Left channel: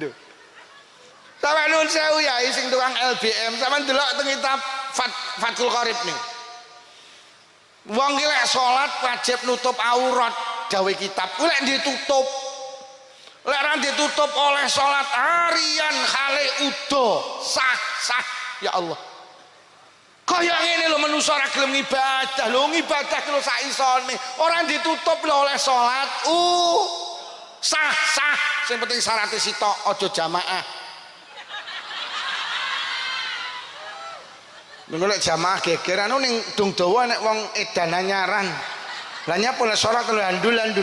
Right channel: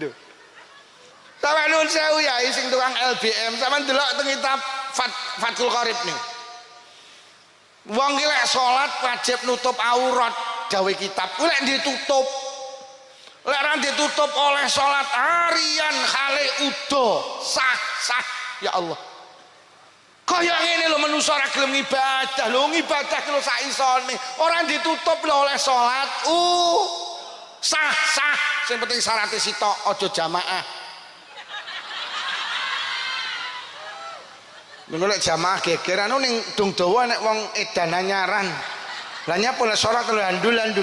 Duh. Sampe nuwun sewu ya sing tukang LBM, sampean delok teng kitab Fathul Qorib nih. Wong ki lek salat wajib nutup aurat, gawe kitab. Kuwi lek ditutup. Lek ora ditutup oleh salat harian khale udo, sah. Ya Allah. Kaya ngene lho manusa ora gelem ibadah. Lho ngibadah ki lho sak isone. Ora ditutup lho oleh salat. Sah. Sing penting syaratnya sitok aja jamaah. Lek jamaah geger anu ning dung dawa nek wong edan anyaran. Lah nyapa lek salat landulan.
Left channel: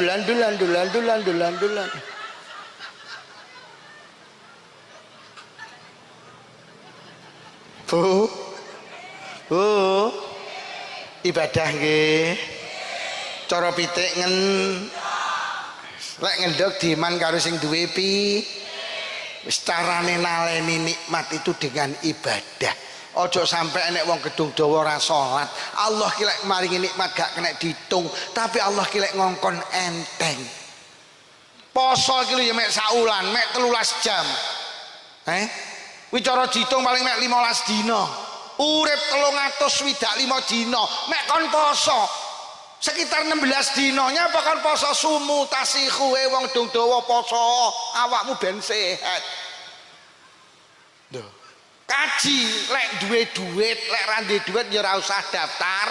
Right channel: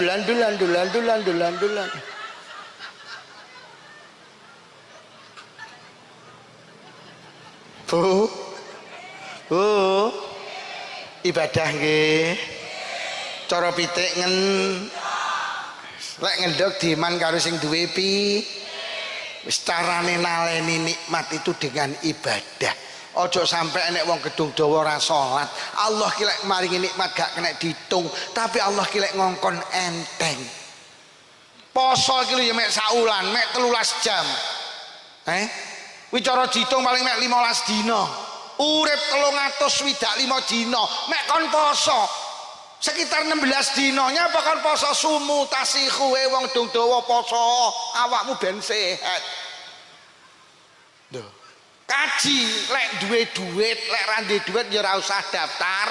Bu. Ibadah nggih. Cara pitik lek ngendhog diman karo sing duwe pi. Wis carane naleni nikmat itu dengan ibadah. Ojo sampai nek wong gedung dawa ora salat. Allah ki lek maringi nikmat gak kena diitung, tapi Allah ki lek ngongkon enteng. Poso ki lho ya mek saulan, mek 13 jam. Kuwi cara diitung paling mek 15 dina. Urip 365 dina, mek kon poso. Sekitar 16 dinanya apa kon poso sumu tasihu wong gedung dawa poso, awakmu ben sehat. Duh. Kaji lek duwe duit, lek ra duwe duit ya ora usah daftar.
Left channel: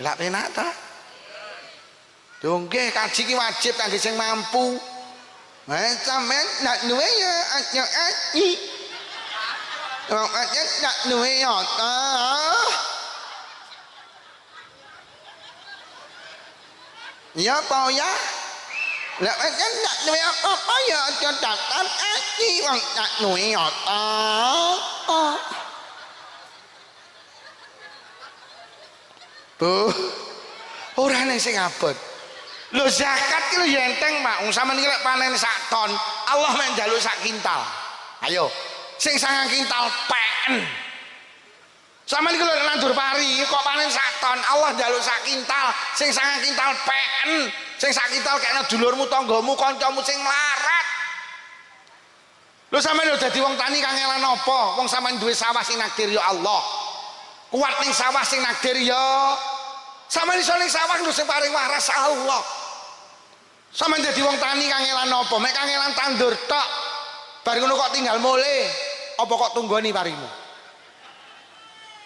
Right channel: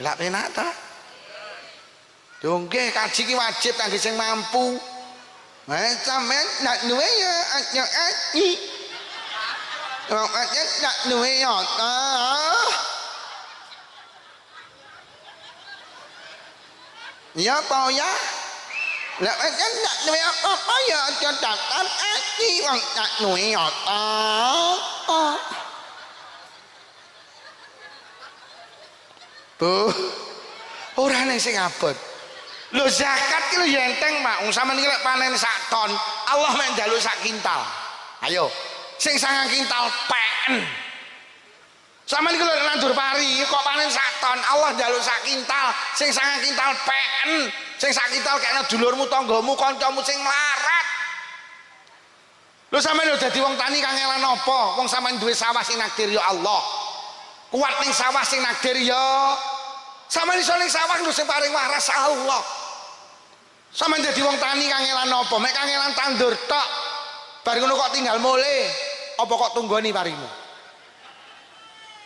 Lak penak ta? Nggih kaji ki wajib kangge sing mampu. Sampeyan nak duwe ya aji. Nak duwe ya ta. Ya apa ya? Lah kan nak duwe apa ya aja daftar aji wong nak duwe ya ta. Bu, ora ning sing abot. Lho zakat ki lho ya enteng, Pak. Wong sampean iki lek panen sak ton, Allah mek njaluk sak kintal. Ayo, sing 9 kintal pen. Sampeyan iki lho nandur pari kok panen sak ton, Allah njaluk sak kintal, sing 9 kintal pen. Sing sak kintal kena dulurmu, tanggamu, kancamu sing melarat. Lho sampeyan lho dadi wong tani kangelan apa? Wong sampeyan duwe sawah sing nakdir ya Allah. Kuat ning sawah sing nakdir ya. Sampeyan iso ning sawah lho sing paring waras Allah. Sampeyan dadi wong tani kangelan apa? Mek kangelan tandur tok. Bar ngono kok tinggal mulih. Apa kok tunggoni parimu?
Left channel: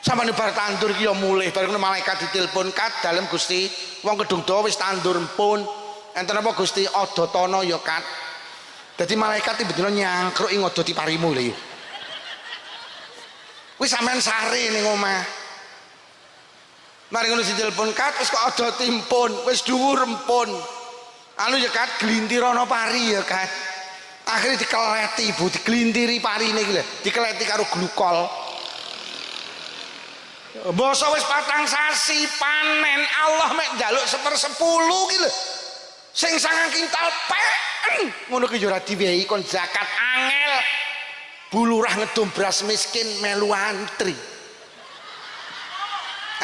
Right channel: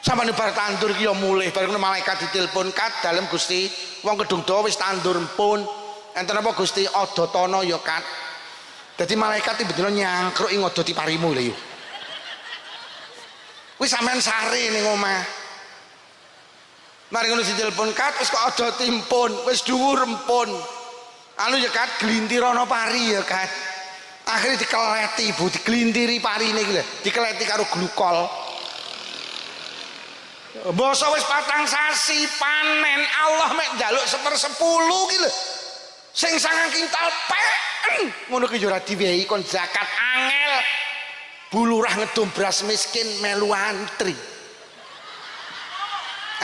Sampeyan bar tandur ki ya mulih, bar ngono malaikat ditelepon kat dalem Gusti, wong gedung dawa wis tandur pun. Enten apa Gusti adotana ya kat. Dadi malaikat tiba-tiba nyangkruk ing ngodoti parimu lho. Wis sampean sare ning omah. Mari ngono ditelepon kat wis kok adoti pun, wis dhuwur empun. Anu ya kat glintir ana pari ya kat. Akhirnya dikeleti ibu, diglintiri parine iki lho, dikeleti karo glukol. Basa wis 4 sasi panen Allah mek njaluk 1/10 ki lho. Sing 9 kintal pen. Ngono ki yo ora diwehi kon zakat angel. Bulurah ngedum beras miskin melu antri.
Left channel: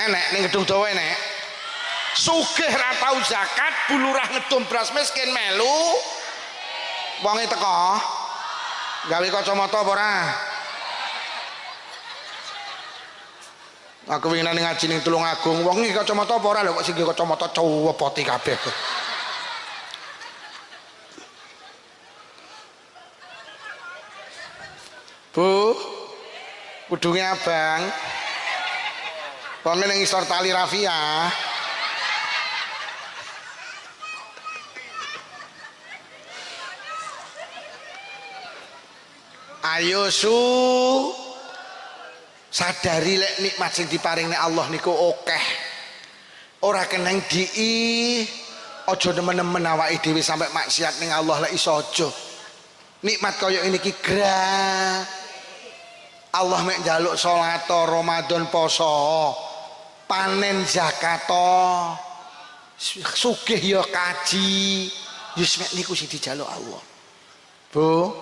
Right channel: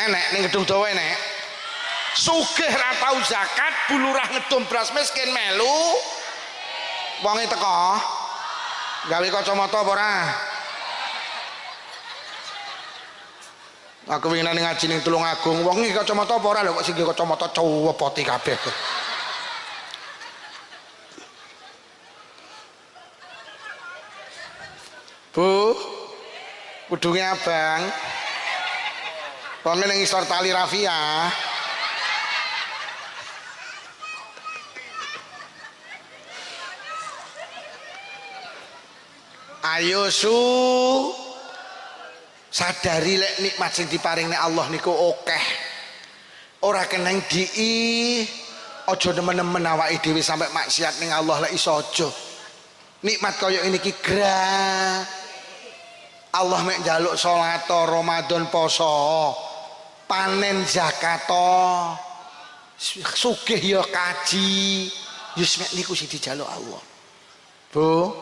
Enek ning gedung dawa enek. Sugih ra tau zakat, bulurah ngedum beras miskin melu. Wonge teko. Gawe kacamata apa ora? Aku wingi ngaji ning Tulungagung, wong iki kacamata apa ora lho kok sing kacamata cuwepoti kabeh. Bu, kudunge abang. Wong ning isor tali rafia. Ayo sadari lek nikmat sing diparing nek Allah niku akeh. Ora keneng dii, aja nemen-nemen awake dhewe sampai maksiat ning Allah lek iso aja. Nikmat kaya ini ki gra. Allah mek njaluk salat, Ramadan, poso, panen zakat, sugih ya kaji. Yus mek niku sing dijaluk Allah. Bu,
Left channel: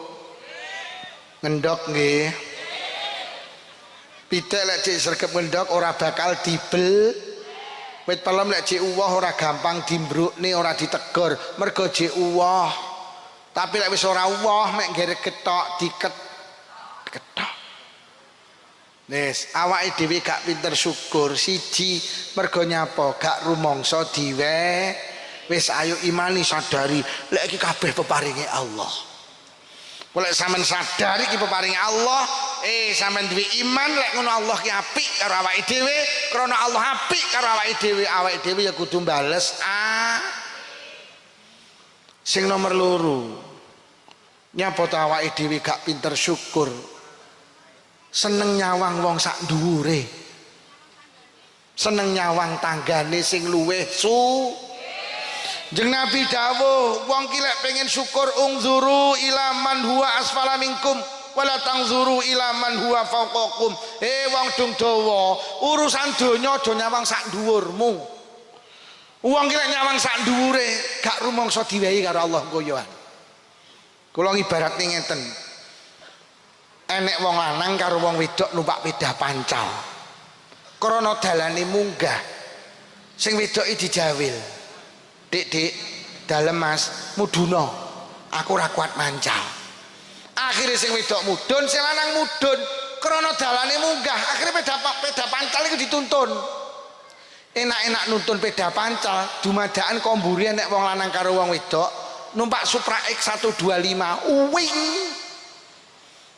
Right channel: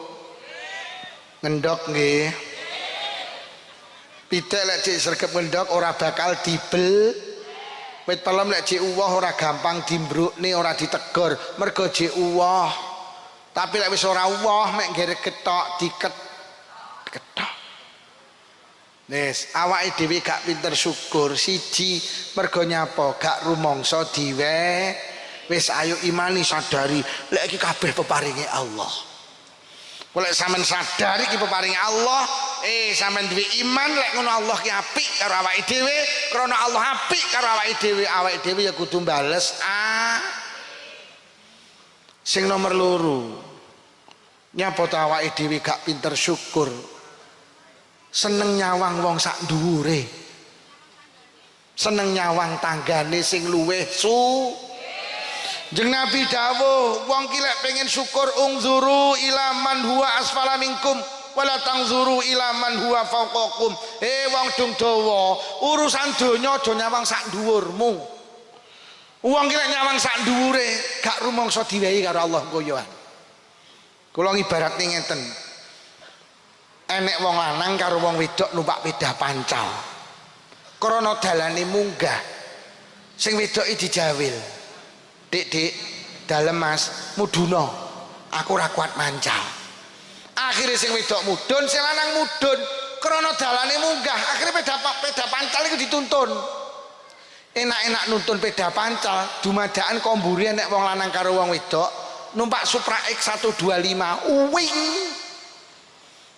ngendok nggih. Pitik lek cek sregep ngendok ora bakal dibel. Wit pelem lek cek uwah ora gampang dimbrukne, ora ditegur mergo cek uwah. Tapi lek wis ora woh mek nggerek ketok ketok. Wis awake dhewe gak pinter syukur siji mergo nyapa gak rumangsa diwe. Wis ayo imani sadari lek iki kabeh peparinge Allah. Lek sampean sadari iki peparinge Allah, sampean duwe iman lek ngono Allah ki apik karo awake dhewe, krana Allah apik karo awake dhewe ya kudu bales Sing nomor loro, nyapa ta awake dhewe gak pinter syukur, seneng nyawang wong sak dhuwure, seneng nyawang tanggane sing luweh Jeung Nabi dawuh, wong ki lek pengen syukur ungzuru ila man huwa asfala minkum wala tangzuru ila man huwa fawqakum. Wong dung dawa, urusan donya aja nyawang sak dhuwurmu. Wong ki lek nyawang sak dhuwure gak rumangsa diwehi karo Allah koyoan. Kula ngibaratne ngeten. Enek wong lanang karo wong wedok numpak sepeda pancal. Krana dalane munggah. Sing wedoki dijawil. Dik, dalem Mas, muduna. Aku ora kuat mancal. Akhire sing wedok mudun, sing lanang mudun. Krana dalane munggah, akhire peda pancal iku dituntun. Enak-enak nuntun peda pancal, dumadakan komburi nek wong lanang karo wong wedok numpak Supra X 125. Uwing.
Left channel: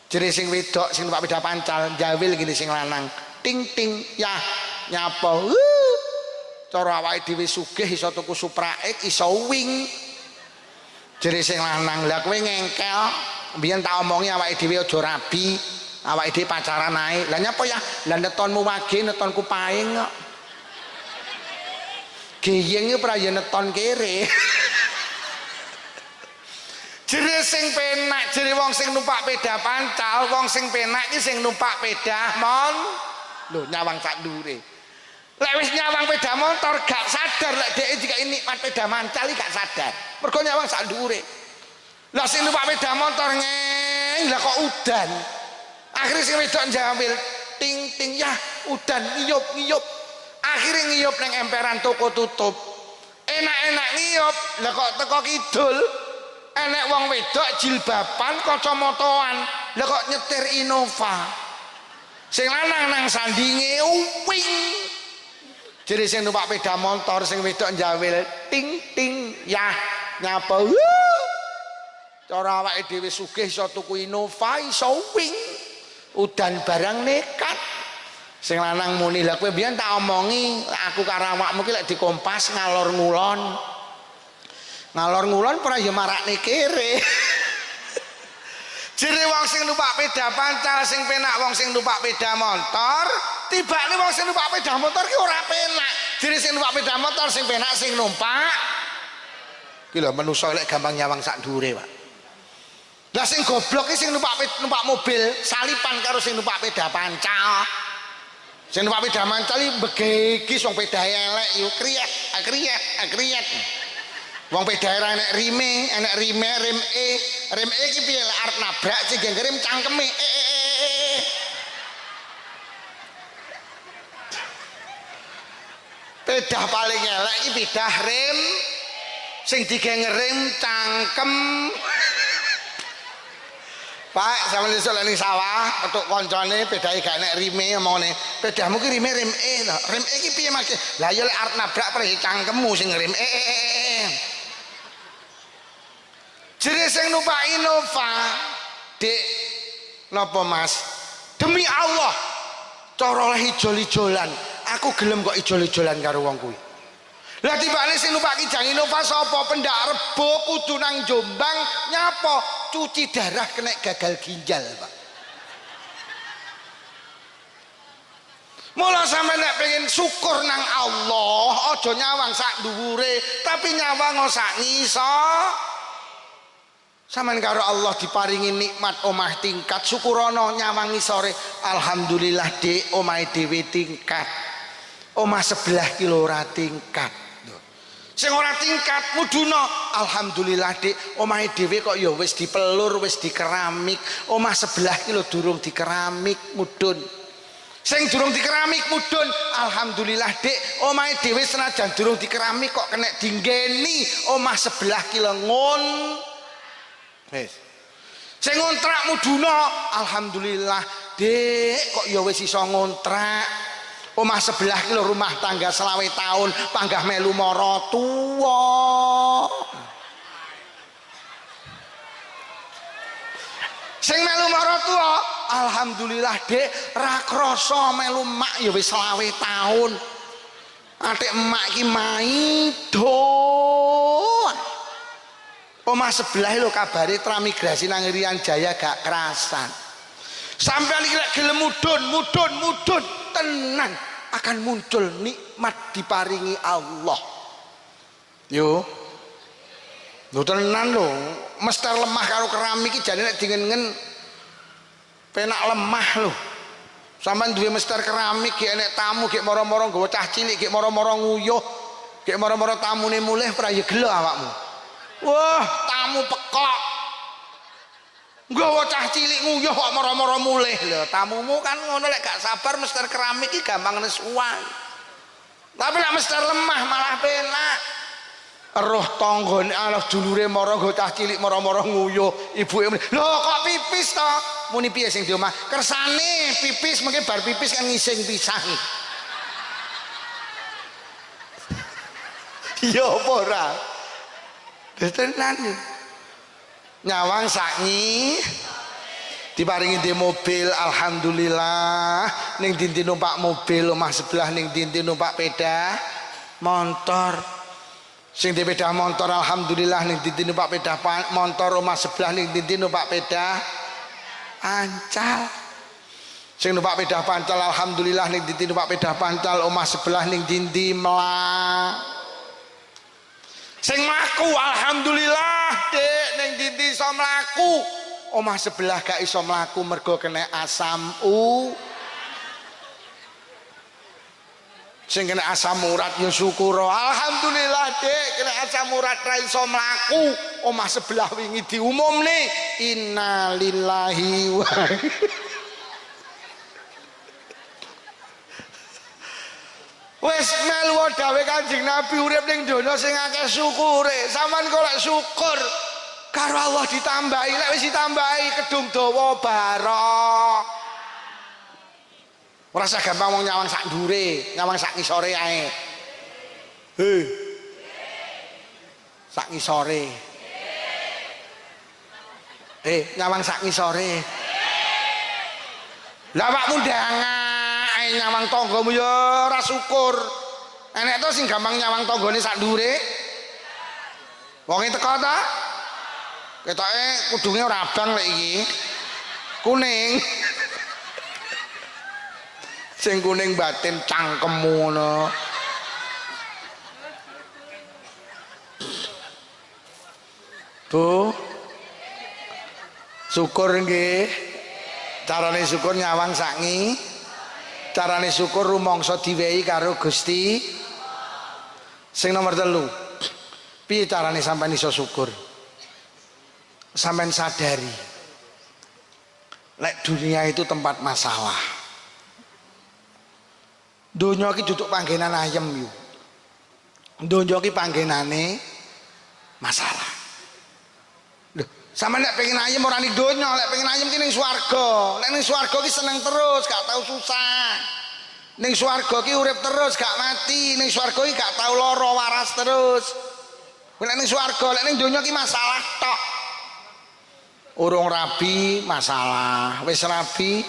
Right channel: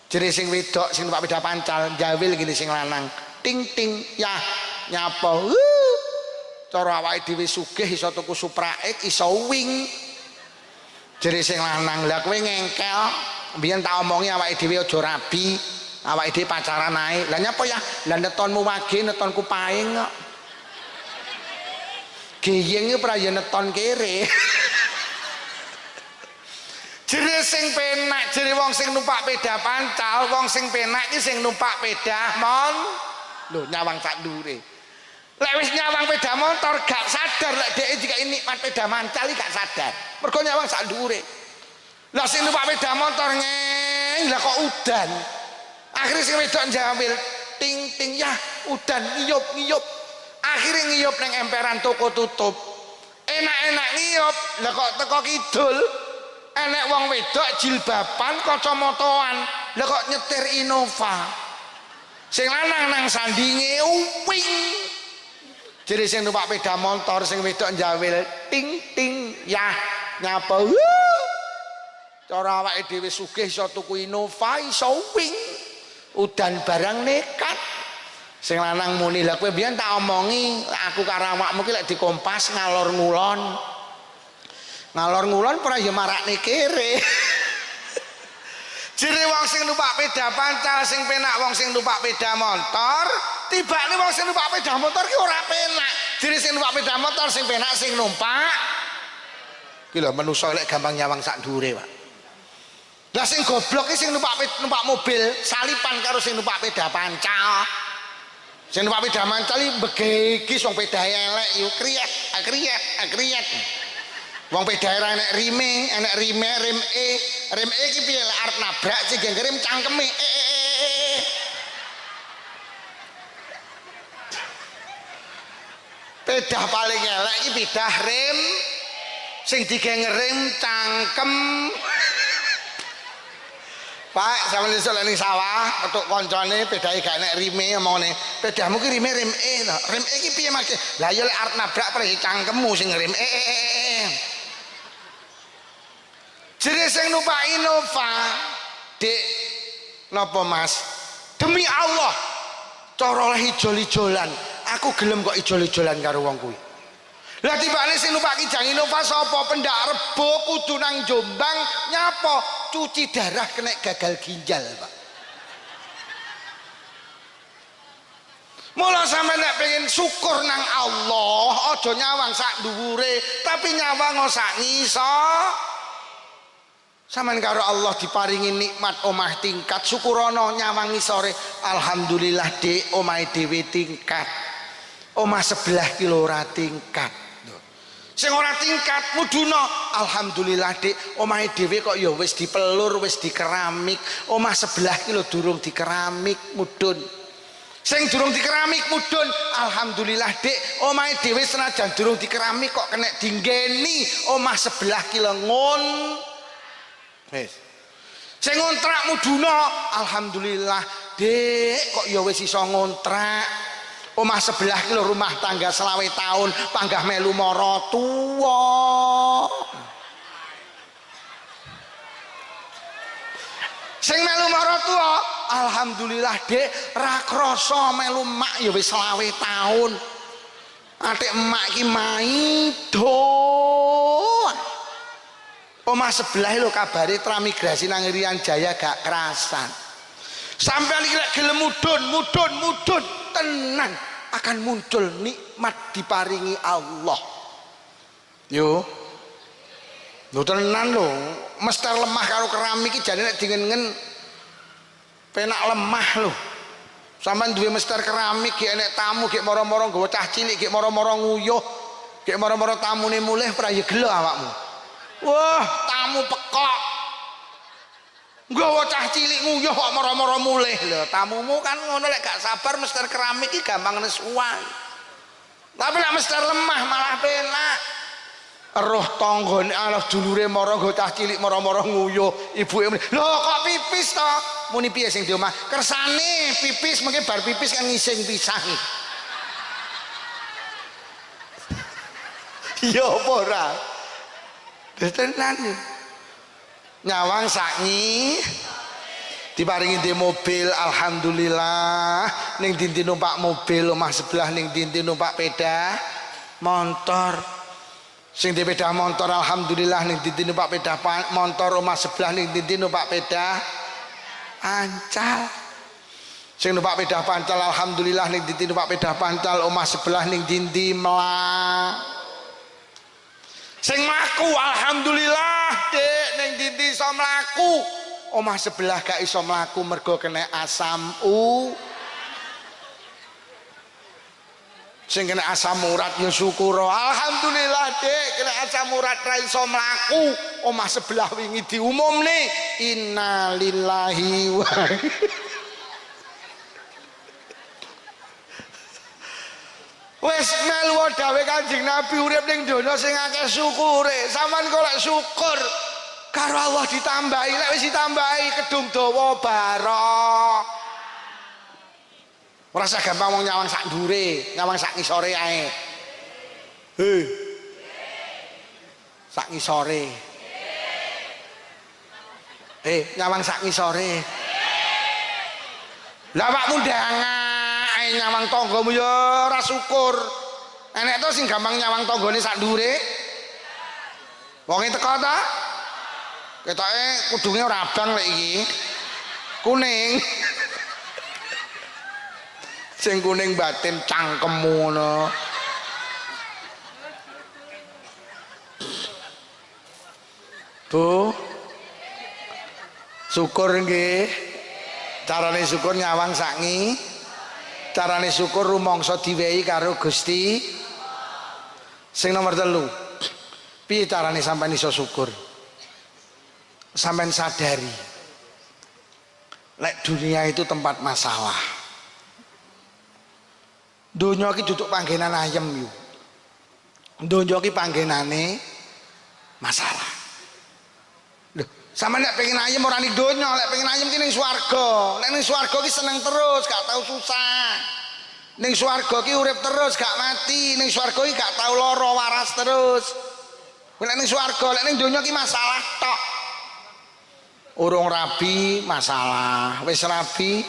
Jere sing wedok sing numpak peda pancal, jawil gini sing lanang. Ting ting, yah nyapa. Cara awake dhewe sugih iso tuku Supra X iso wing. Jere sing lanang, "Lah kowe ngengkel, mbiyen tak omongi awake dhewe aja rabi, awake dhewe pacaran ae." Lah nyapa ya? Lah netonmu wage, netonku paing kok. Geyeng iki ora ya neton kere. Jere sing penak, jere wong sing numpak peda pancal, wong sing penak iki sing numpak peda lho nyawang sak dhuwure. Lek wis nyawang peda motor gak sadar lek dhek iki nikmat peda mancal gak sadar. Mergo nyawang sak dhuwure. Lah sing numpak peda motor lah kok udan. Akhire sing wedok njambil ting ting ya udan ngiyup. Akhire ngiyup ning emperan toko tutup. Enak-enak ngiyup, lah kok teko kidul. Enek wong wedok jilbaban kacamataan. Lah kok nyetir Innova. Sing lanang nang sandinge wing. Jadi sing numpak peda motor sing wedok njawil ting ting yah nyapa cara awake dhewe sugih iso tuku Innova iso wing udan barang nekat sing lanang muni lah kowe mbiyen tak omongi aku karo awakmu ki lek dikompas ngalor ngulon ora ya marakne kere. Jere wong sing numpak peda pancal sing penak wong sing numpak peda motor, tibane wong sing numpak peda motor ki ora penak. Jere sing numpak peda motor sing penak sing numpak. Ki lho manusa lek gampang nyawang sak dhuwure, Pak. Lah sing goblok ki sing numpak mobil salipan karo sing numpak peda pancal. Sing numpak peda pancal iki begegis wong peda elek yo kriyet. Wong peda enek rime, rem iki piye lek arep nabrak sing rem cangkeme. Peda paling elek iki peda rem sing digengerem cangkem. Pak, sampeyan iso lek ning sawah petuk kancane pedae gak enek rime omongane. Pedamu ki rime rem lho. Rem iki piye Mas? Lah ya lek arep nabrak prei cangkemmu sing rem Jadi sing numpak Innova, Dik, napa Mas? Demi Allah, cara oleh ijol-ijolan, aku gelem kok ijol-ijolan karo wong kuwi. Lah tibane sing numpak Kijang Innova sapa? Pendak Rebo kudu nang Jombang nyapa? Cuci darah kena gagal ginjal, Pak. Mula sampe nek pengen syukur nang Allah, aja nyawang sak dhuwure, tapi nyawang sak ngisor. Sampeyan karo Allah diparingi nikmat omah tingkat syukurono nyawangi sore alhamdulillah Dik omahe dhewe tingkat omah sebelah ki ora tingkat sing ora tingkat muduna alhamdulillah Dik omahe dhewe kok ya wis dipelur wis dikeramik omah sebelah ki lho durung dikeramik mudun sing durung dikeramik mudun alhamdulillah Dik omahe dhewe senajan durung dikeramik kok kena dinggeni omah sebelah ki lho ngon Wis. Sing ngontrak muduna, alhamdulillah, Dik, kok ya wis iso ngontrak. Omah sebelah ki lho rumah tangga 20 tahun, panggah melu mara tuwa. Sing melu mara tuwa, alhamdulillah, Dik, ra krasa melu mak ya wis 20 tahun. Atik emak ki maido. Omah sebelah lho kabare transmigrasi nang Irian Jaya gak kerasan. Sampai lek gelem mudun tenan akan muncul nikmat diparingi Allah. Yo. Lho tenan lho, mester lemah karo keramik iki jane nek dingen-ngen penak lemah lho. Sampeyan duwe mester keramik gek enek tamu gek moro-moro nggawa cah cilik gek moro-moro nguyuh, gek moro-moro tamune mulih ora ya gelo awakmu. Wah, tamu pekok. Nggawa cah cilik nguyuh kok moro-moro mulih lho. Tamumu kan ngono lek gak sabar mester keramik iki gampang nesuwan. Tapi lek mester lemah malah penak. Roh tanggane Allah dulure moro nggo cah cilik moro-moro nguyuh, ibuke lho kok pipis to? Muni piye sing di omah? Kersane pipis mengke bar pipis kan ngising pisang. Iya apa ora? Tenan nyawang sakngi diparingi di mobil, alhamdulillah. Ning dinti numpak mobil omah sebelah, ning dinti numpak peda motor. Sing di peda motor alhamdulillah, ning dinti numpak peda motor omah sebelah, ning dinti numpak peda pancal. Sing numpak peda pancal alhamdulillah, ning dinti numpak peda pancal omah sebelah, ning dinti melang. Sing mlaku alhamdulillah, Dik, ning dinti iso mlaku. Omah sebelah gak iso mlaku mergo kena asam sing kena asam urat ya syukur. Alhamdulillah, Dik, kena asam urat ra iso mlaku. Omah sebelah wingi diumumne innalillahi wa wis melu dawuh Kanjeng Nabi urip ning donya sing akeh syukure. Sampeyan kok lek syukur karo Allah ditambahi, lek wis ditambahi kedung dawa barok. Ora usah gampang wong nyawang sak ndure, nyawang sak ngisore ae. He. Sak ngisore. Nyawang sak ngisore. Lah awakmu ndangan nyawang tanggamu ya ora syukur. Enek to sing gampang nyawang tanggane sak ndure. Wonge teko ta? Ketoke kudunge ora abang lek iki. Kuning. Sing kuning batin cangkemmu ngono. Bu. Syukur nggih. Carane syukur nyawang sakngi. Carane syukur rumangsa diwehi karo Gusti. Sing nomor 3. Piye carane sampean iso syukur? Sampean sadari lek dunia itu tempat masalah. Donya iki duduk panggenan ayem yo. Donya iki panggenane masalah. Lho, sampean nek pengen ayem ora ning donya, lek pengen ayem ki ning swarga. Nek ning swarga ki seneng terus, gak tau susah. Ning swarga ki urip terus, gak mati. Ning swarga ki gak tau lara, waras terus. Lek ning swarga, lek ning donya ki masalah tok. Urung rabi masalah, wis rabi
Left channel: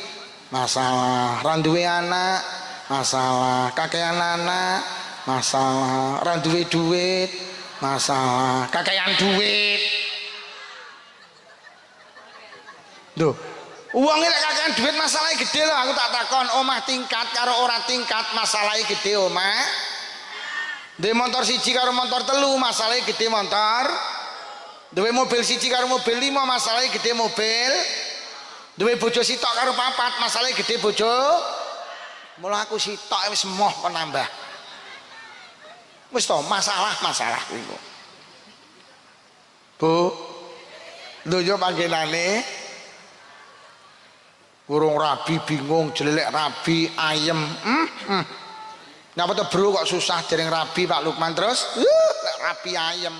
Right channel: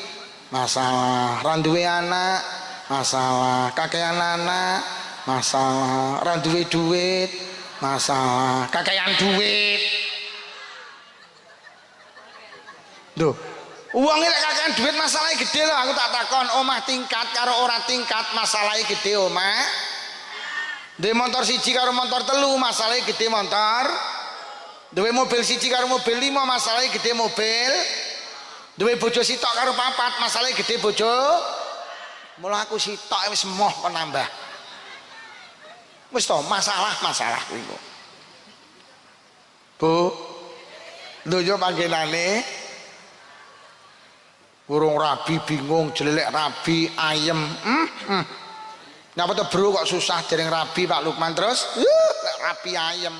masalah, ra duwe anak masalah, kakean anak masalah, ra duwe duit masalah, kakean duit. Duh, uangnya lek kakean duit masalahnya gede loh. Aku tak takon omah tingkat karo ora tingkat masalahnya gede omah. Duwe motor siji karo motor telu masalahnya gede motor. Duwe mobil siji karo mobil 5 masalahnya gede mobil. Duwe bojo sitok karo 4 masalahnya gede bojo. Mula aku sitok wis moh kok nambah. Wis to masalah kuwi. Bu, donya panggenane urung rabi bingung, jelek rabi ayem. Ngapa to bro kok susah dereng rabi Pak Lukman terus? Lek rabi ayem.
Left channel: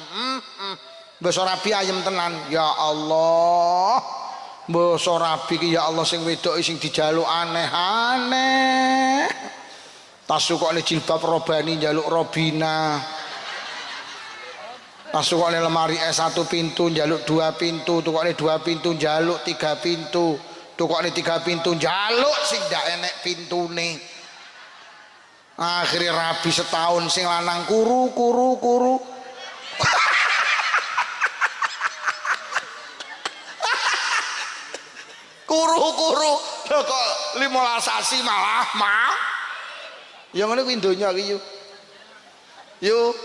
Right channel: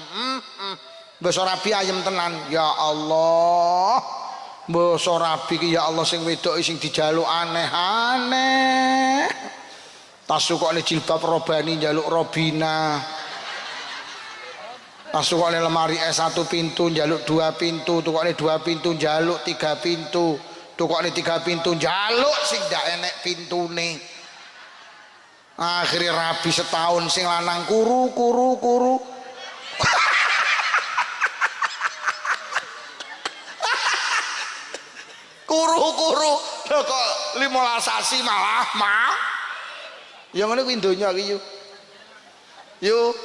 Mbok rabi ayem tenan. Ya Allah. Mbok rabi ki ya Allah sing wedok sing dijaluk aneh-aneh. Tasukane jilbab robani njaluk robina. Tasukane lemari S1 pintu njaluk 2 pintu, tukokne 2 pintu njaluk 3 pintu. Tukokne 3 pintu njaluk sing ndak enek pintune. Akhirnya rabi setahun sing lanang kuru. Kuru lho kok 15 sasi malah mah. Ya ngono kuwi donya iki yo. Yo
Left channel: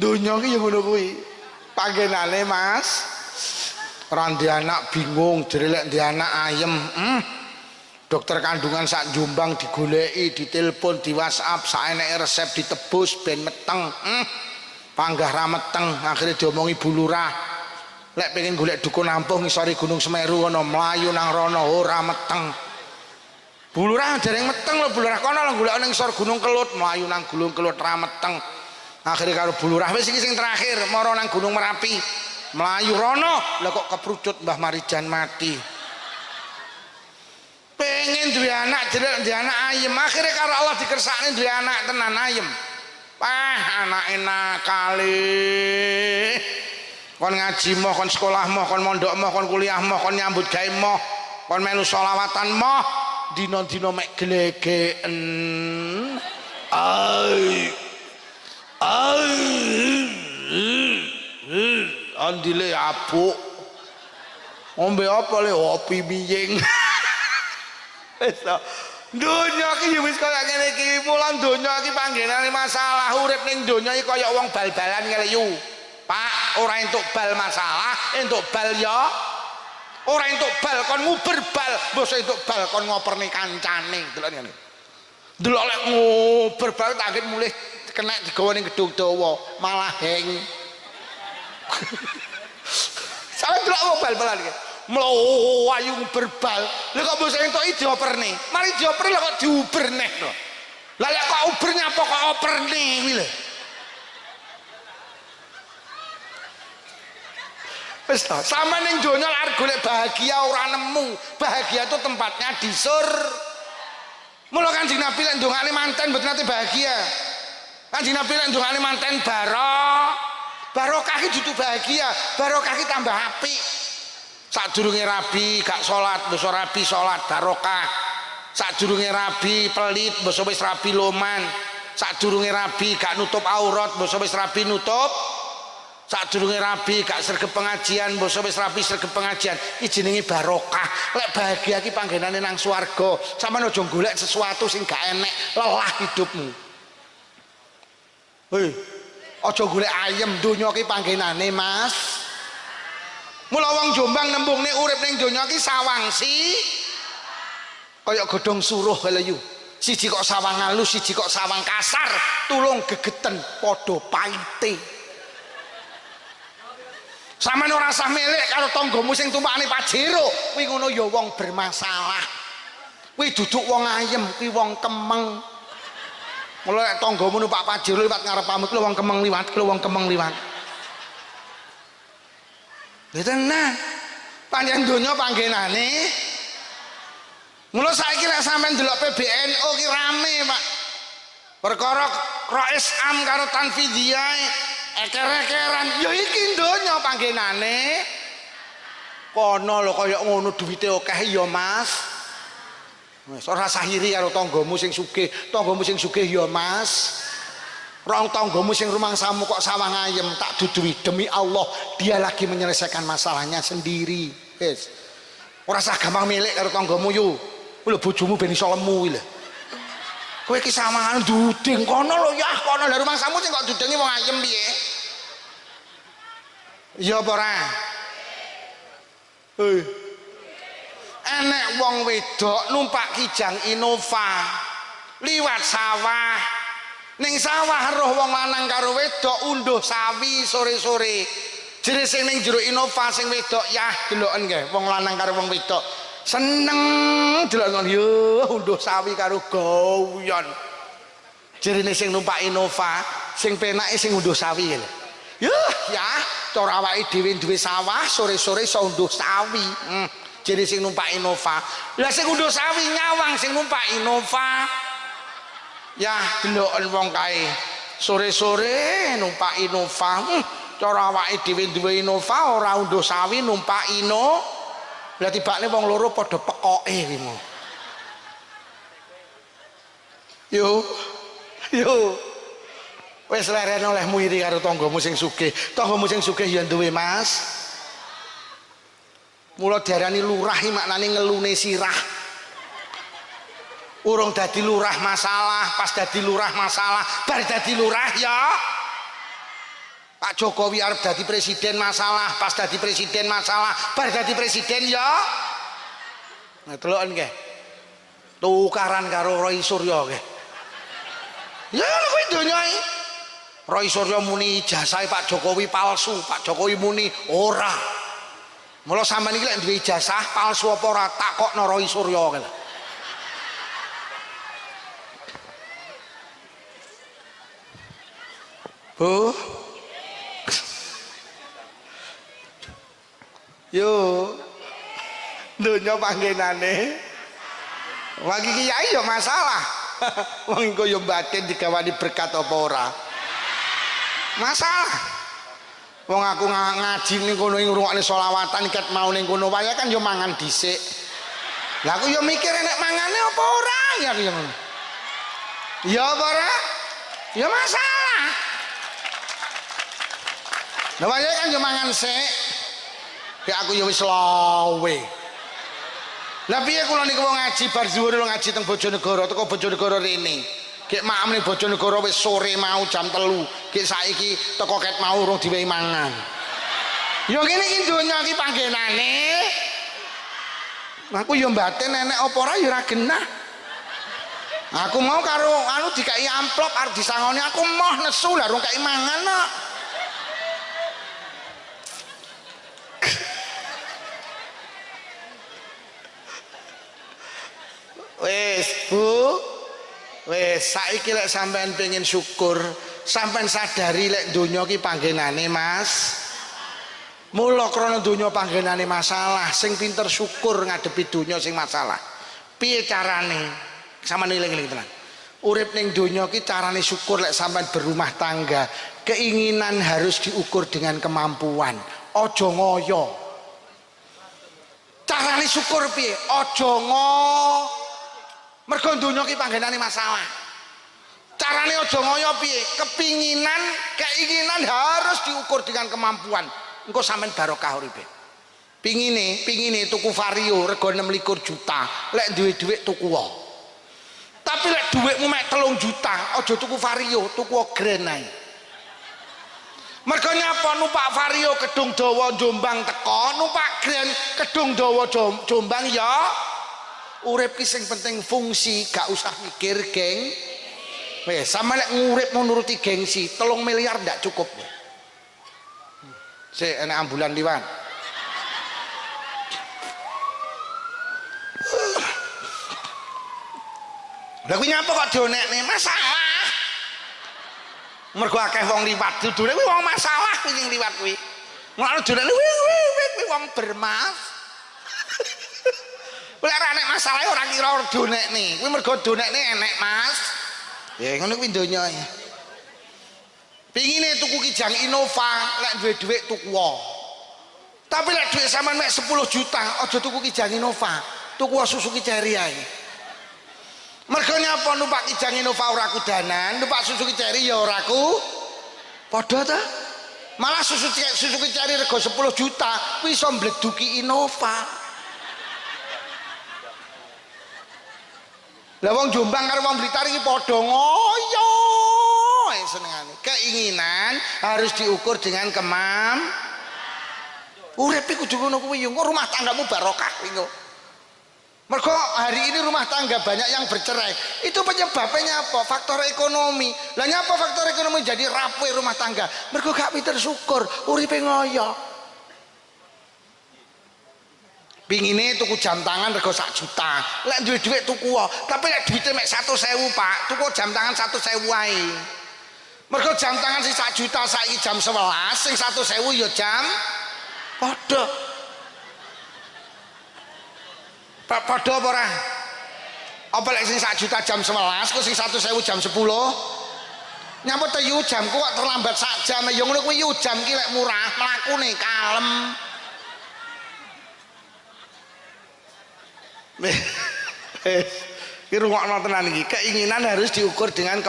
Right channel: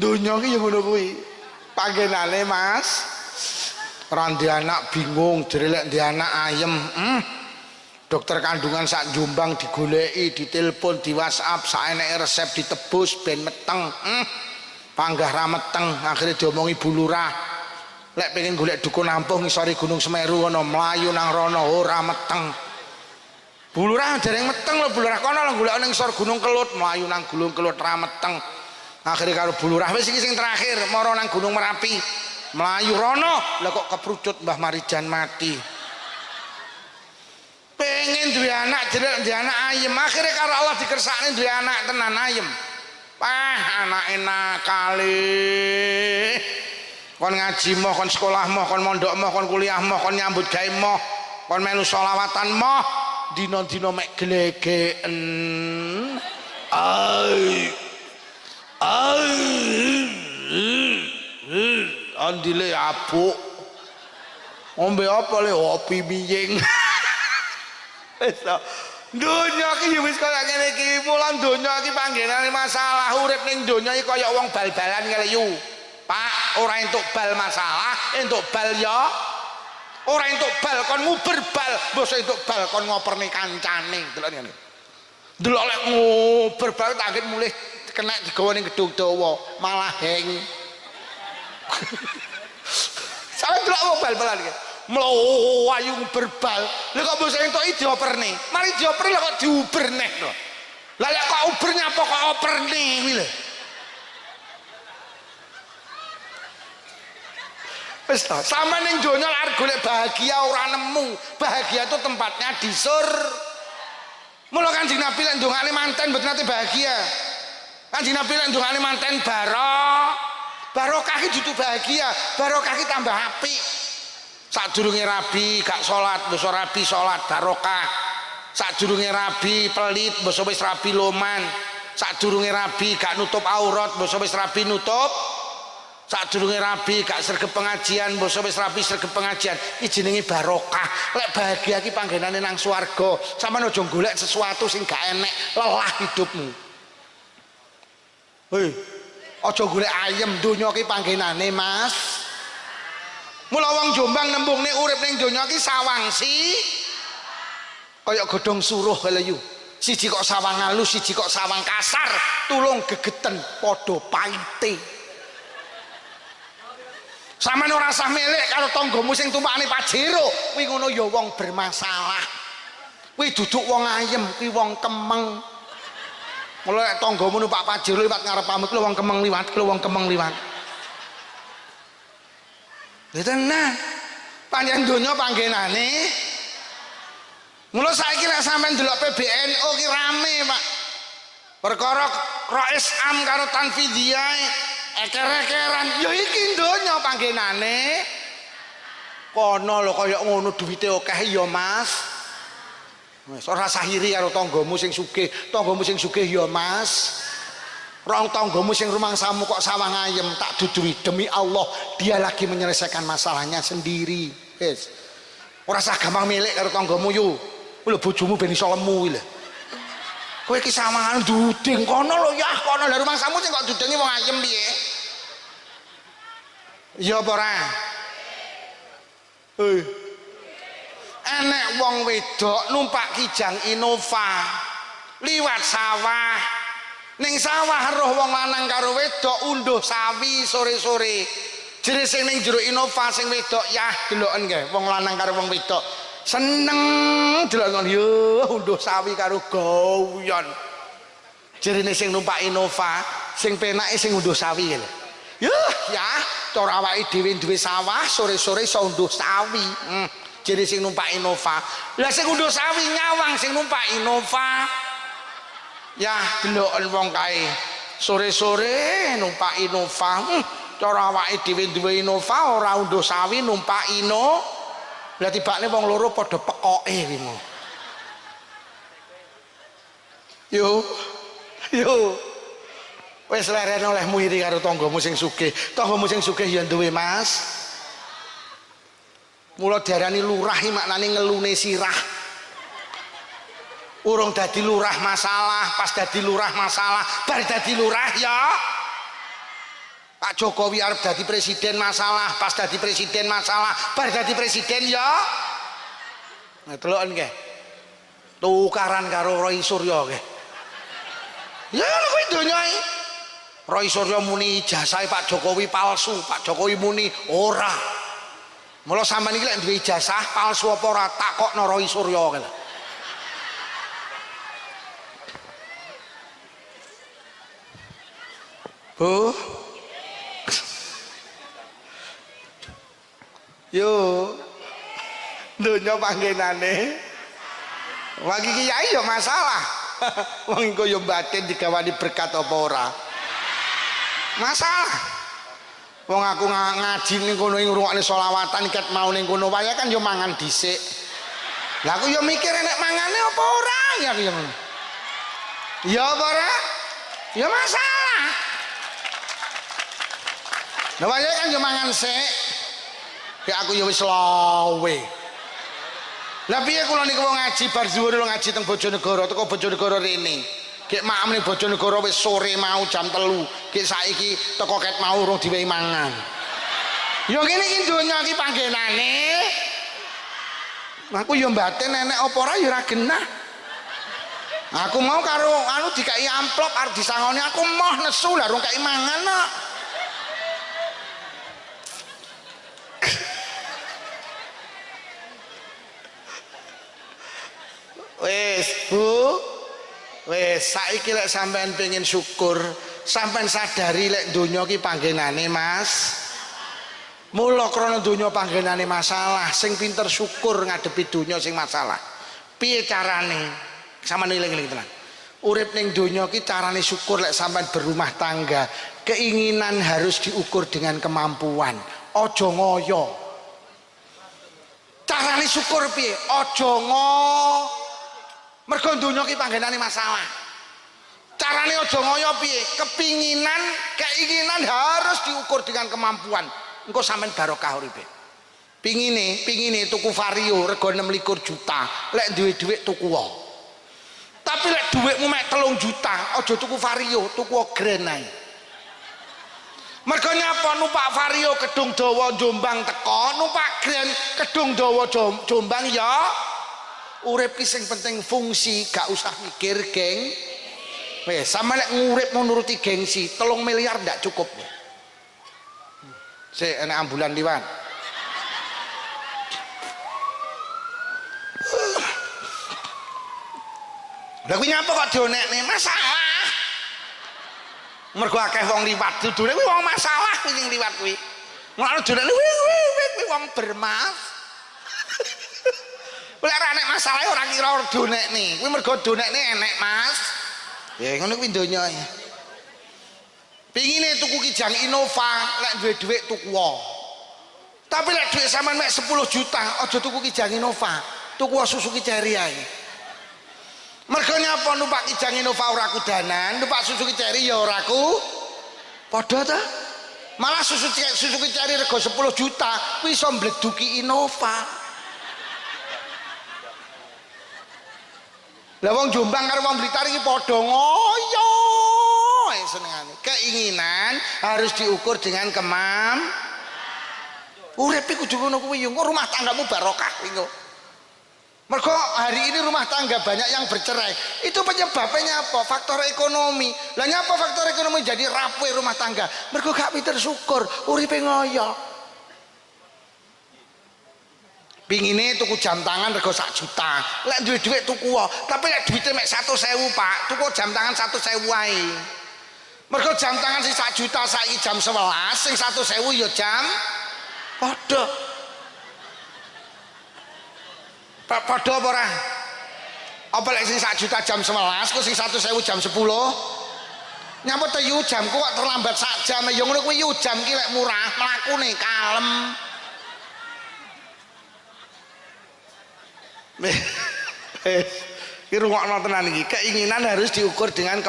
donya iki yo ngono kuwi. Panggenane Mas. Ora ndek anak bingung, jere lek ndek anak ayem. Dokter kandungan sak Jombang digoleki, ditelepon, di WhatsApp, saeneke resep ditebus ben meteng. Panggah ra meteng, akhirnya diomongi Bu Lurah. Lek pengen golek dukun ampuh ngisori Gunung Semeru kono mlayu nang rono ora meteng. Bu Lurah dereng meteng lho, Bu Lurah kono lho golek ning ngisor Gunung Kelut, mlayu nang Gunung Kelut ra meteng. Akhirnya karo Bu Lurah wis iki sing terakhir, mara nang Gunung Merapi. Melayu rono, lah kok keprucut Mbah Marijan mati. Pengen duwe anak jelek duwe anak ayem, akhirnya karo Allah dikersakne duwe anak tenan ayem. Anak enak kali. Kon ngaji moh, kon sekolah moh, kon mondok moh, kon kuliah moh, kon nyambut gawe moh, kon melu sholawatan moh, dina-dina mek glegeken. Andile apuk. Ombe apa le opi miying. Wis to. Donya iki ya wis kaya ngene iki, mulan donya iki panggenane masalah urip ning donya iki kaya wong bal-balan ngeleyu. Pak, ora entuk bal masalah, entuk bal ya. Ora entuk bal kon nguber bal, mbok entuk bal kon ngoperni kancane, delok ngene. Delok lek nguber bal tak mulih kena digawa ning gedung dawa, malah heng. Sampe delok bal-balan iki. Mlayu berbal. Lha kok mbok entuk dioperne. Mari dioper lho kok diuber neh to. Lah lek kok uber nyapa kok operne kuwi lho. Wis to, sampe ning donya arep golek bahagia ora nemu. Bahagia itu tempatnya di Mula Kanjeng Nabi lek ndongane manten mboten nate bahagia. Kanjeng Nabi lek ndongane manten barokah iki dudu bahagia, barokah iki tambah apik. Sadurunge rabi gak salat, mbok rabi salat barokah. Sadurunge rabi pelit, mbok wis rabi loman. Sadurunge rabi gak nutup aurat, mbok wis rabi nutup. Sadurunge rabi gak sregep pengajian, mbok wis rabi sregep pengajian. Iki jenenge barokah. Lek bahagia iki panggenane nang swarga. Sampeyan aja golek sesuatu sing gak enek, lelah hidupmu. Hei, aja golek ayem, donya iki panggenane Mas. Mula wong Jombang nembungne urip ning donya iki sawangsi kaya godhong suruh lho. Siji kok sawang halus, siji kok sawang kasar, tulung gegeten padha paite. Sampeyan ora usah melek karo tanggamu sing tumpakane Pajero, kuwi ngono ya wong bermasalah. Kuwi duduk wong ayem, kuwi wong kemeng. Mula nek tanggamu numpak Pajero liwat ngarepmu kuwi wong kemeng liwat, kuwi wong kemeng liwat. Ya tenan. Panjang donya panggenane. Mula saiki lek sampean delok PBNU ki rame, Pak. Perkara Rais Am karo Tanfidiyah eker-ekeran. Ya iki donya panggenane. Kono lho kaya ngono duwite akeh ya, Mas. Wis ora sahiri karo tanggamu sing sugih. Tanggamu sing sugih ya, Mas. Rong tanggamu sing rumangsamu kok sawang ayem tak dudui demi Allah dia lagi menyelesaikan masalahnya sendiri. Wis. Ora usah gampang milik karo tanggamu yo. Kuwi lho bojomu ben iso lemu lho. Kowe iki sawangan duding kono lho ya, kono lho rumangsamu sing kok dudengi wong ayem piye? Ya apa ora? Hei. Enek wong wedok numpak Kijang Innova liwat sawah. Ning sawah roh wong lanang karo wedok unduh sawi sore-sore. Jere sing ning jero Innova sing wedok yah deloken nggih wong lanang karo wong wedok. Seneng delok ngono yo unduh sawi karo gawian. Jerene sing numpak Innova sing penake sing unduh sawi lho. Yuh ya cara awake dhewe duwe sawah sore-sore iso unduh sawi. Jadi sing numpak Innova. Lah sing unduh sawi nyawang sing numpak Innova. Ya deloken wong kae sore-sore numpak Innova. Cara awake dhewe duwe Innova ora unduh sawi numpak Inno. Lah tibane wong loro padha pekoke kuwi. Yo. Wis leren olehmu iri karo tanggamu sing sugih. Tanggamu sing sugih ya duwe Mas. Mula diarani lurah iki maknane ngelune sirah. Urung dadi lurah masalah, pas dadi lurah masalah, bar dadi lurah ya. Pak Jokowi arep dadi presiden masalah, pas dadi presiden masalah, bar dadi presiden ya. Nah deloken nggih. Tukaran karo Roy Suryo nggih. Ya kuwi donya iki. Roy Suryo muni ijazah Pak Jokowi palsu, Pak Jokowi muni ora. Mula sampean iki lek duwe ijazah palsu apa ora takokno Roy Suryo kene. Bu. Yo. Donya panggenane. Wagi kiai ya masalah. Wong engko yo batin digawani berkat apa ora. Masalah. Wong aku ngaji ning kono ngrungokne selawatan ikat mau ning kono wae kan yo mangan dhisik. Lah aku yo mikir nek mangane apa ora ya yo ngono. Ya apa ora? Ya masalah. Lah wae kan yo mangan sik. Ya aku yo wis lawe. Lah piye kula niku wong ngaji bar zuwur ngaji teng Bojonegoro teko Bojonegoro rene. Gek maem ning Bojonegoro wis sore mau jam 3. Gek saiki teko ket mau urung diwehi mangan. Ya ngene iki donya iki panggenane. Aku ya mbaten nenek apa ora ya ora genah. Aku mau karo anu dikai amplop arep disangoni aku moh nesu lah urung kai mangan kok. Wes Bu, wes saiki lek sampean pengen syukur, sampean sadari lek donya ki panggenane Mas. Mula krana donya panggenane masalah, sing pinter syukur ngadepi donya sing masalah. Piye carane? Sampeyan eling-eling tenan. Urip ning donya ki carane syukur lek sampean berumah tangga, keinginan harus diukur dengan kemampuan. Aja ngoyo. Carane syukur piye? Aja mergo donya ki panggenane masalah. Carane aja ngoyo piye? Keinginan harus diukur dengan kemampuan. Engko sampean barokah uripe. Pingine tuku Vario rego 26 juta. Lek duwe dhuwit tuku wae. Tapi lek dhuwitmu mek 3 juta, aja tuku Vario, tuku Grand ae. Mergo nyapa numpak Vario Kedung Dawa Jombang teko, numpak Grand Kedung Dawa Jombang ya. Urip ki sing penting fungsi, gak usah mikir geng. Wes sama lek ngurip mau nuruti gengsi 3 miliar ndak cukup. Sik enek ambulan liwat. Lah kuwi nyapa kok dionekne masalah. Mergo akeh wong liwat dudune kuwi wong masalah kuwi sing liwat kuwi. Ngono dionekne kuwi wong bermaaf. Lek ora enek masalah ora kira donekne. Kuwi mergo donekne enek, Mas. Ya ngono kuwi donya. Pingine tuku kijang Innova, lek duwe dhuwit tuku wae. Tapi lek dhuwit sampean mek 10 juta, aja tuku kijang Innova, tuku Suzuki Cherry ae. Mergo nyapa numpak kijang Innova ora kudanan, numpak Suzuki Cherry ya ora ku padha ta? Malah Suzuki Cherry rego 10 juta, kuwi iso mbleduki Innova. Lah wong Jombang karo wong Blitar iki padha ngoyo senengane. Keinginan harus diukur dengan urip iku kudu ngono kuwi yo rumah tanggamu barokah kuwi kok. Mergo hari ini rumah tangga banyak yang bercerai. Itu penyebabnya apa? Faktor ekonomi. Lah nyapa faktor ekonomi jadi rapuh rumah tangga? Mergo gak pinter syukur, uripe ngoyo. Pingine tuku jam tangan rego 1 juta. Lek duwe dhuwit tuku wae. Tapi lek duwite mek 100.000, Pak, tuku jam tangan 100.000 wae. Mergo jam tangan sing 1 juta saiki jam 11, sing 100.000 ya jam padha. Padha apa ora? Apa lek sing 1 juta jam 11, kok sing 100.000 jam 10? Nyapa to yu jamku kok terlambat sak jam. Ya ngono kuwi yu jam ki lek murah, mlakune kalem. Ki rungokno tenan iki. Keinginan harus diukur dengan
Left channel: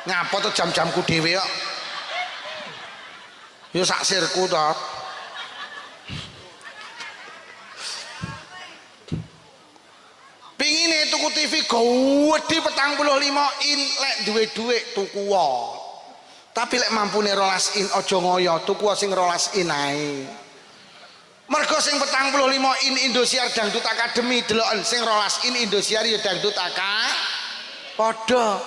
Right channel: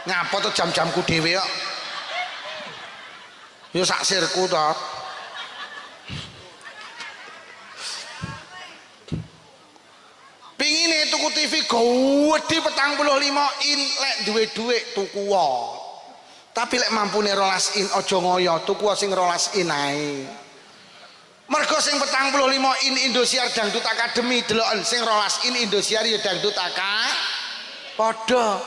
ngapa tuh jam-jamku dhewe kok. Ya sak sirku to. Pingine tuku TV gede 45 in lek duwe dhuwit tuku wae. Tapi lek mampune 12 in aja ngoyo tuku sing 12 in ae. Mergo sing 45 in Indosiar Dangdut Academy deloken sing 12 in Indosiar ya Dangdut padha.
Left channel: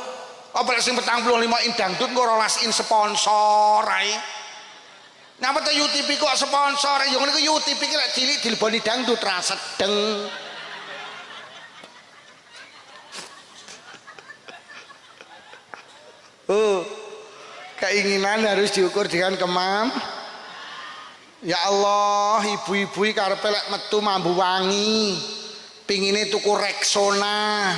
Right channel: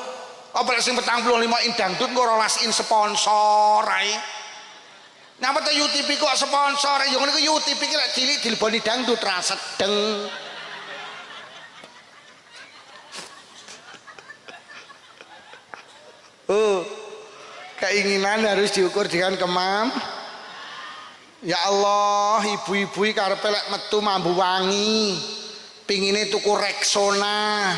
Apa lek sing 45 in dangdut kok 12 in sponsor ae. Napa to UTV kok sponsor? Ya ngene ku UTV ki lek cilik dileboni dangdut ra sedeng. Keinginan harus diukur dengan Ya Allah, ibu-ibu karepe lek metu mambu wangi, pingine tuku Rexona.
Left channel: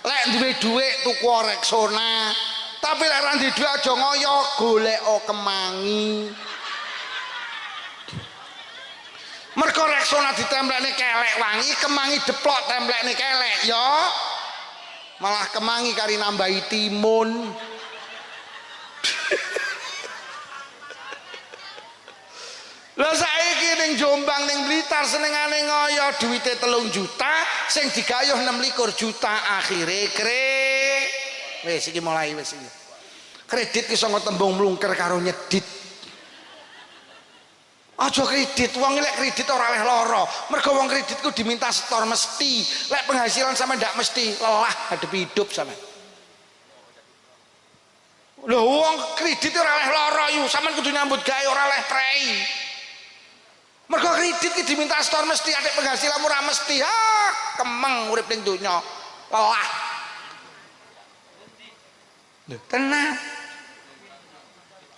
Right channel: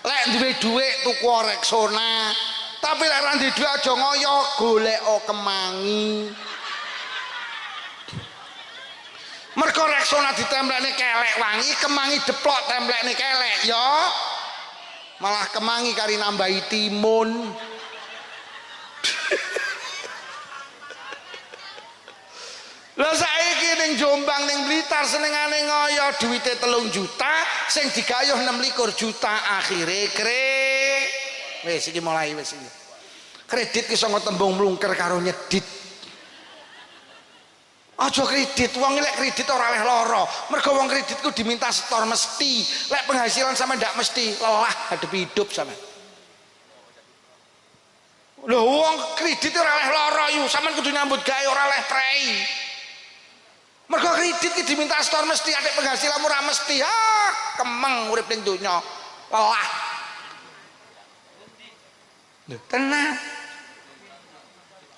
Lek duwe dhuwit tuku Rexona. Tapi lek ra duwe dhuwit aja ngoyo golek kemangi. Mergo Rexona ditemplekne kelek wangi, kemangi deplok templekne kelek ya. Malah kemangi kari nambahi timun. Lah saiki ning Jombang ning Blitar senengane ngoyo duwite 3 juta sing digayuh 26 juta akhire wis iki mulai wis iki. Kredit ki sanga tembung mlungker karo nyedit. Aja kredit, wong lek kredit ora oleh lara. Mergo wong kredit ku diminta setor mesti. Lek penghasilan sama ndak mesti, lelah hadepi hidup sama. Lho wong kredit ora oleh lara yu, sampean kudu nyambut gawe ora oleh prei. Mergo kredit ki diminta setor mesti, adek penghasilan ora mesti. Kemeng urip ning donya. Lelah. Lho, tenang.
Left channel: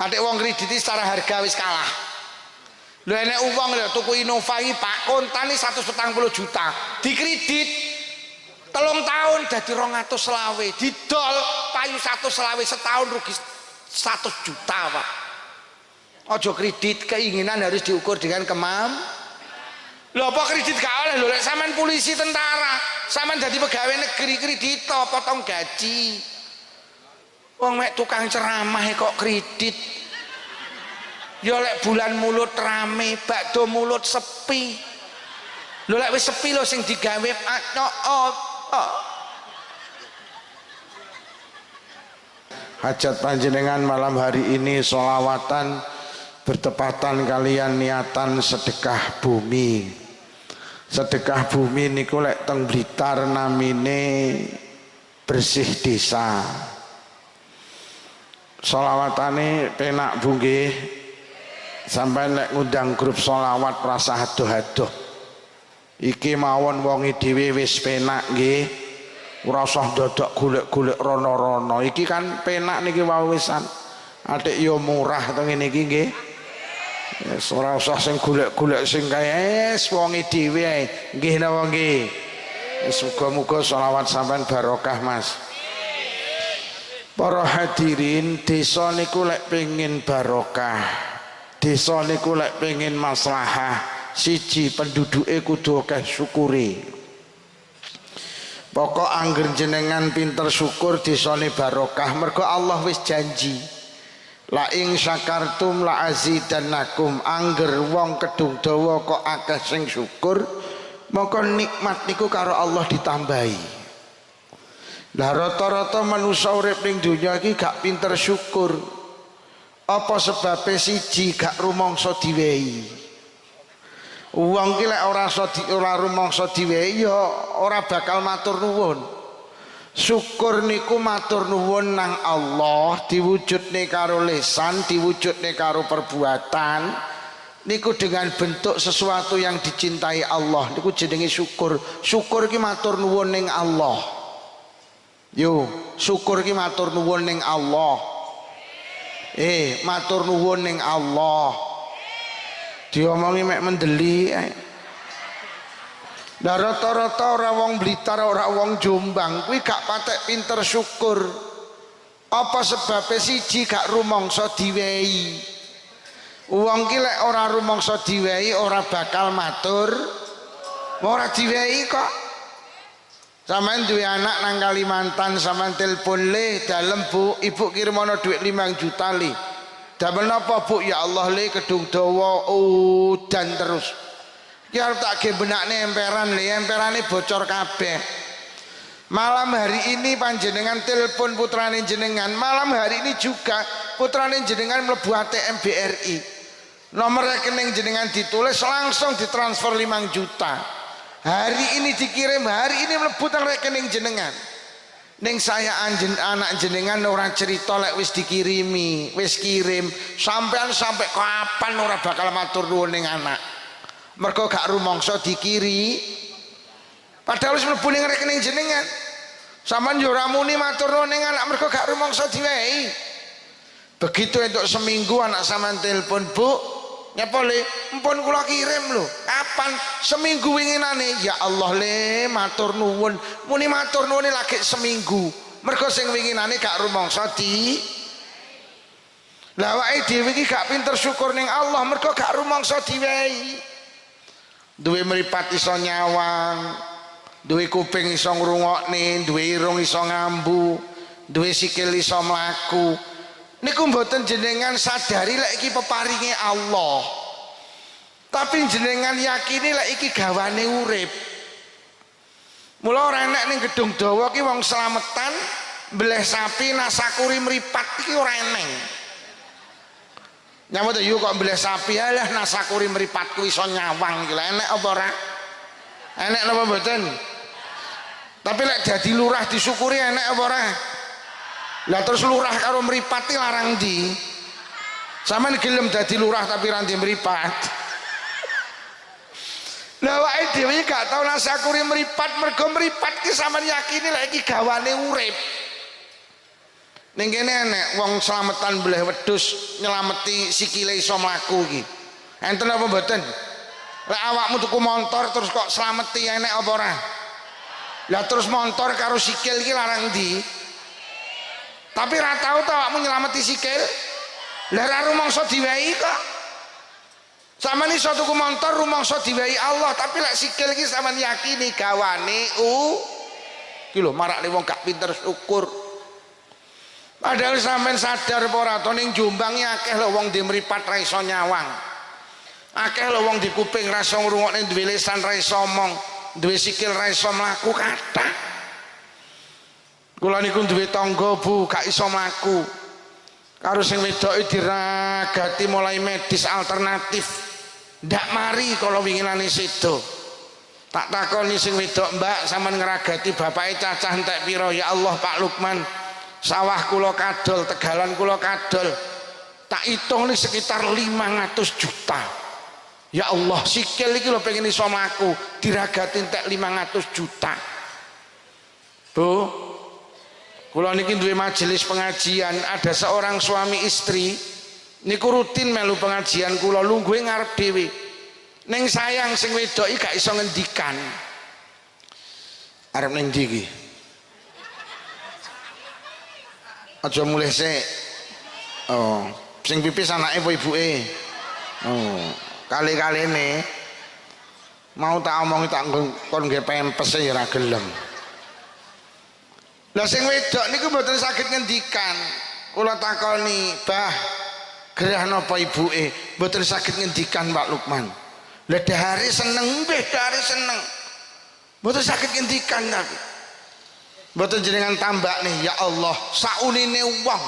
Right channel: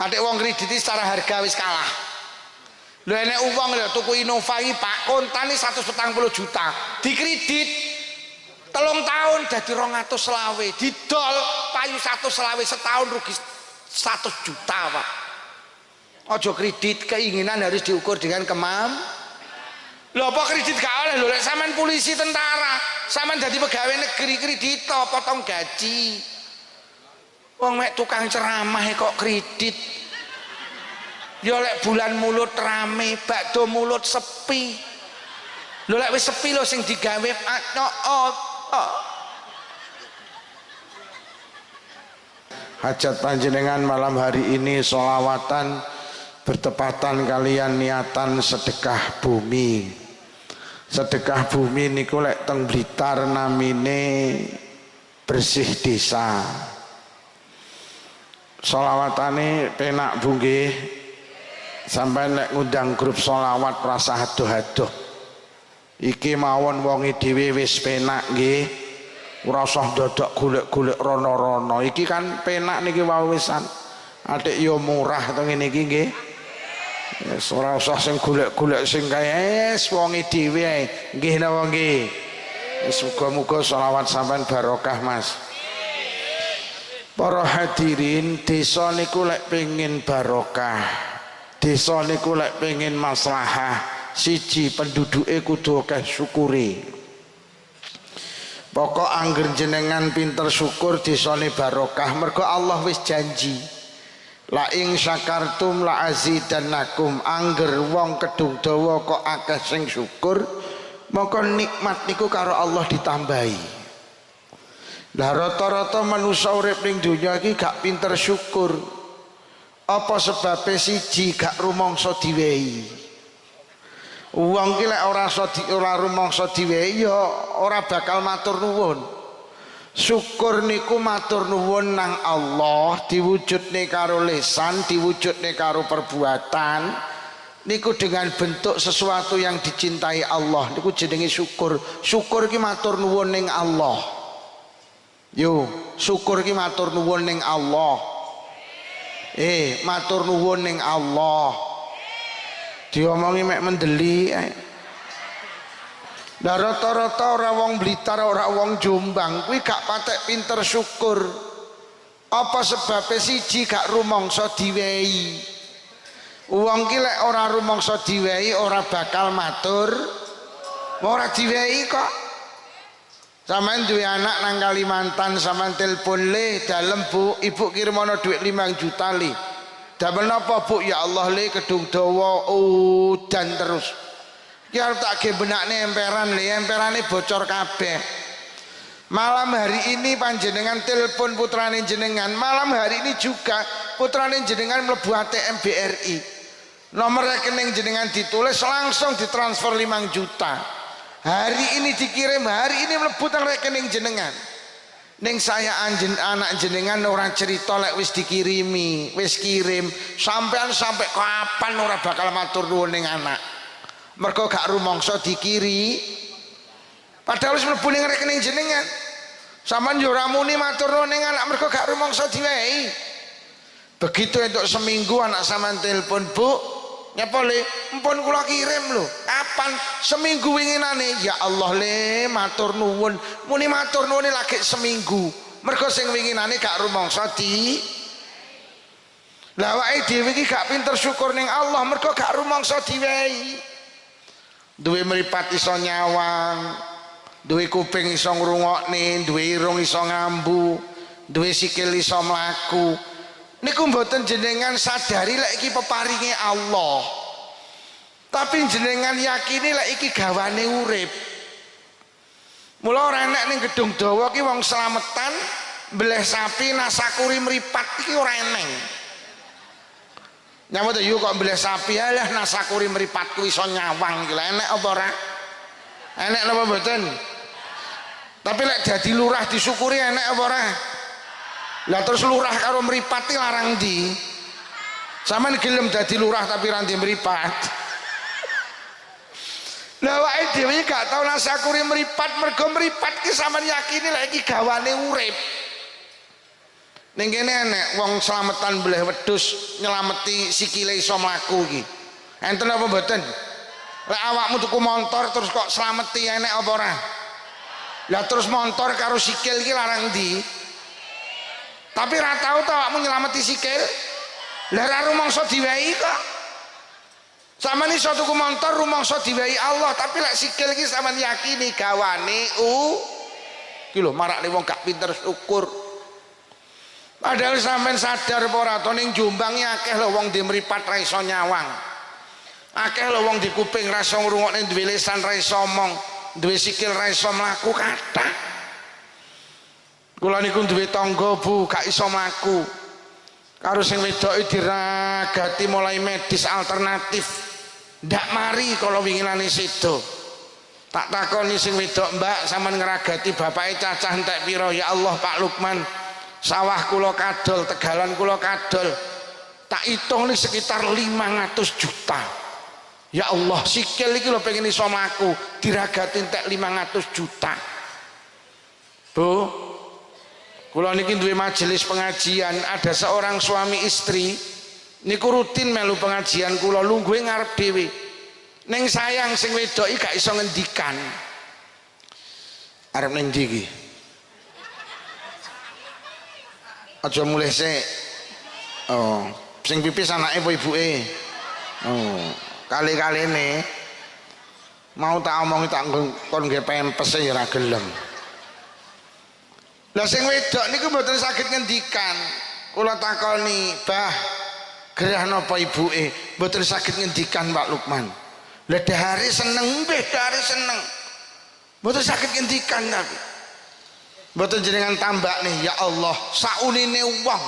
Adek wong kredit secara harga wis kalah. Lho enek uang lho tuku Innova iki Pak kontane 140 juta. Dikredit 3 tahun dadi 220. Didol payu 120 setahun rugi 100 juta, Pak. Ojo kredit, keinginan harus diukur dengan Lho apa kredit gak oleh lho lek sampean polisi tentara, sampean dadi pegawai negeri kredit potong gaji. Wong mek tukang ceramah kok kredit. Ya lek bulan mulut rame, bakdo mulut sepi. Lho lek wis sepi lho sing digawe Hajat panjenengan malam hari ini sholawatan bertepatan kalian niatan sedekah bumi. Sedekah bumi niku lek teng Blitar namine bersih desa. Sholawatane penak bu nggih. Sampai nek ngundang grup sholawat rasa adoh-adoh. Iki mawon wongi dhewe wis penak nggih. Ora usah dadak golek-golek rono-rono. Iki kan penak niki wawisan. Adik yo murah to ngene iki nggih. Wis ora usah sing golek-golek sing kae wongi dhewe ae. Nggih napa nggih. Wis muga-muga sholawat sampean barokah Mas. Para hadirin, desa niku lek pengin barokah. Desa niku lek pengin maslahah, siji penduduke kudu akeh syukure. Pokok angger jenengan pinter syukur desane barokah, mergo Allah wis janji. La ing syakartum la azidannakum, angger wong kedung dawa kok akeh sing syukur, maka nikmat niku karo Allah ditambahi. Lah rata-rata manusa urip ning donya iki gak pinter syukur. Apa sebabnya siji gak rumangsa diwehi. Wong ki lek ora rumangsa diwehi ya ora bakal matur nuwun. Syukur niku matur nuwun nang Allah diwujudne karo lisan, diwujudne karo perbuatan. Niku dengan bentuk sesuatu yang dicintai Allah. Niku jenenge syukur. Syukur ki matur nuwun ning Allah. Yo, syukur ki matur nuwun ning Allah. Matur nuwun ning Allah. Diomongi mek mendeli ae. Lah rata-rata ora wong Blitar ora wong Jombang kuwi gak patek pinter syukur. Apa sebabnya siji gak rumangsa diwehi. Wong ki lek ora rumangsa diwehi ora bakal matur. Ora diwehi kok. Sampeyan duwe anak nang Kalimantan sampeyan telepon le dalem Bu, ibu kirimono duit 5 juta le. Damel napa Bu? Ya Allah le kedung dawa udan terus. Ki arep tak ge benakne emperan le, emperane bocor kabeh. Malam hari ini panjenengan telepon putrane jenengan, malam hari ini juga putrane jenengan mlebu ATM BRI. Nomor rekening jenengan ditulis langsung ditransfer 5 juta. Hari ini dikirim, hari ini mlebu nang rekening jenengan. Ning saya anak jenengan ora cerita lek wis dikirimi, wis kirim, sampean sampai kapan ora bakal matur nuwun ning anak. Mergo gak rumangsa dikiri. Padahal wis mlebu ning rekening jenengan. Sampeyan yo ora muni matur nuwun ning anak mergo gak rumangsa diwehi. Begitu entuk seminggu anak sampean telepon, Bu, nyapa le? Mpun kula kirim lho. Kapan? Seminggu winginane. Ya Allah le, matur nuwun. Muni matur nuwun lagi seminggu. Mergo sing winginane gak rumangsa di. Lah awake dhewe iki gak pinter syukur ning Allah mergo gak rumangsa diwehi. Duwe mripat iso nyawang, duwe kuping iso ngrungokne, duwe irung iso ngambu, duwe sikil iso mlaku. Niku mboten jenengan sadari lek iki peparinge Allah. Tapi jenengan yakini lek iki gawane urip. Mula ora enek ning gedung dawa ki wong slametan mbleh sapi nasakuri mripat iki ora eneng. Nyamut yo kok mbleh sapi alah nasakuri mripatku iso nyawang iki lha enek apa ora? Enek napa mboten? Tapi lek dadi lurah disyukuri enek apa ora? Lah terus lurah karo mripat iki larang ndi? Sampeyan gelem dadi lurah tapi ra ndek mripat. Lah awake dhewe gak tau nasakuri mripat mergo mripat ki sampeyan yakini lek iki gawane urip. Ning kene enek wong slametan mbleh wedhus nyelameti sikile iso mlaku iki. Enten apa mboten? Lek awakmu tuku montor terus kok slameti enek apa ora? Lah terus montor karo sikil iki larang ndi? Tapi ra tau ta awakmu nyelameti sikil? Lah ra rumangsa diwehi kok. Sampeyan iso tuku montor rumangsa diwehi Allah, tapi lek sikil iki sampeyan yakini gawane iki lho marakne wong gak pinter syukur. Padahal sampean sadar apa ora to ning Jombang akeh lho wong di mripat ra iso nyawang. Akeh lho wong di kuping ra iso ngrungokne, duwe lisan ra iso omong, duwe sikil ra iso mlaku kathah. Kula niku duwe tangga Bu, gak iso mlaku. Karo sing wedoke diragati mulai medis alternatif. Ndak mari kala winginane sedo. Tak takoni sing wedok, Mbak, sampean ngragati bapake cacah entek pira? Ya Allah Pak Lukman. Sawah kula kadol, tegalan kula kadol, tak hitung nih sekitar 500 juta. Ya Allah, sikil iki lho pengen iso mlaku, diragati entek 500 juta. Bu, kula niki duwe majelis pengajian, ada seorang suami istri niku rutin melu pengajian kula, lungguhe ngarep dhewe. Ning sayang sing wedok iki gak iso ngendikan. Arep ning ndi iki? Aja mulih sik. Oh, sing pipis anake apa ibuke? Oh, kali-kalene mau tak omongi tak kon nggih pempes ya ora gelem. Lah sing wedok niku mboten saged ngendikan. Kula takoni, "Bah, gerah napa ibuke?" Mboten saged ngendikan Pak Lukman. Lah dahare seneng, nggih dahare seneng. Mboten saged ngendikan tapi mboten jenengan tambak nih, ya Allah, saunine wong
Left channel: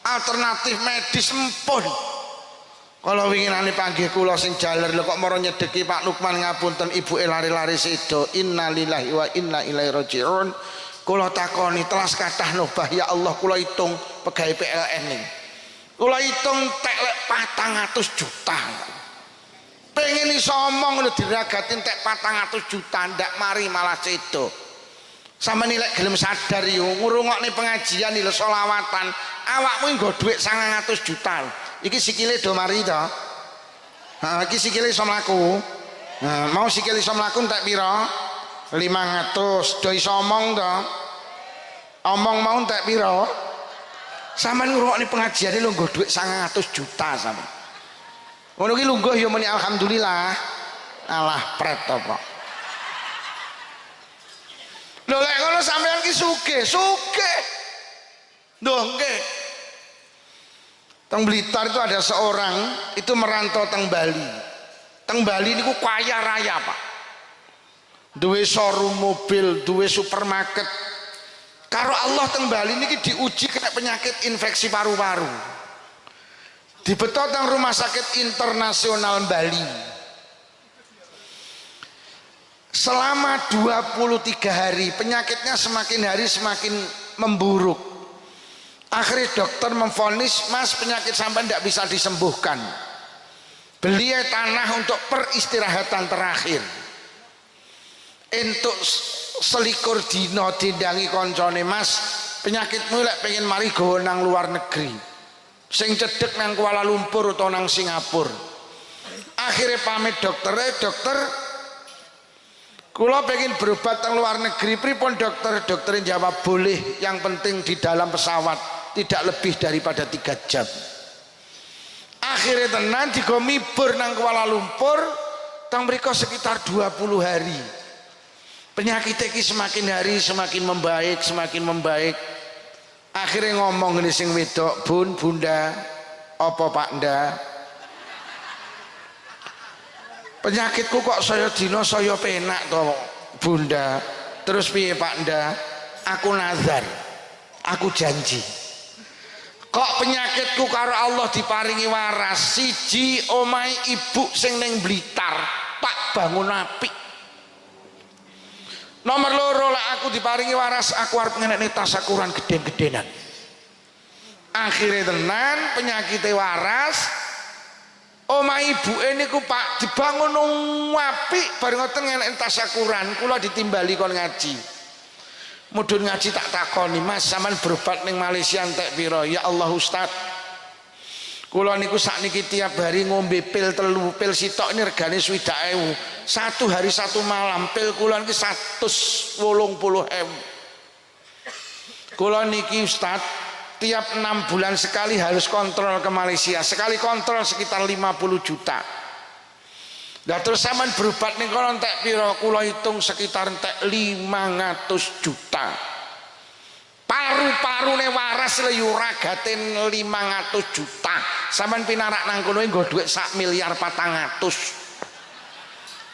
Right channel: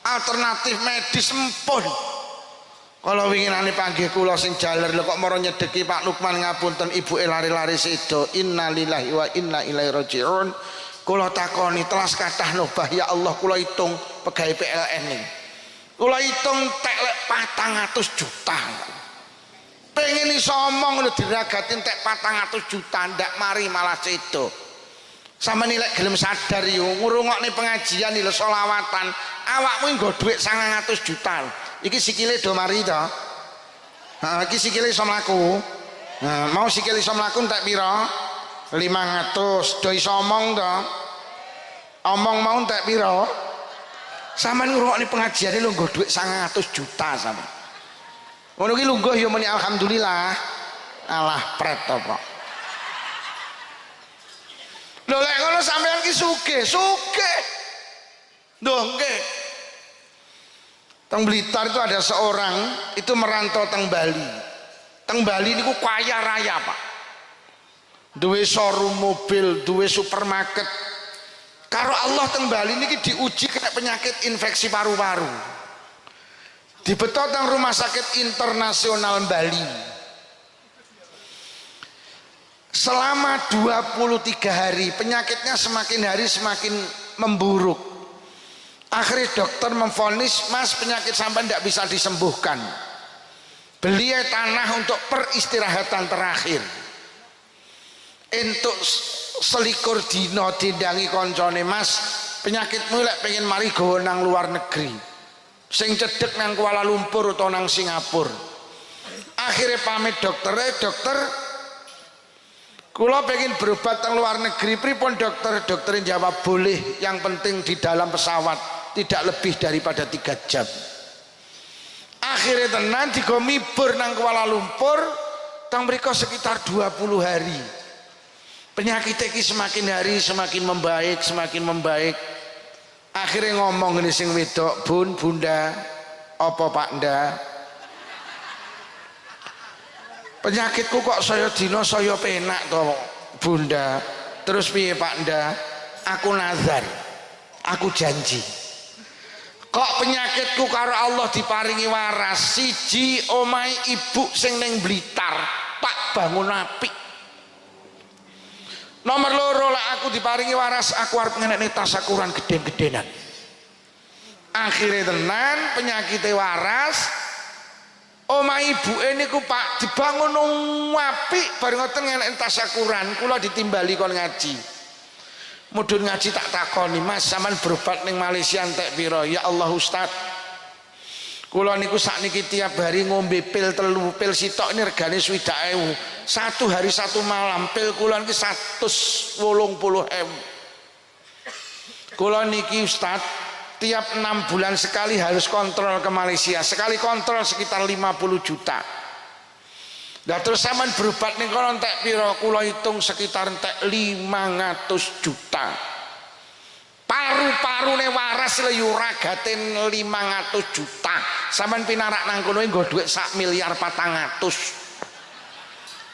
alternatif medis empun. Kalau winginane panggih kula sing jaler lho kok mara nyedeki Pak Lukman ngapunten ibuke lari-lari sedo. Innalillahi wa inna ilaihi rajiun. Kula takoni telas kathah nobah ya Allah, kula hitung pegawe PLN ning. Kula hitung tek lek 400 juta. Pengen iso omong lho diragati entek 400 juta ndak mari malah sedo. Sama nilai gelem sadar yo ngurungokne pengajian lho selawatan awakmu nggo dhuwit 900 juta iki sikile do mari to iki sikile iso mlaku mau sikile iso mlaku entek pira 500 do iso omong to omong mau entek pira sampean ngurungokne pengajian lho nggo dhuwit 900 juta sampean ngono ki lungguh yo muni alhamdulillah alah pret apa lho lek ngono sampean ki sugih lho nggih teng Blitar itu ada seorang itu merantau teng Bali niku kaya raya Pak duwe showroom mobil duwe supermarket karo Allah teng Bali niki diuji kena penyakit infeksi paru-paru dibeto teng rumah sakit internasional Bali selama 23 hari penyakitnya semakin hari semakin memburuk akhirnya dokter memvonis mas penyakit sampai tidak bisa disembuhkan beli tanah untuk peristirahatan terakhir untuk selikur dino dindangi koncone mas penyakitmu lek pengen mari gowo nang luar negeri sing cedek nang Kuala Lumpur atau nang Singapura akhirnya pamit dokter kula pengen berobat teng luar negeri pripun dokter jawab boleh yang penting di dalam pesawat tidak lebih daripada 3 jam akhirnya tenan digo mibur nang Kuala Lumpur teng mriko sekitar 20 hari penyakit iki semakin hari semakin membaik akhirnya ngomong ini sing wedok bunda apa pak nda penyakitku kok saya dino saya penak toh bunda terus piye pak nda aku nazar aku janji kok penyakitku karo Allah diparingi waras siji omai ibu sing neng Blitar tak bangun apik nomor loro lah aku diparingi waras aku harus ngenekne tasakuran geden-gedenan akhirnya tenan penyakitnya waras omah ibu ini ku pak dibangun apik bareng ngoten ngenek tasyakuran kula ditimbali kon ngaji mudhun ngaji tak takoni mas sampean berobat ning Malaysia entek pira ya Allah Ustaz kula niku sakniki tiap hari ngombe pil 3 pil sitok ini regane 60.000 satu hari satu malam pil kula niki 180.000 kula niki Ustaz tiap 6 bulan sekali harus kontrol ke Malaysia sekali kontrol sekitar 50 juta nah terus sampean berobat ning kono entek pira kula hitung sekitar entek 500 juta paru-parune waras le yo ragaten 500 juta sampean pinarak nang kono nggo dhuwit 1,4 miliar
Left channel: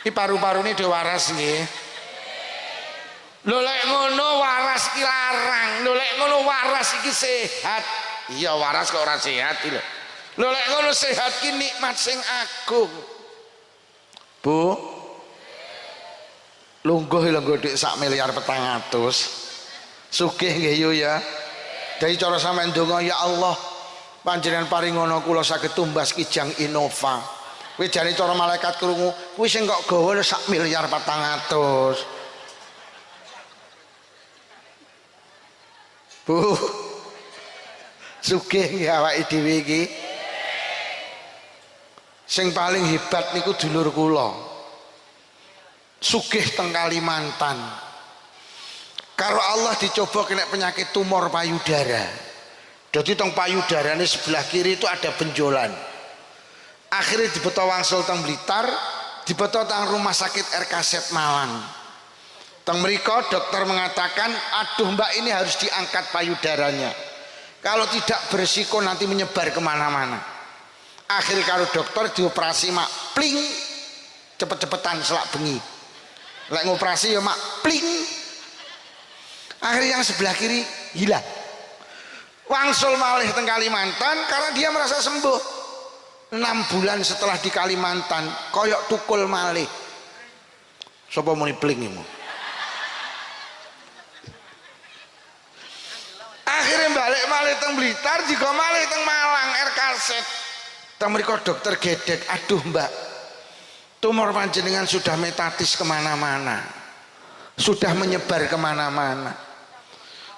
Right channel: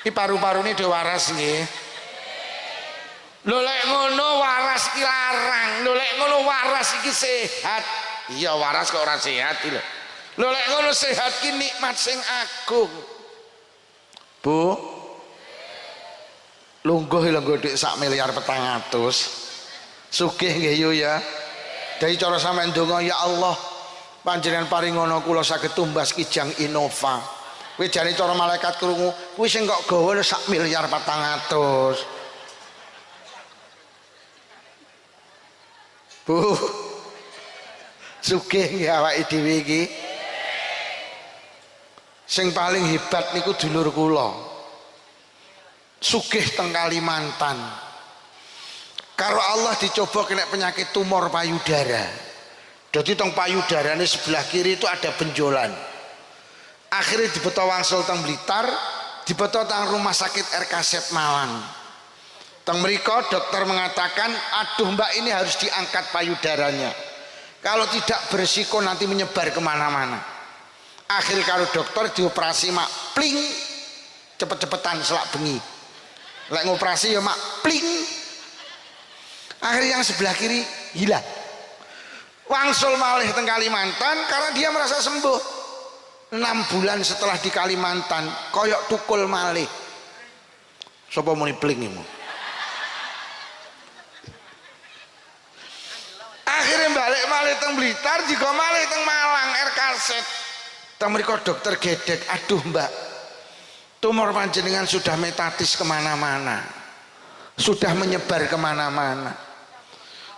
iki paru-parune dhewe waras nggih lho lek ngono waras ki larang lho lek ngono waras iki sehat iya waras kok ora sehat iki lho lek ngono sehat ki nikmat sing agung Bu lungguh lho nggo dik 1,4 miliar sugih nggih yo ya dadi cara sampean ndonga ya Allah panjenengan paringono kula saged tumbas Kijang Innova kuwi jane cara malaikat krungu kuwi sing kok gawa 1,4 miliar Bu sugih nggih awake dhewe iki sing paling hebat niku dulur kula sugih teng Kalimantan karo Allah dicoba kena penyakit tumor payudara jadi teng payudarane sebelah kiri itu ada benjolan akhirnya dibeto wangsul teng Blitar dibeto teng rumah sakit RKZ Malang teng mriko dokter mengatakan aduh mbak ini harus diangkat payudaranya kalau tidak berisiko nanti menyebar kemana-mana akhirnya kalau dokter dioperasi mak pling cepet-cepetan selak bengi lek ngoperasi ya mak pling akhirnya yang sebelah kiri hilang wangsul malih teng Kalimantan karena dia merasa sembuh 6 bulan setelah di Kalimantan koyok tukul malih sapa muni pling imu akhirnya balik malih teng Blitar juga malih teng Malang RKZ teng mriko dokter gedek aduh mbak tumor panjenengan sudah metatis kemana-mana sudah menyebar kemana-mana.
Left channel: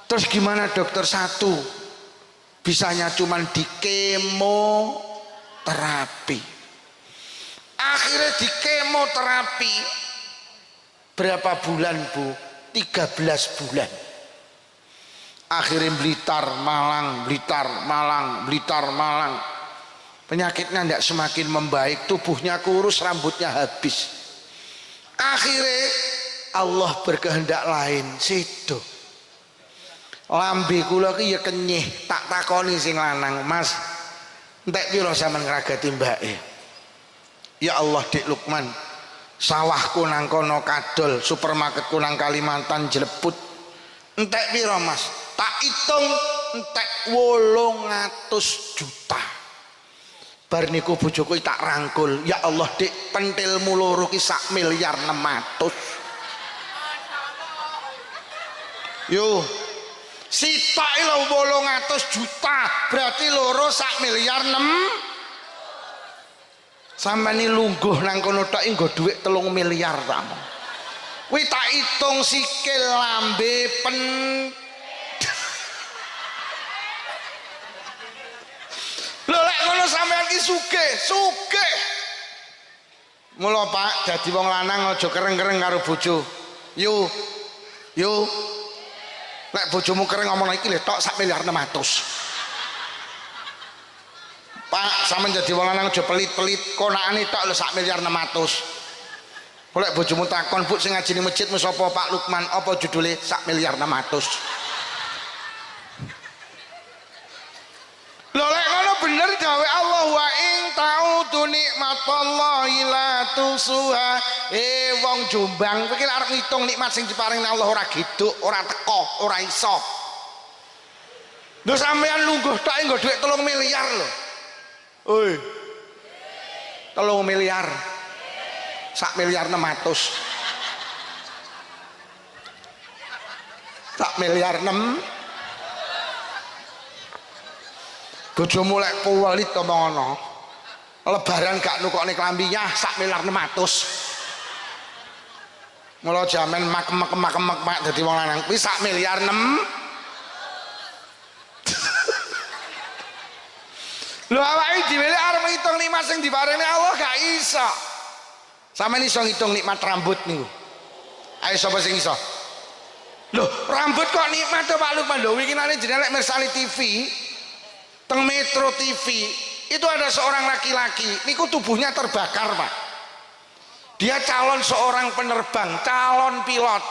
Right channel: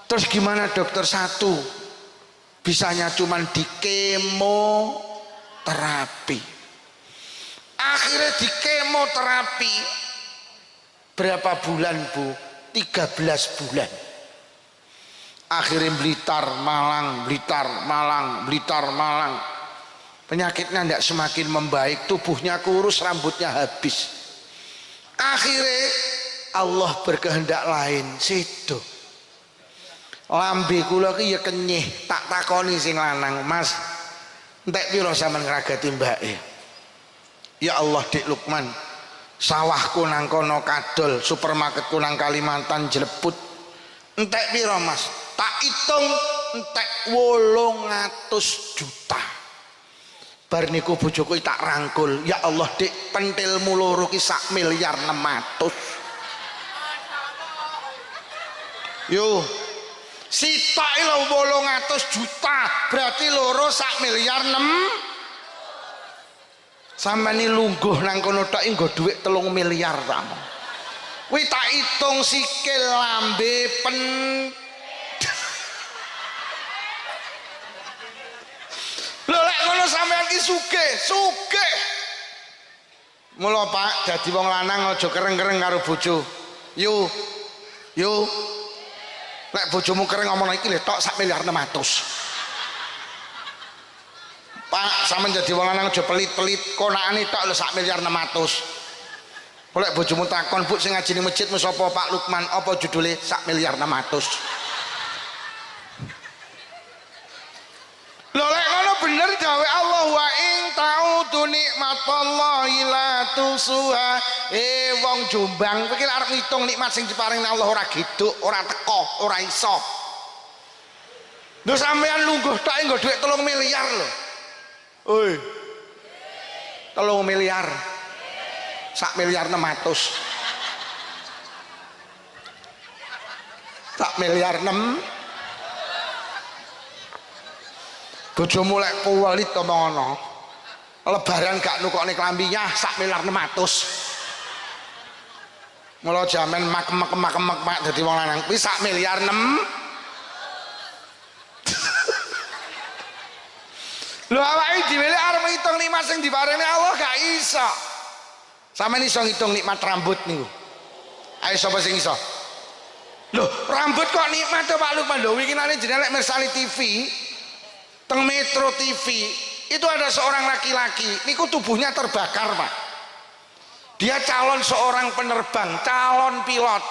Terus gimana dokter? Satu, bisanya cuman di kemoterapi. Akhirnya di kemoterapi berapa bulan Bu? 13 bulan. Akhirnya Blitar Malang, Blitar Malang, Blitar Malang. Penyakitnya tidak semakin membaik, tubuhnya kurus, rambutnya habis. Akhirnya Allah berkehendak lain, situ. Lambe kula ki ya kenyih, tak takoni sing lanang, Mas, entek pira sampean ngragati mbake? Ya Allah, Dik Lukman, sawahku nang kono kadol, supermarketku nang Kalimantan jleput. Entek pira, Mas? Tak hitung entek 800 juta. Bar niku bojoku tak rangkul, ya Allah Dik, pentilmu loro ki 1,6 miliar. Yo, sitok lho 800 juta, berarti loro 1,6 miliar. Sampeyan lungguh nang kono tok nggo dhuwit 3 miliar ta. Kuwi tak hitung sikil, lambe, lho lek ngono sampean ki sugih. Mula Pak, dadi wong lanang aja kereng-kereng karo bojo. Yo. Lek bojomu kereng ngomong iki lho tok 1,6 miliar. Pak, sampean dadi wong lanang aja pelit-pelit, konakane tok lho 1,6 miliar. Lek bojomu takon, "Bu, sing ngaji ning masjid mu sapa Pak Lukman?" Apa judule? 1,6 miliar. Lho lek ngono bener gawe Allah, wa ing ta'udu nikmatallahi la tusuha. Wong Jombang iki arep ngitung nikmat sing diparingi Allah ora geduk, ora teko, ora iso. Lho sampean lungguh tok nggo dhuwit 3 miliar lho. Oi. 3 miliar. 1,6 miliar. 1,6 miliar. Bojomu lek puwelit ngono. Lebaran gak nukokne klambinya 1,6 miliar. Mula jaman mak dadi wong lanang kuwi 1,6 miliar. Lho awake dhewe arep ngitung nikmat sing diparingi Allah gak iso. Sampeyan iso ngitung nikmat rambut niku. Ayo sapa sing iso? Lho, rambut kok nikmat to Pak Lukman? Lho winginane jenenge lek mirsani TV, teng Metro TV itu ada seorang laki-laki niku tubuhnya terbakar Pak. Dia calon seorang penerbang, calon pilot.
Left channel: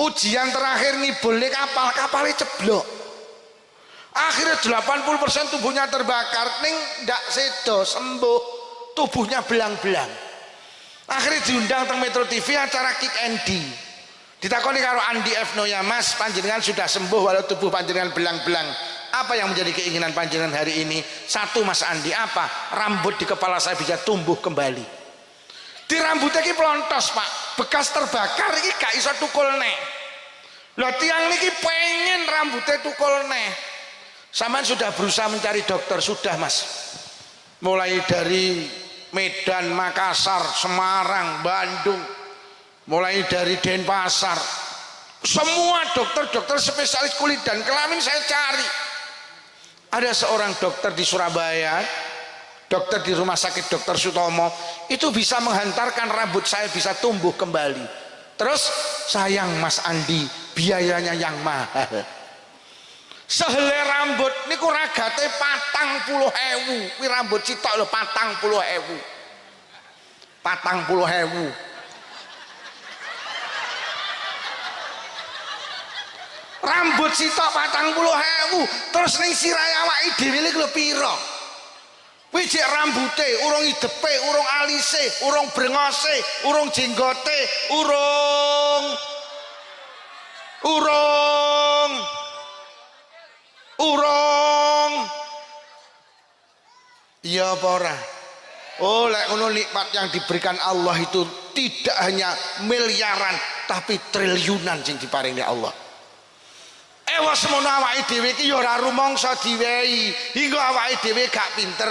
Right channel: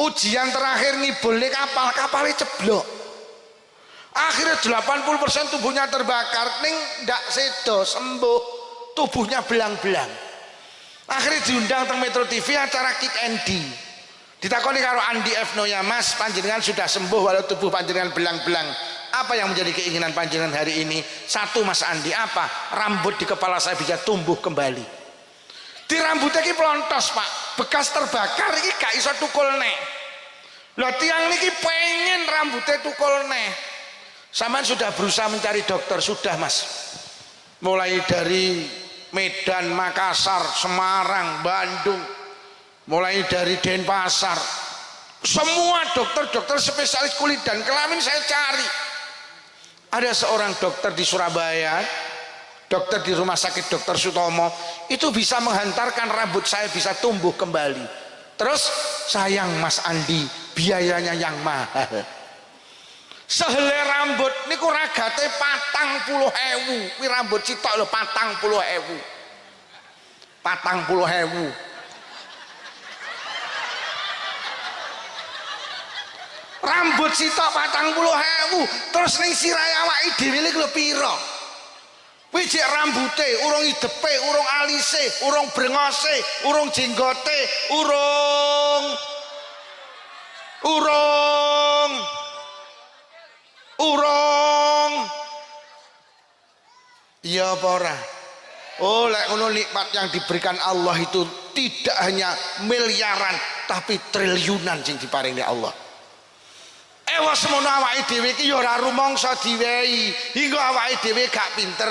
Ujian terakhir ngibulne kapalnya ceblok. Akhirnya 80% tubuhnya terbakar, ning ndak sedo sembuh, tubuhnya belang-belang. Akhirnya diundang teng Metro TV acara Kick Andy. Ditakoni karo Andi F. Noya, "Mas, panjenengan sudah sembuh walau tubuh panjenengan belang-belang. Apa yang menjadi keinginan panjenengan hari ini?" "Satu Mas Andi." "Apa?" "Rambut di kepala saya bisa tumbuh kembali." Di rambutnya ki pelontos Pak, bekas terbakar iki gak iso tukul neh. Loh tiang niki pengen rambutnya tukul neh. Sampean sudah berusaha mencari dokter? Sudah Mas, mulai dari Medan, Makassar, Semarang, Bandung, mulai dari Denpasar, semua dokter-dokter spesialis kulit dan kelamin saya cari. Ada seorang dokter di Surabaya, dokter di rumah sakit Dr. Sutomo, itu bisa menghantarkan rambut saya bisa tumbuh kembali. Terus sayang Mas Andi, biayanya yang mahal. Sehelai rambut niku ragate 40.000. Kuwi rambut sitok lho 40.000. 40.000. Rambut sitok 40.000. Terus ning sirahe awake dhewe iki lho pira? Kuwi jek rambute, urung idepe, urung alise, urung brengose, urung jenggote, urung iya apa ora? Oh lek ngono nikmat yang diberikan Allah itu tidak hanya miliaran tapi triliunan sing diparingi Allah. Ewa semono awake dhewe iki ya ora rumangsa diwehi, hingga awake dhewe gak pinter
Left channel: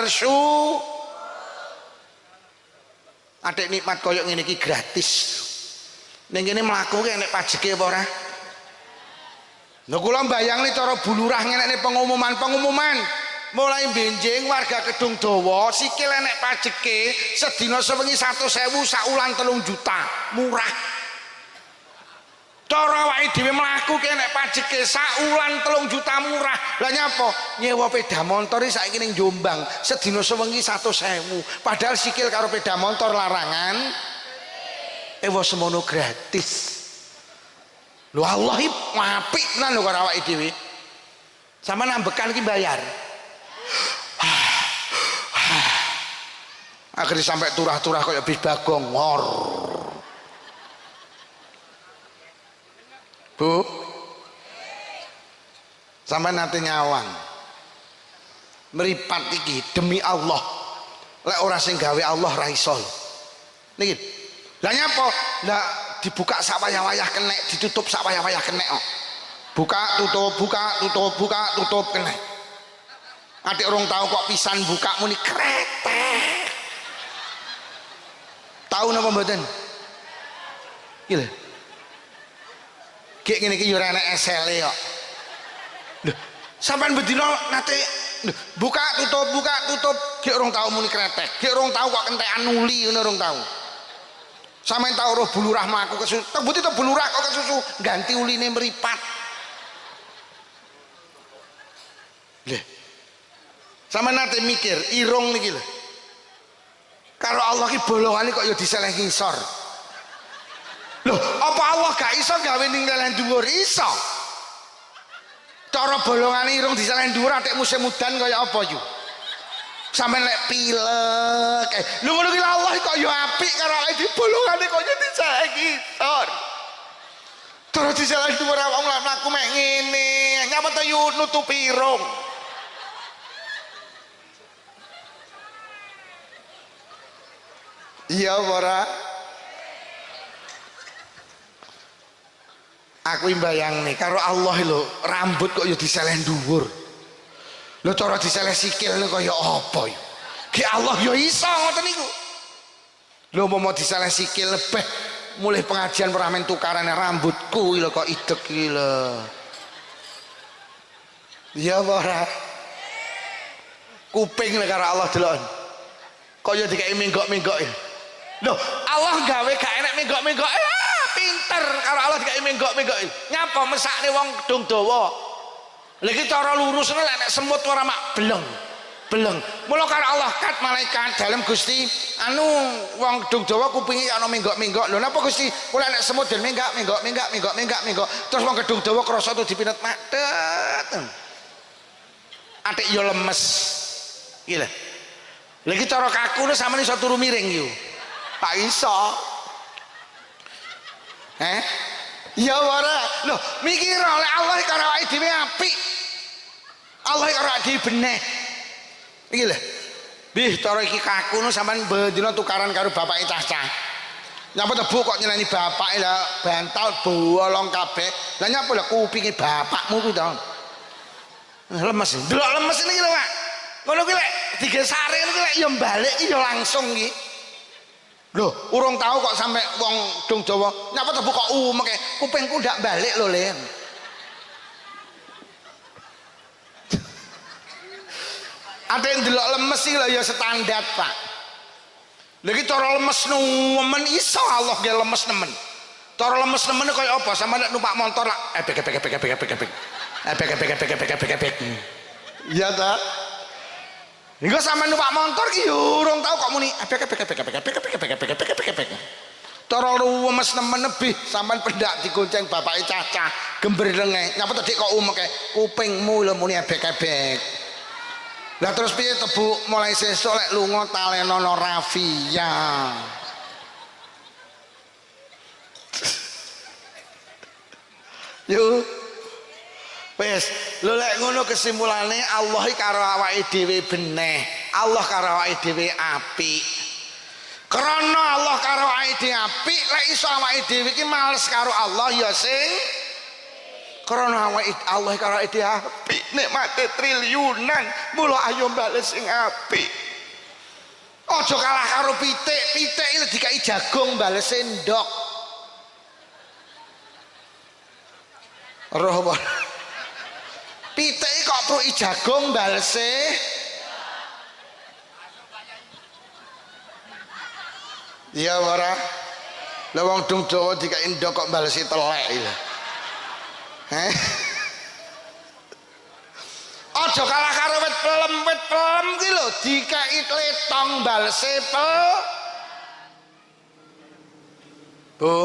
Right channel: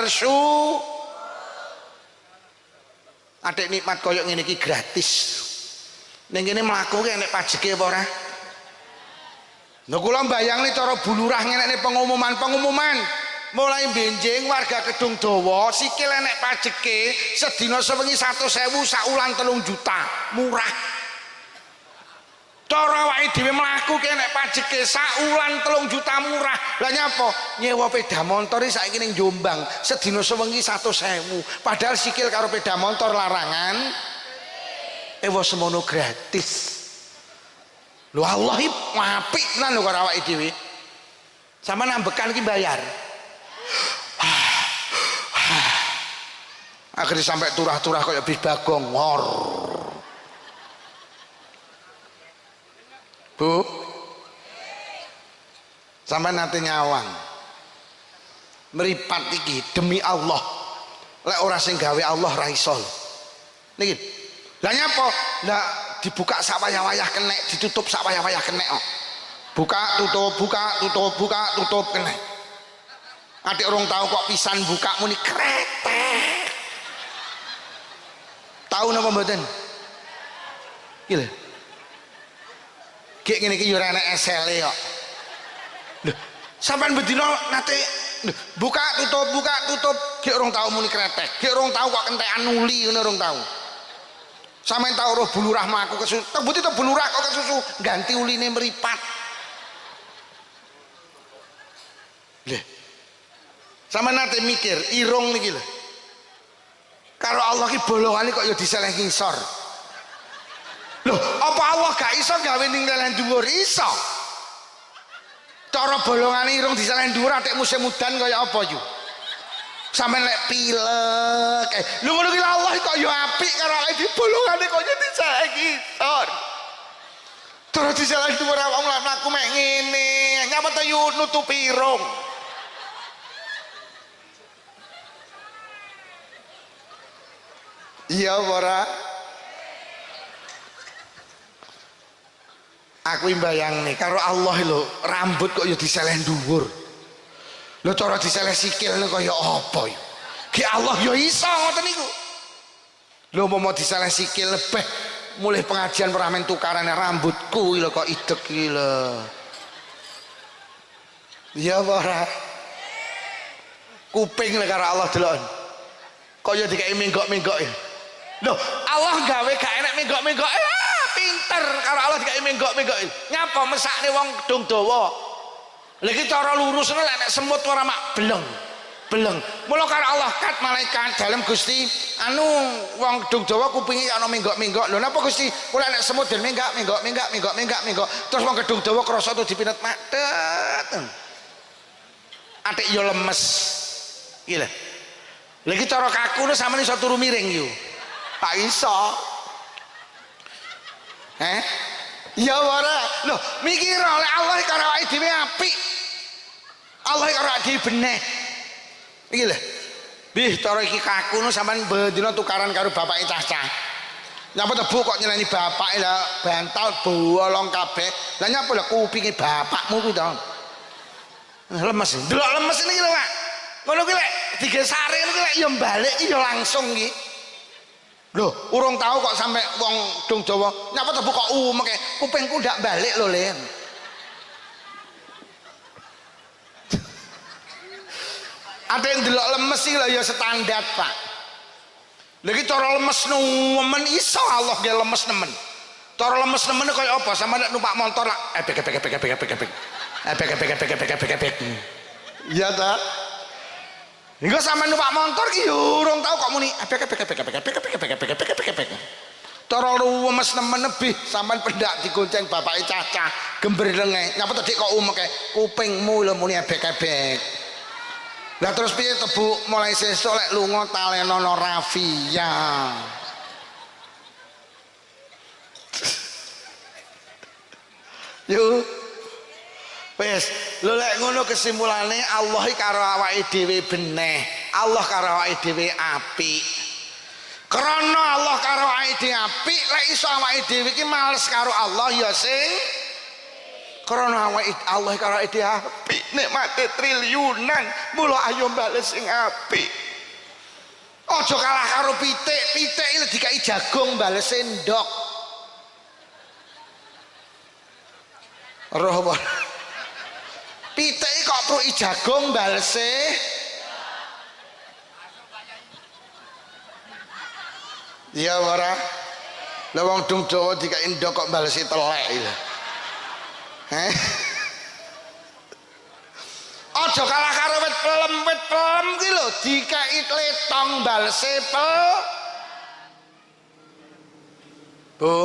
Adik nikmat koyo ngene iki gratis. Ning kene mlaku ki enek pajeke apa ora? Lha kula mbayangne cara bulurah ngenekne pengumuman mulai benjing warga Kedung Dawa sikil enek pajeke sedina sewengi 100.000 sak wulan 3 juta murah. Cara awake dhewe mlaku ki enek pajeke sak wulan 3 juta murah. Lah nyapa? Nyewa peda motor saiki ning Jombang sedina sewengi 100.000 padahal sikil karo peda motor larangan. Ewa semono gratis. Lho Allah iki apik tenan lho karo awake dhewe. Sampeyan ambekan iki bayar. Akhirnya sampai turah-turah kayak bis bagong ngor. Bu, sampai nanti nyawang meripat iki demi Allah. Lek ora sing gawe Allah ra iso. Niki. Lah nyapa? Lah dibuka sak wayah-wayah kenek, ditutup sak wayah-wayah kenek kok. Buka tutup, buka tutup, buka tutup kenek. Adik orang tahu kok pisan buka muni kretek. Tahu napa mboten? Iki lho. Gek ngene iki yo ora enek esele kok. Lho, sampean bedino nate buka tutup, gek orang tahu muni kretek. Gek orang tahu kok kentekan nuli ngono orang tahu. Sampeyan tahu roh bulurah mlaku kesusu. Tebuti to bulurah kok kesusu ganti uline meripat. Lho. Sampeyan nate mikir irung niki lho. Karo Allah ki bolongane kok ya diseleh ngisor. Loh, apa Allah gak iso gawe ning lelen dhuwur? Iso. Cara bolongane irung diseleh dhuwur atik musim udan kaya apa yu? Sampeyan lek pilek. Lho ngono ki Allah kok ya apik karo awake dhewe bolongane kok ya diseleh ngisor. Cara diseleh dhuwur awakmu lek mlaku mek ngene, ngapa to yu nutupi irung? Iya ora? Aku mbayang nih karo Allah lho rambut kok ya diseleh dhuwur. Lho cara diseleh sikil kaya apa ya? Ki Allah ya iso ngoten niku. Lho mau diseleh sikil lebih mulai pengajian ora men tukarane rambutku lho kok idek iki lho. Iya ora? Kuping lho karo Allah delok. Kok ya dikai menggok-menggok ya. Loh, Allah gawe gak enek menggok-menggok. Pinter karo Allah dikai menggok-menggok. Nyapa mesakne wong Kedung Dawa. Lha iki cara lurusne lek nek semut ora mak beleng. Beleng. Mula karo Allah kat malaikat dalem Gusti anu wong Kedung Dawa kupinge ana menggok-menggok. Lho napa Gusti? Kula nek semut den menggok. Terus wong Kedung Dawa krasa tuh dipinet madet. Atik yo lemes. Iki lho. Lha iki cara kakune sampeyan iso turu miring yo. Tak iso. Ya ora. Loh, mikir oleh Allah karo awake dhewe apik. Allah karo awake dhewe beneh. Iki lho. Bih cara iki kakune sampean bendina tukaran karo bapake cah-cah. Nyapa tebu kok nyeneni bapake lah bantal bolong kabeh. Lah nyapa lho kupinge bapakmu kuwi to. Lemes. Delok lemes niki lho, Pak. Ngono kuwi lek digesare ngono kuwi lek ya balik ya langsung iki. Loh, urung tahu kok sampai wong Kedung Dawa. Nyapa tebu kok umeke kupingku ndak balik lho, Len. Ada yang delok lemes iki lho ya standar, Pak. Lha iki cara lemes nemen iso Allah ge lemes nemen. Cara lemes nemen kaya apa? Sama nek numpak motor lak ebek. Iya ta? Engko sampean numpak motor ki yo urung tau kok muni ebek. Cara lemes nemen lebih sampean pendak digonceng bapake Caca gembrelenge. Nyapa tadi kok umeke kupingmu lho muni ebek. Lah terus piye tebu mulai sesuk lek lunga talenono Rafia. Yo wes lho lek ngono kesimpulannya Allah karo awake dhewe beneh. Allah karo awake dhewe apik. Krana Allah karo awake dhewe apik, lek iso awake dhewe iki males karo Allah ya sing krana awake Allah karo awake dhewe apik, nikmate triliunan, mula ayo bales sing apik. Aja kalah karo pitik iki dikai jagung bales sendok. Roh apa? Pitike kok pruki jagung balese. Iya ora? Lah wong dung Jawa dikek ndok kok balesi telek lho. Aja kalah karo wit pelem ki lho dikeki tletong balese pel. Bu.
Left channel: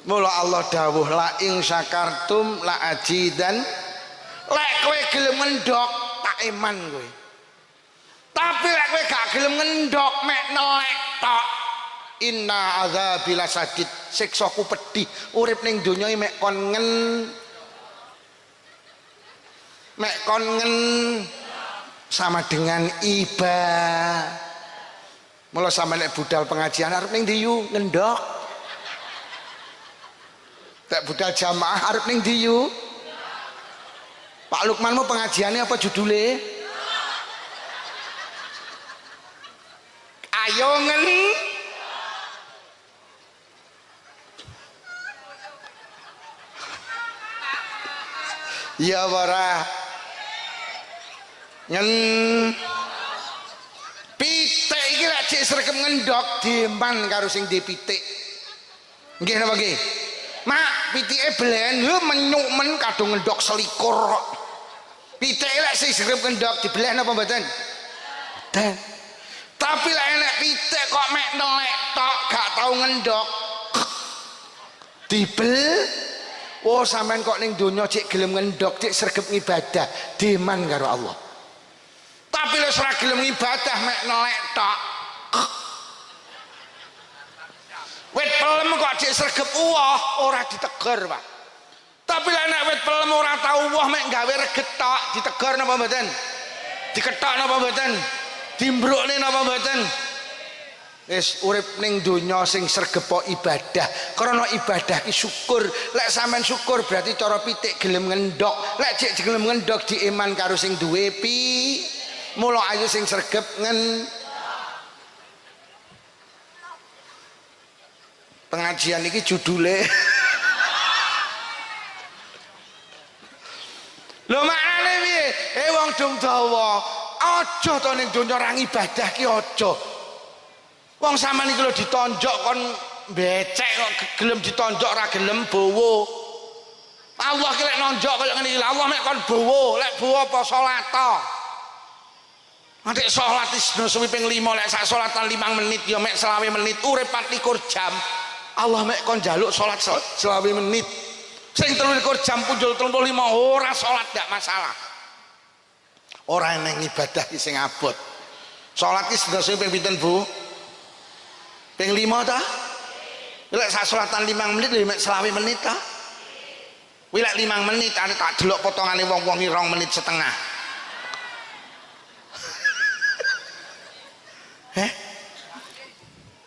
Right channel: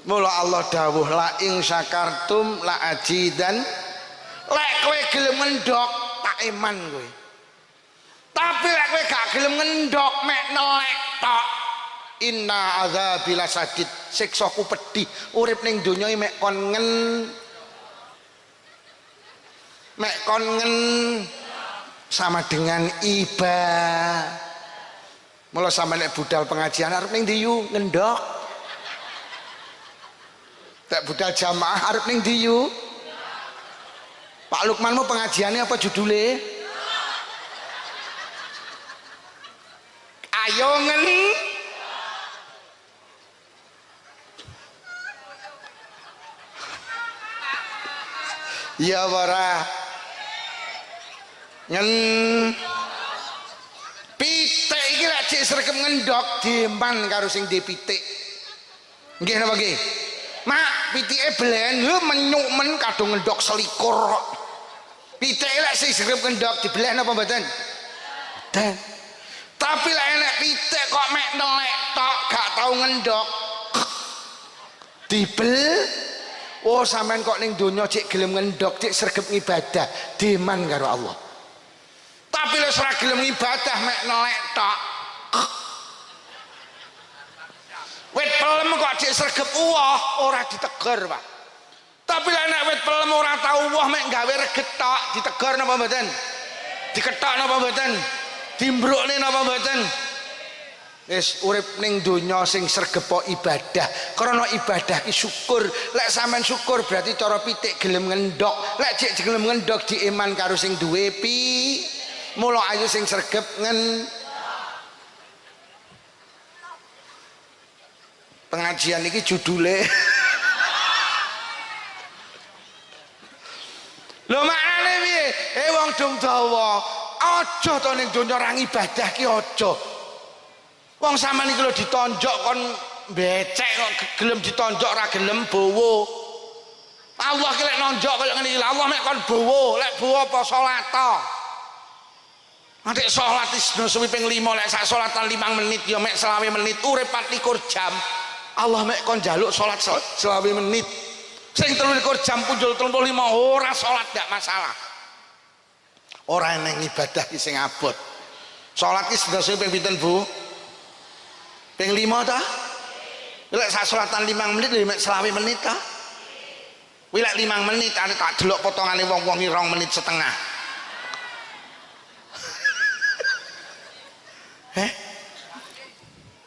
Mula Allah dawuh la ing syakartum la ajidan. Lek kowe gelem ngendok tak iman kowe. Tapi lek kowe gak gelem ngendok mek nelek tok. Inna azabi lasadid, siksaku pedih. Urip ning donya mek kon sama dengan iba. Mula sama nek budal pengajian arep ning ndi yu ngendok. Tak budal jamaah arep ning ndi yu. Pak Lukmanmu pengajiannya apa judulnya? Ayo ya ora pitik iki lek cek sregep ngendok diman karo sing di pitik. Nggih napa nggih? Mak, pitike belen lho menyuk men kadung ngendok selikur. Pitik lek sing sregep ngendok dibeleh napa mboten? Mboten. Tapi lek enek pitik kok mek nelek tok gak tau ngendok. Dibel. Oh sampean kok ning donya cek gelem ngendok cek sregep ngibadah diman karo Allah. Tapi lek ora gelem ngibadah mek nelek tok. Wit pelem kok cek sregep uwah ora ditegur, Pak. Tapi lek nek wit pelem ora tau uwah mek gawe reget tok ditegur napa mboten? Diketok napa mboten? Dimbrukne napa mboten? Wis urip ning donya sing sregep ibadah. Karena ibadah ki syukur. Lek sampean syukur berarti cara pitik gelem ngendok. Lek cek gelem ngendok diiman karo sing duwe pi. Mula ayo sing sregep pengajian iki judule. Lho maknane piye? Wong dong dawa, aja to ning donya ora ibadah ki aja. Wong sampean iki lho ditonjok kon becek kok gelem ditonjok ora gelem bowo. Allah ki lek nonjok kaya ngene iki Allah mek kon bowo, lek bowo apa salat to. Nek salat isno suwi ping 5 lek sak salatan 5 menit ya mek 20 menit urip 24 jam. Allah mek kon njaluk salat 20 menit. Sing 23 jam punjul 35 ora salat gak masalah. Ora neng ibadah ki sing abot. Salat ki sedasa ping pinten, Bu? Ping 5 ta? Lek sak salatan 5 menit lho mek 20 menit ta? Kuwi lek 5 menit ane tak delok potongane wong-wong 2 menit setengah.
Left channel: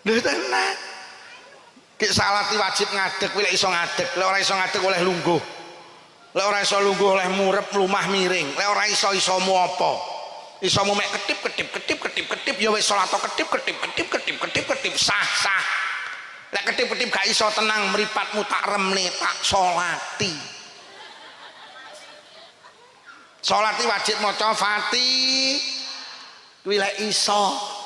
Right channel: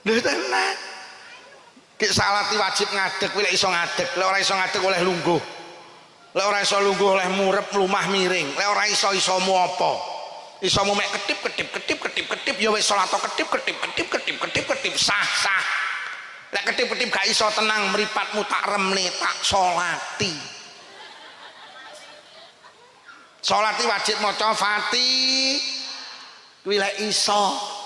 Lho tenan. Ki salat wajib ngadeg, kuwi lek iso ngadeg, lek ora iso ngadeg oleh lungguh. Lek ora iso lungguh oleh murep lumah miring, lek ora iso-isomu apa? Isomu mek ketip ya wis salat ketip sah. Lek ketip gak iso tenang mripatmu tak remne tak salati. Salati wajib maca Fatihah. Kuwi lek iso.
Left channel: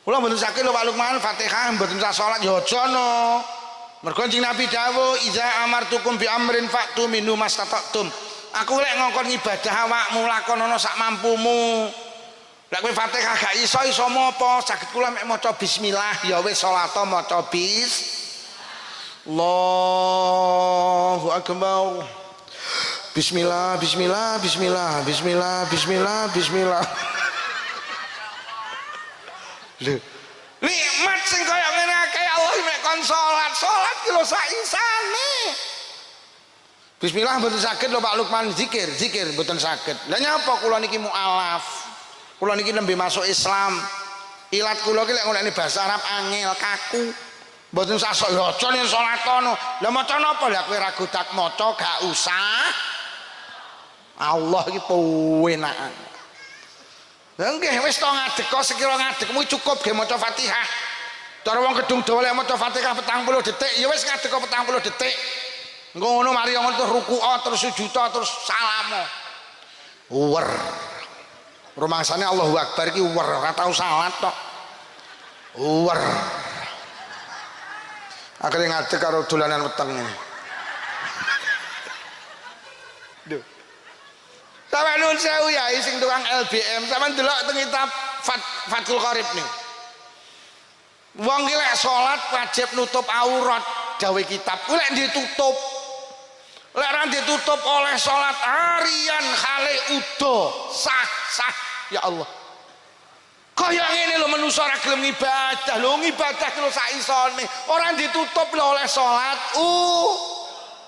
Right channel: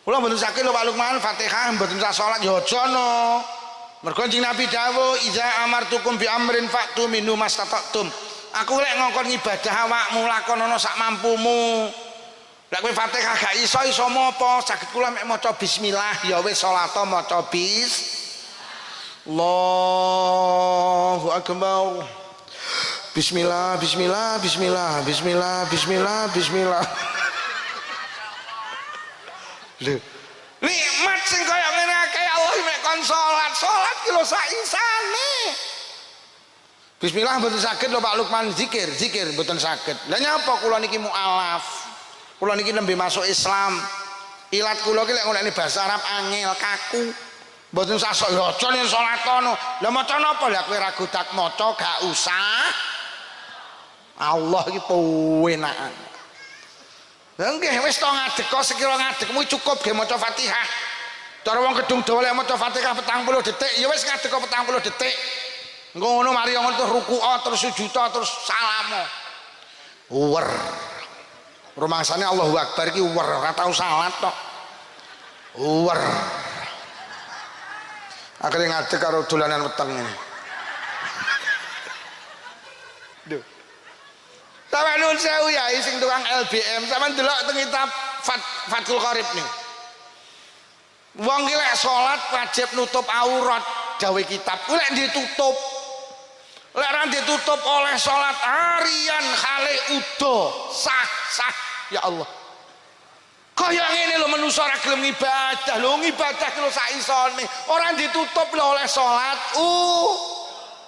Kula mboten sakit lho Pak Lukman Fatihah mboten usah salat ya aja no. Mergo Kanjeng Nabi dawuh iza amartukum bi amrin fa'tu minhu mastata'tum. Aku lek ngongkon ibadah awakmu lakonana sak mampumu. Lek kowe Fatihah gak iso apa saged kula mek maca bismillah ya wis salat maca Allahu akbar. Bismillah. Lho, nikmat sing kaya ngene akeh Allah mek kon salat ki lho sak isane. Bismillah mboten saged lho Pak Lukman zikir mboten saged. Lah nyapa kula niki mualaf. Kula niki nembe masuk Islam. Ilat kula ki lek ngonekne basa Arab angel kaku. Mboten usah sok ya aja ning salat kono. Lah maca napa lah kowe ragu tak maca gak usah. Allah iki pewenakan. Nggih wis to ngadeg kok sekira ngadegmu cukup ge maca Fatihah. Cara wong gedung dawa lek maca Fatihah 40 detik ya wis ngadeg kok 40 detik. Ngono mari ngono terus ruku'a terus sujud terus salamo. Uwer. Rumangsane Allahu Akbar iki uwer ora tau salat tok. Uwer. Akhire ngadeg karo dolanan weteng ngene. Duh. Sampe nuwun sewu ya sing tukang LBM, sampean delok teng kitab Fathul Qorib nih. Wong ki lek salat wajib nutup aurat, dawe kitab. Ku lek ditutup. Lek ora ditutup oleh salat harian khale udo sah. Ya Allah. Kaya ngene lho manusa ora gelem ibadah. Lho ngibadah ki lho sak isone. Ora ditutup lho oleh salat.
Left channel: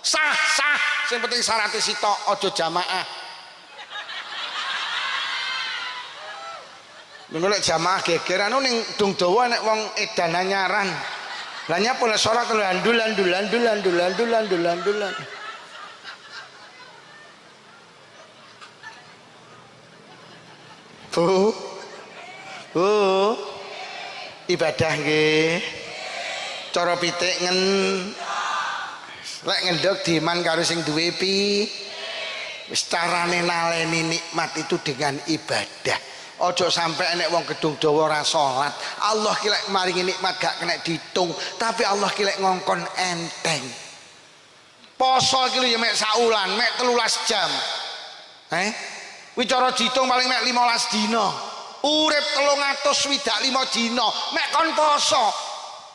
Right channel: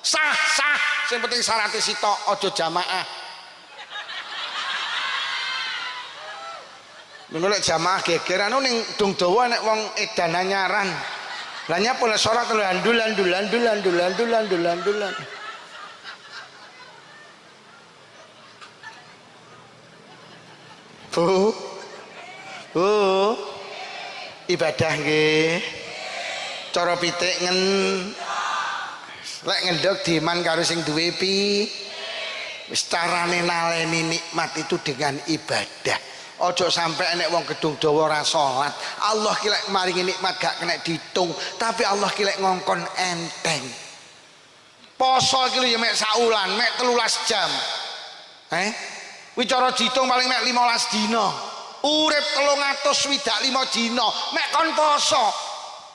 Sah. Sing penting syaratnya sitok aja jamaah. Menolak jamaah geger anu ning dung dawa nek wong edan anyaran. Lah nyapa lek salat landulan. Ibadah nggih. Cara pitik lek ngendhog diman karo sing duwe pi. Wis carane naleni nikmat itu dengan ibadah. Ojo sampai enek wong gedung dawa ora salat. Allah ki lek maringi nikmat gak kena ditung, tapi Allah ki lek ngongkon enteng. Poso ki lho ya mek saulan, mek 13 jam. Kuwi cara ditung paling mek 15 dina. Urip 325 dina, mek kon poso.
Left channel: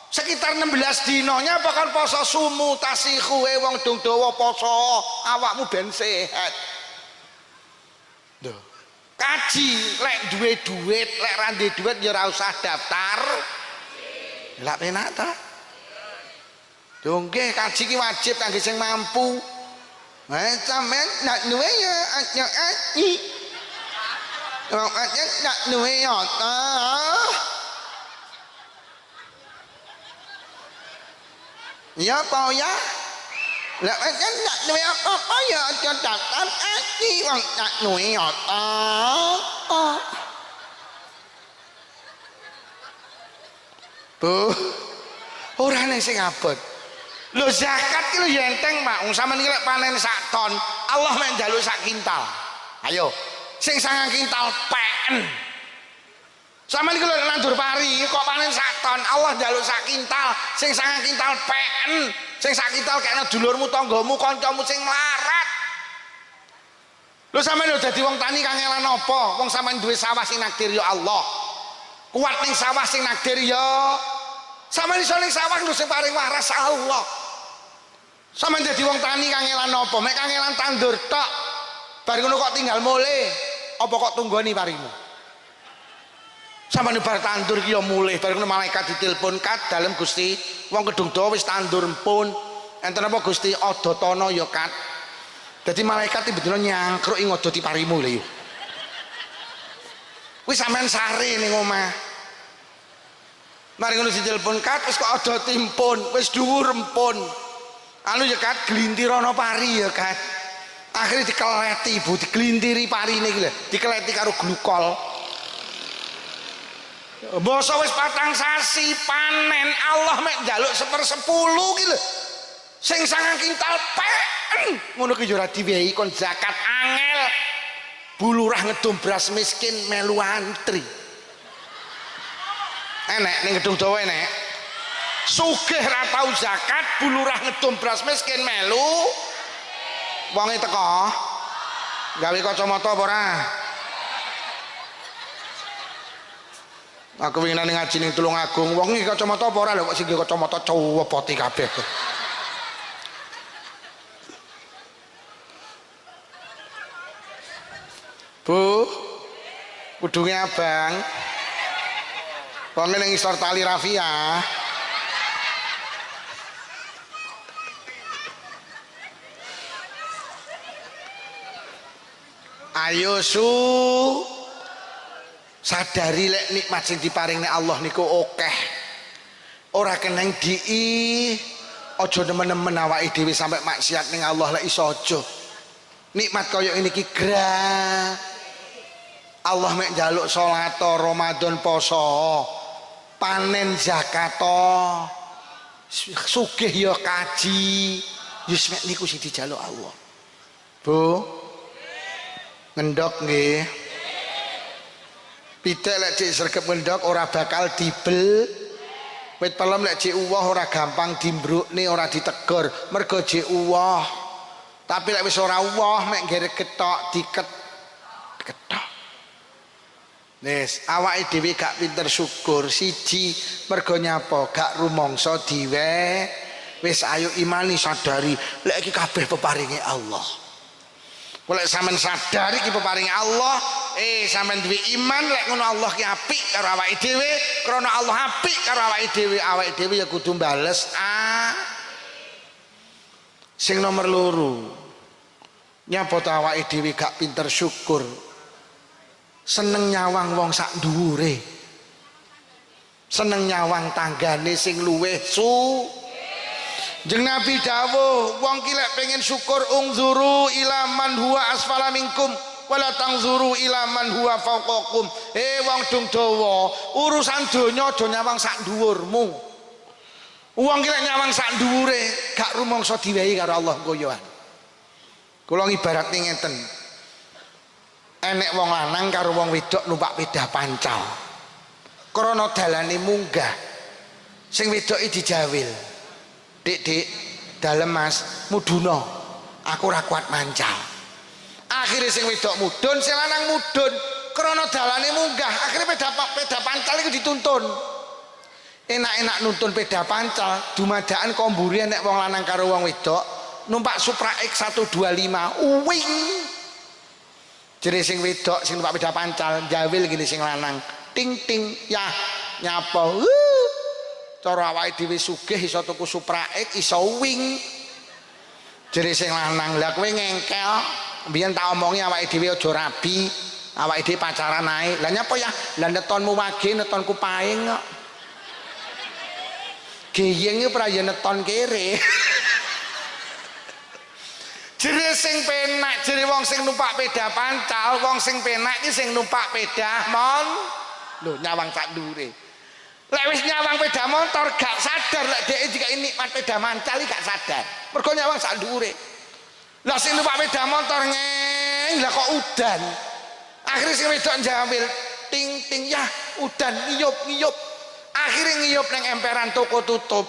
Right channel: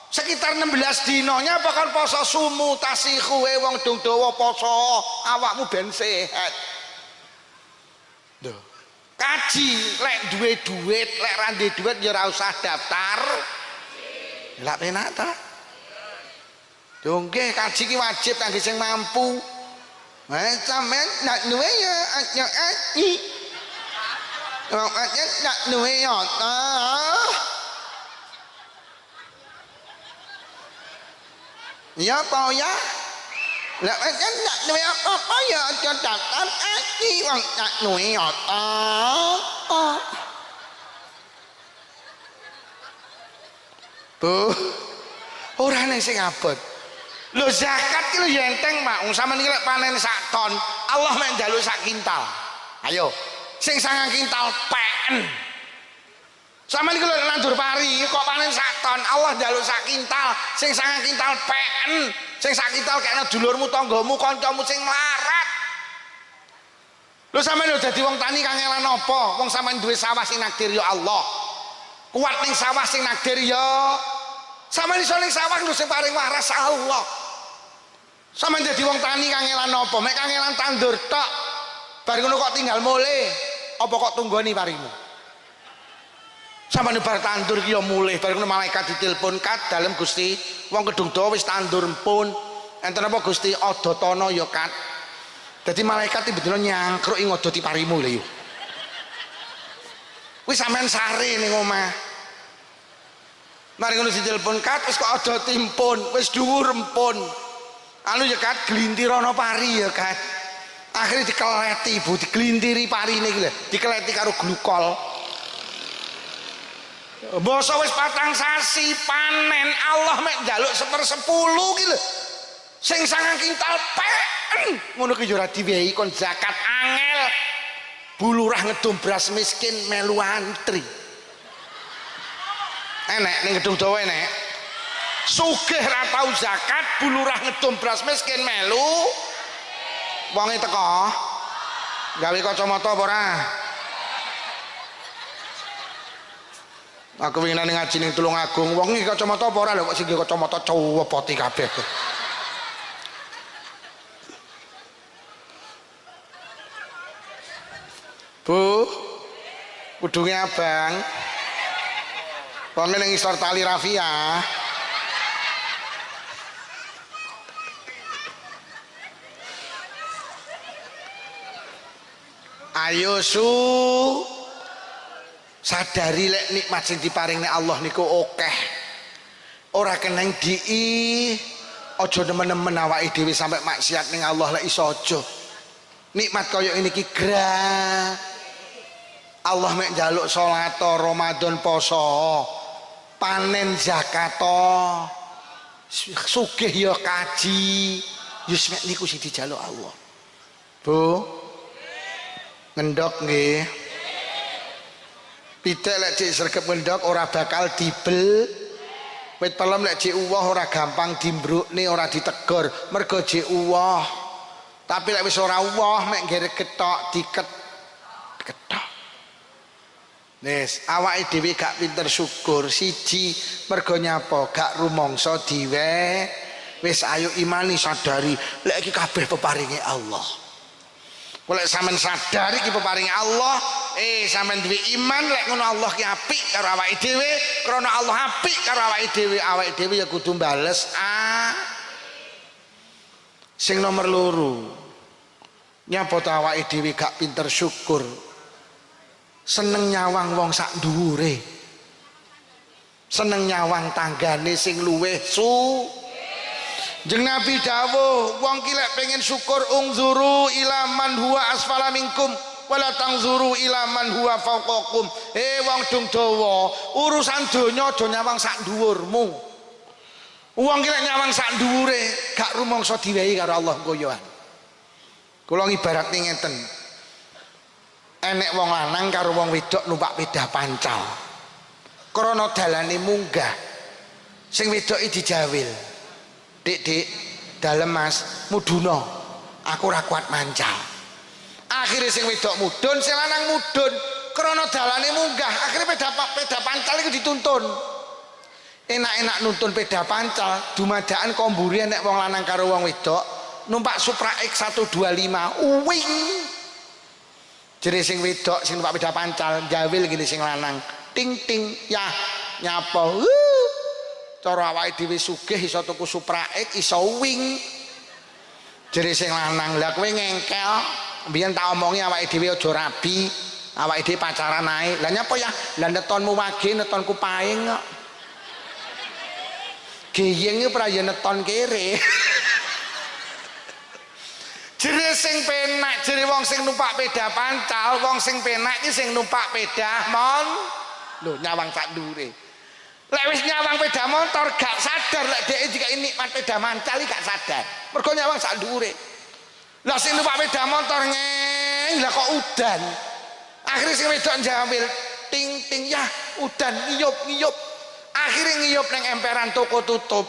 Sekitar 16 dinanya apa kon poso sumu tasihu wong gedung dawa poso, awakmu ben sehat. Duh. Kaji lek duwe duit, lek ra duwe duit ya ora usah daftar. Lah penak ta? Yo nggih kaji ki wajib kangge sing mampu. Sampeyan nak duwe ya aji. Nak duwe ya ta. Ya apa ya? Lah kan nak duwe apa-apa ya aja daftar aji wong nak duwe ya ta. Bu, ora nek sing abot. Lho zakat ki lho ya enteng, Pak. Wong sampean iki lek panen sak ton, Allah mek njaluk sak kintal. Ayo, sing 9 kintal pen. Sampeyan iki lho nandur pari kok panen sak ton, Allah njaluk sak kintal, sing 9 kintal pen. Sing sak kintal kena dulurmu, tanggamu, kancamu sing mlarat. Lho sampeyan lho dadi wong tani kangelan apa? Wong sampeyan duwe sawah sing nakdir ya Allah. Kuat ning sawah sing nakdir ya. Sampeyan iso ning sawah lho sing paring waras Allah. Sampeyan dadi wong tani kangelan apa? Mek kangelan tandur tok. Bar ngono kok tinggal mulih. Apa kok tunggoni parimu? Sampeyan bar tandur ki ya mulih, bar ngono malaikat ditelepon kat dalem Gusti, wong gedung dawa wis tandur empun. Enten apa Gusti adotana ya kat. Dadi malaikat tiba-tiba nyangkruk ing ngodoti parimu lho yo. Wis sampean sare ning omah. Mari ngono ditelepon kat wis kok adoti empun, wis dhuwur empun. Anu ya kat glintir ana pari ya kat. Akhirnya dikeleti ibu, diglintiri parine iki lho, dikeleti karo glukol. Basa wis 4 sasi panen Allah mek njaluk 1/10 ki lho. Sing 9 kintal pen. Ngono ki yo ora diwehi kon zakat angel. Bulurah ngedum beras miskin melu antri. Enek ning gedung dawa enek. Sugih ra tau zakat, bulurah ngedum beras miskin melu. Wonge teko. Gawe kacamata apa ora? Aku winginane ngaji ning Tulungagung, wong iki kacamata apa ora lho kok sing kacamata cowopoti kabeh. Bu, kudunge abang. Wong ning isor tali rafia. Ayo sadari lek nikmat sing diparing nek Allah niku akeh. Ora keneng dii, aja nemen-nemen awake dhewe sampe maksiat ning Allah lek iso aja. Nikmat kaya ini ki gra. Allah mek njaluk salat, Ramadan, poso, panen zakat, sugih ya kaji. Yus mek niku sing dijaluk Allah. Bu. Ngendok nggih. Pitik lek cek sregep ngendok ora bakal dibel. Wit pelem lek cek uwah ora gampang dimbrukne, ora ditegur, mergo cek uwah. Tapi lek wis ora uwah mek nggere ketok ketok. Wis awake dhewe gak pinter syukur, siji mergo nyapa gak rumangsa diwe. Wis ayo imani sadari lek iki kabeh peparinge Allah. Lek sampean sadari iki peparinge Allah, sampean duwe iman lek ngono Allah ki apik karo awake dhewe, krana Allah apik karo awake dhewe ya kudu bales. Sing nomor loro, nyapa to awake dhewe gak pinter syukur, seneng nyawang wong sak dhuwure, seneng nyawang tanggane sing luweh Jeung Nabi dawuh wong ki lek pengen syukur ungzuru ila man huwa asfala minkum wala tangzuru ila man huwa fawqakum. Wong dung dawa urusan donya aja nyawang sak dhuwurmu. Wong ki lek nyawang sak dhuwure gak rumangsa diwehi karo Allah koyoan. Kula ngibaratne ngeten. Enek wong lanang karo wong wedok numpak pedah pancal. Krana dalane munggah. Sing wedoke dijawil. Dik, dalem Mas, muduna. Aku ora kuat mancal. Akhire sing wedok mudun, sing lanang mudun. Krana dalane munggah, akhire peda pancal iku dituntun. Enak-enak nuntun peda pancal, dumadakan komburi nek wong lanang karo wong wedok numpak Supra X 125. Uwing. Jere sing wedok sing numpak peda pancal, jawil gini sing lanang. Ting ting, yah nyapa. Cara awake dhewe sugih iso tuku Supra X iso wing. Jere sing lanang, "Lah kowe ngengkel, mbiyen tak omongi awake dhewe aja rabi, awake dhewe pacaran ae." Lah nyapa ya? Lah netonmu wage, netonku paing kok. Geyeng iki ora ya neton kere. Jere sing penak, jere wong sing numpak peda pancal, wong sing penak iki sing numpak peda lho nyawang sak dhuwure. Lek wis nyawang peda motor gak sadar lek dhek iki nikmat peda mancal gak sadar. Mergo nyawang sak dhuwure. Lah sing numpak peda motor ngeng lah kok udan. Akhire sing wedok njawil ting ting ya udan ngiyup. Akhire ngiyup ning emperan toko tutup.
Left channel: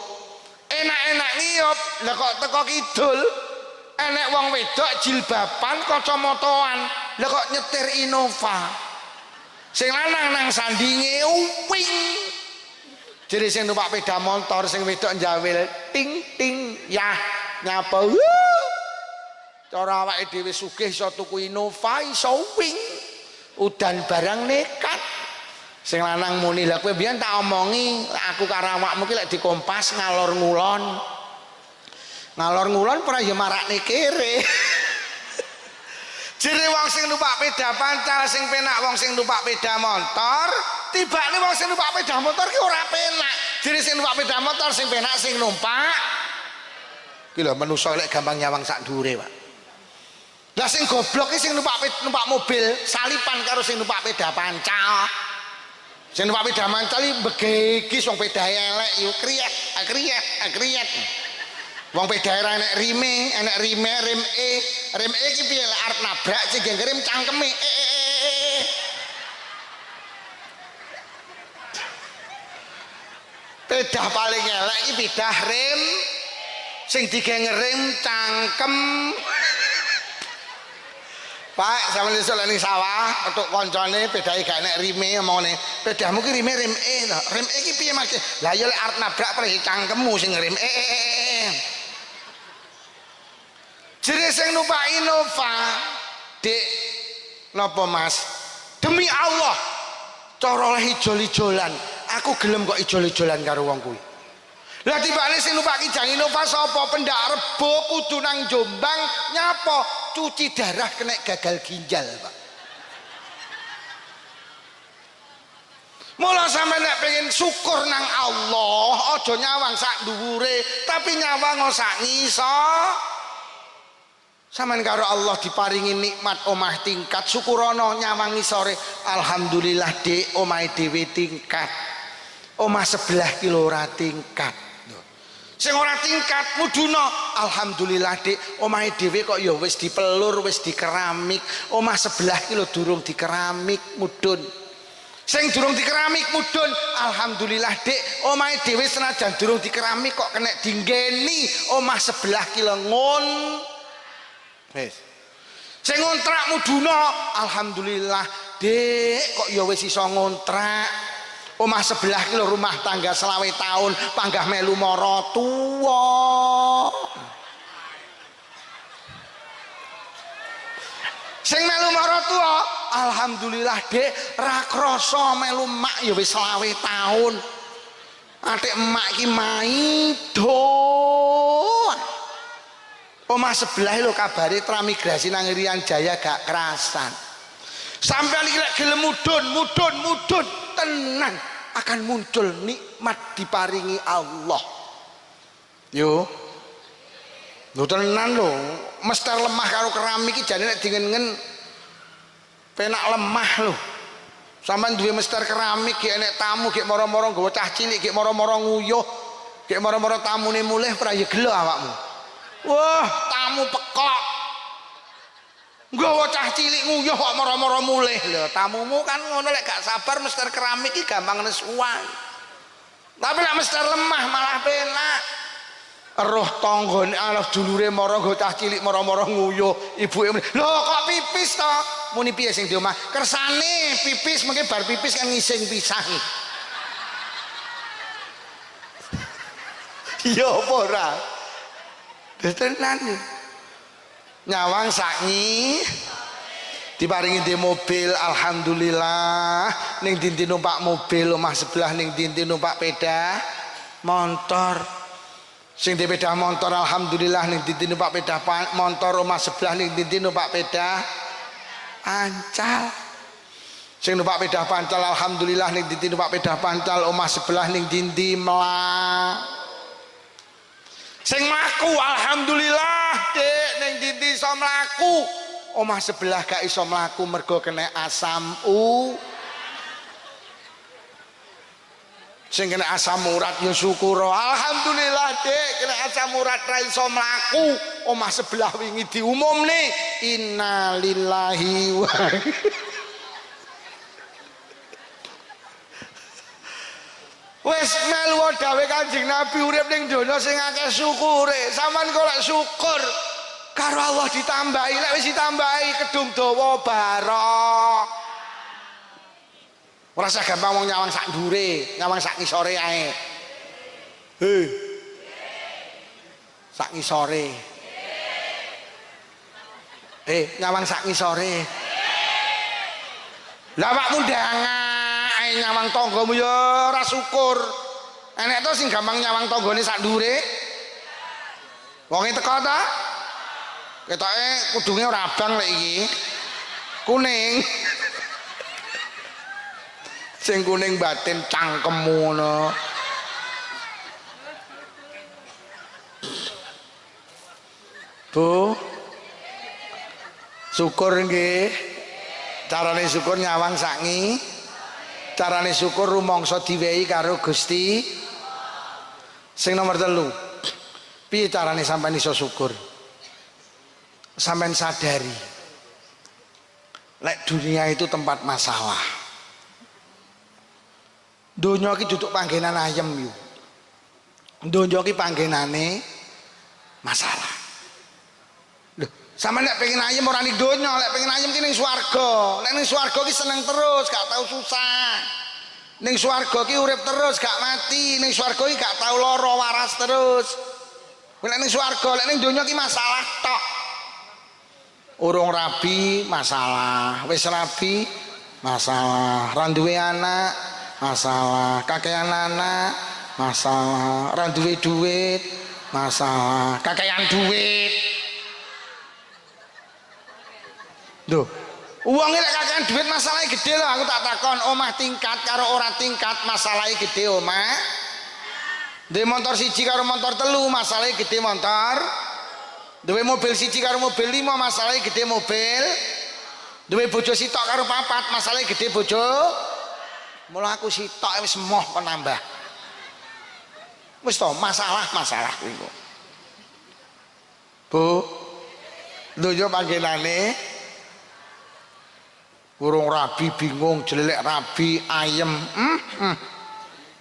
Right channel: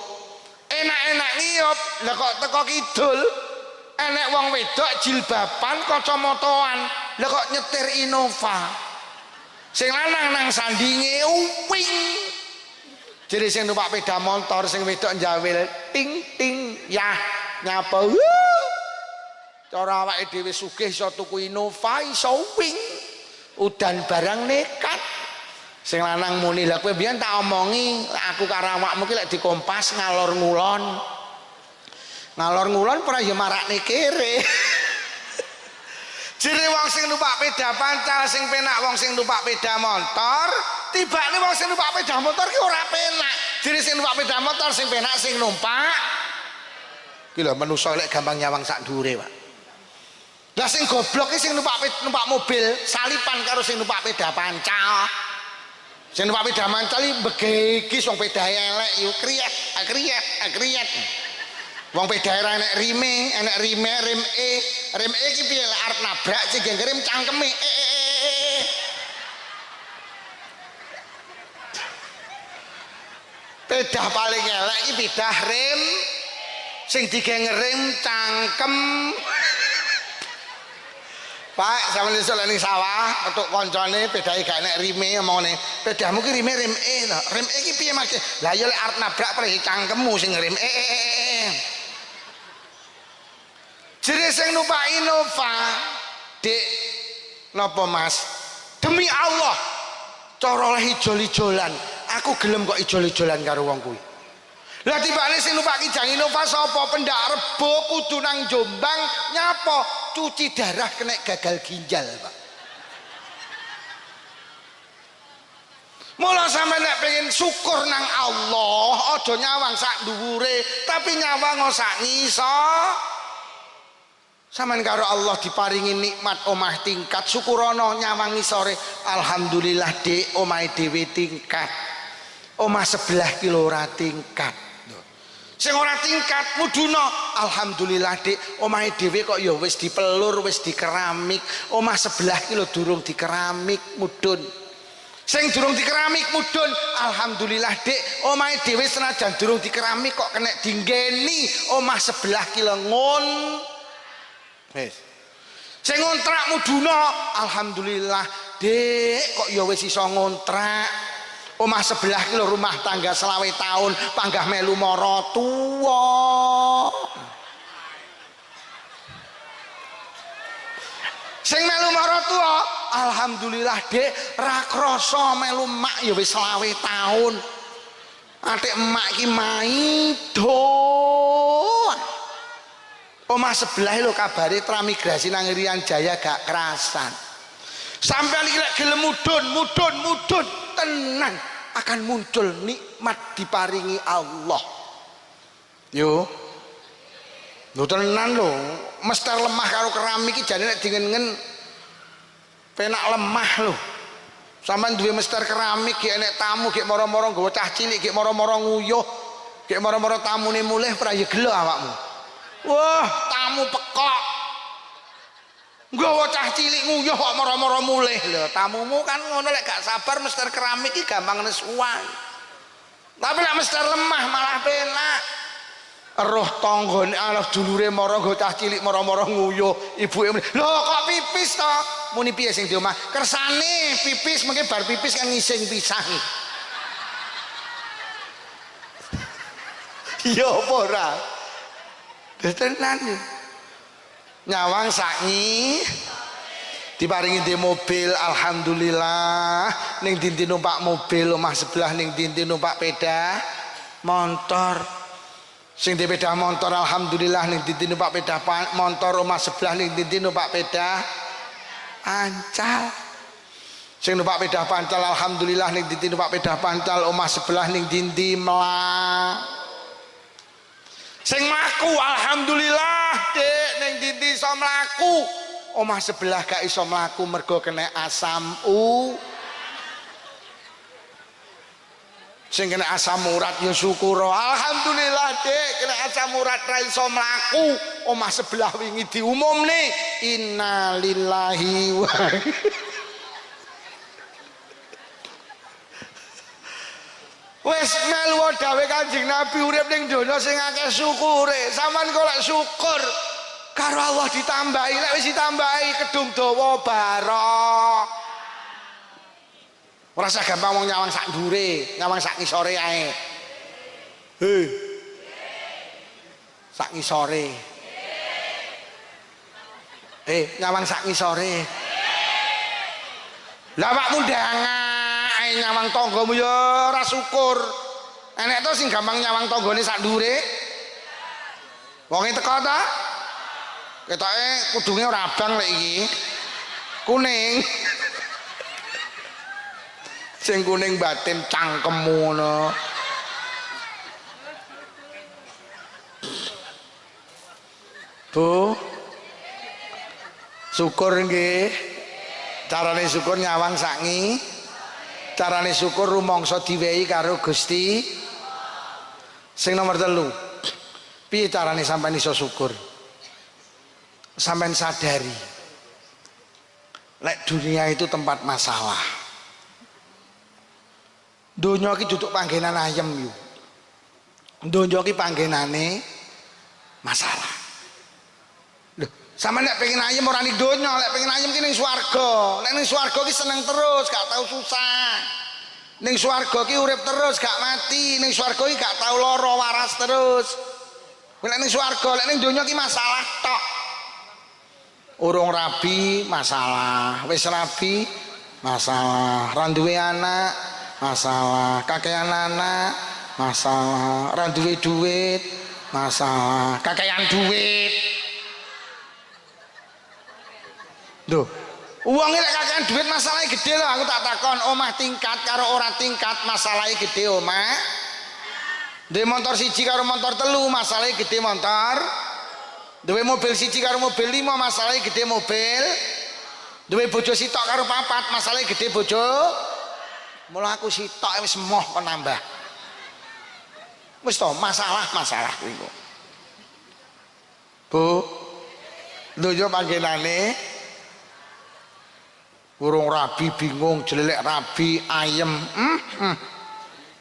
Enak-enak ngiyup lah kok teko kidul. Enek wong wedok jilbaban kacamataan. Lah kok nyetir Innova. Sing lanang nang sandinge uwing. Jadi sing numpak peda motor sing wedok njawil ting ting ya nyapa cara awake dhewe sugih iso tuku Innova iso wing udan barang nekat sing lanang muni lha kowe mbiyen tak omongi aku karo awakmu ki lek dikompas ngalor ngulon ora ya marakne kere. Jere wong sing numpak peda pancal sing penak wong sing numpak peda motor, tibane wong sing numpak peda motor ki ora penak. Jere sing numpak peda motor sing penak sing numpak. Ki lho manusa lek gampang nyawang sak dhuwure, Pak. Lah sing goblok ki sing numpak mobil salipan karo sing numpak peda pancal. Sing numpak peda pancal iki begegis wong pedae elek yo kriyet. Wong peda enek rime, rem E ki piye lek arep nabrak sing rem cangkeme. Peda paling elek iki peda rem sing digengerem cangkem. Pak, sampeyan iso lek ning sawah petuk kancane pedae gak enek rime omongane. Pedamu ki rime rem E lho. Rem E ki piye Mas? Lah ya lek arep nabrak prei cangkemmu sing rem Jere sing numpak Innova, Dik, napa Mas? Demi Allah, cara oleh ijol-ijolan, aku gelem kok ijol-ijolan karo wong kuwi. Lah tibane sing numpak Kijang Innova sapa? Pendak Rebo kudu nang Jombang nyapa? Cuci darah kena gagal ginjal, Pak. Mula sampe nek pengen syukur nang Allah, aja nyawang sak dhuwure, tapi nyawang sak ngisor. Sampeyan karo Allah diparingi nikmat omah tingkat syukurono nyawangi sore alhamdulillah Dik omahe dhewe tingkat omah sebelah ki ora tingkat Sing ora tingkat muduna, alhamdulillah Dik, omahe dhewe kok ya wis dipelur, wis dikeramik. Omah sebelah ki lho durung dikeramik mudun. Sing durung dikeramik mudun, alhamdulillah Dik, omahe dhewe senajan durung dikeramik kok kena dinggeni omah sebelah ki lho ngon. Wis. Sing ngontrak muduna, alhamdulillah Dik, kok ya wis iso ngontrak. Omah sebelah ki lho rumah tangga 20 tahun panggah melu mara tuwa. Sing melu mara tuwa, alhamdulillah Dik, ra krasa melu mak ya wis 20 tahun. Atik emak ki maido. Omah sebelah lho kabare transmigrasi nang Irian Jaya gak kerasan. Sampai iki lek gelem mudun tenan akan muncul nikmat diparingi Allah. Yo. Lho tenan lho, mester lemah karo keramik iki jane nek dingen-dingen penak lemah lho. Sampeyan duwe mester keramik gek enek tamu gek moro-moro nggawa cah cilik gek moro-moro nguyuh, gek moro-moro tamune mulih ora ya gelo awakmu. Wah, tamu pekok. Nggawa cah cilik nguyuh kok moro-moro mulih lho. Tamumu kan ngono lek gak sabar mester keramik iki gampang nesuwan. Tapi lek mester lemah malah penak. Roh tanggane alah dulure moro nggo cah cilik moro-moro nguyuh, ibuke lho kok pipis to? Muni piye sing di omah? Kersane pipis mengke bar pipis kan ngising pisang. Iya apa ora? Tenan. Nyawang saknyi diparingi di mobil, alhamdulillah. Ning dinti numpak mobil, omah sebelah ning dinti numpak peda motor. Sing di peda motor alhamdulillah ning dinti numpak peda motor, omah sebelah ning dinti numpak peda pancal. Sing numpak peda pancal alhamdulillah ning dinti numpak peda pancal, omah sebelah ning dinti melang. Sing mlaku alhamdulillah Dik ning dinti iso mlaku. Omah sebelah gak iso mlaku mergo kena asam sing kena asam urat ya syukur. Alhamdulillah Dik kena asam urat ra iso mlaku. Omah sebelah wingi diumumne innalillahi wa wis melu dawuh Kanjeng Nabi urip ning donya sing akeh syukure. Sampeyan kok lek syukur karo Allah ditambahi, lek wis ditambahi kedung dawa barok. Ora usah gampang wong nyawang sak ndure, nyawang sak ngisore ae. He. Sak ngisore. Nyawang sak ngisore. Lah awakmu ndangan nyawang tanggamu ya ora syukur. Enek to sing gampang nyawang tanggane sak ndure. Wonge teko ta? Ketoke kudunge ora abang lek iki. Kuning. Sing kuning batin cangkemmu ngono. Bu. Syukur nggih. Carane syukur nyawang sangi. Carane syukur rumangsa diwehi karo Gusti. Sing nomor 3. Piye carane sampean iso syukur? Sampean sadari lek dunia itu tempat masalah. Donya iki duduk panggenan ayem yo. Donya iki panggenane masalah. Lho, sampean nek pengen ayem ora ning donya, lek pengen ayem ki ning swarga. Nek ning swarga ki seneng terus, gak tau susah. Ning swarga ki urip terus, gak mati. Ning swarga ki gak tau lara, waras terus. Lek ning swarga, lek ning donya ki masalah tok. Urung rabi masalah, wis rabi masalah, ra duwe anak masalah, kakean anak masalah, ra duwe duit masalah, kakean duit. Lho, uang lek kakean duit masalahnya gede lho. Aku tak takon, omah tingkat karo ora tingkat masalahnya gede omah. Duwe motor siji karo motor telu masalahnya gede motor. Duwe mobil siji karo mobil 5 masalahnya gede mobil. Duwe bojo sitok karo 4 masalahnya gede bojo. Mula aku sitok wis moh kok nambah. Wis to, masalah iku. Bu, donya panggenane urung rabi bingung, jelelek rabi ayem.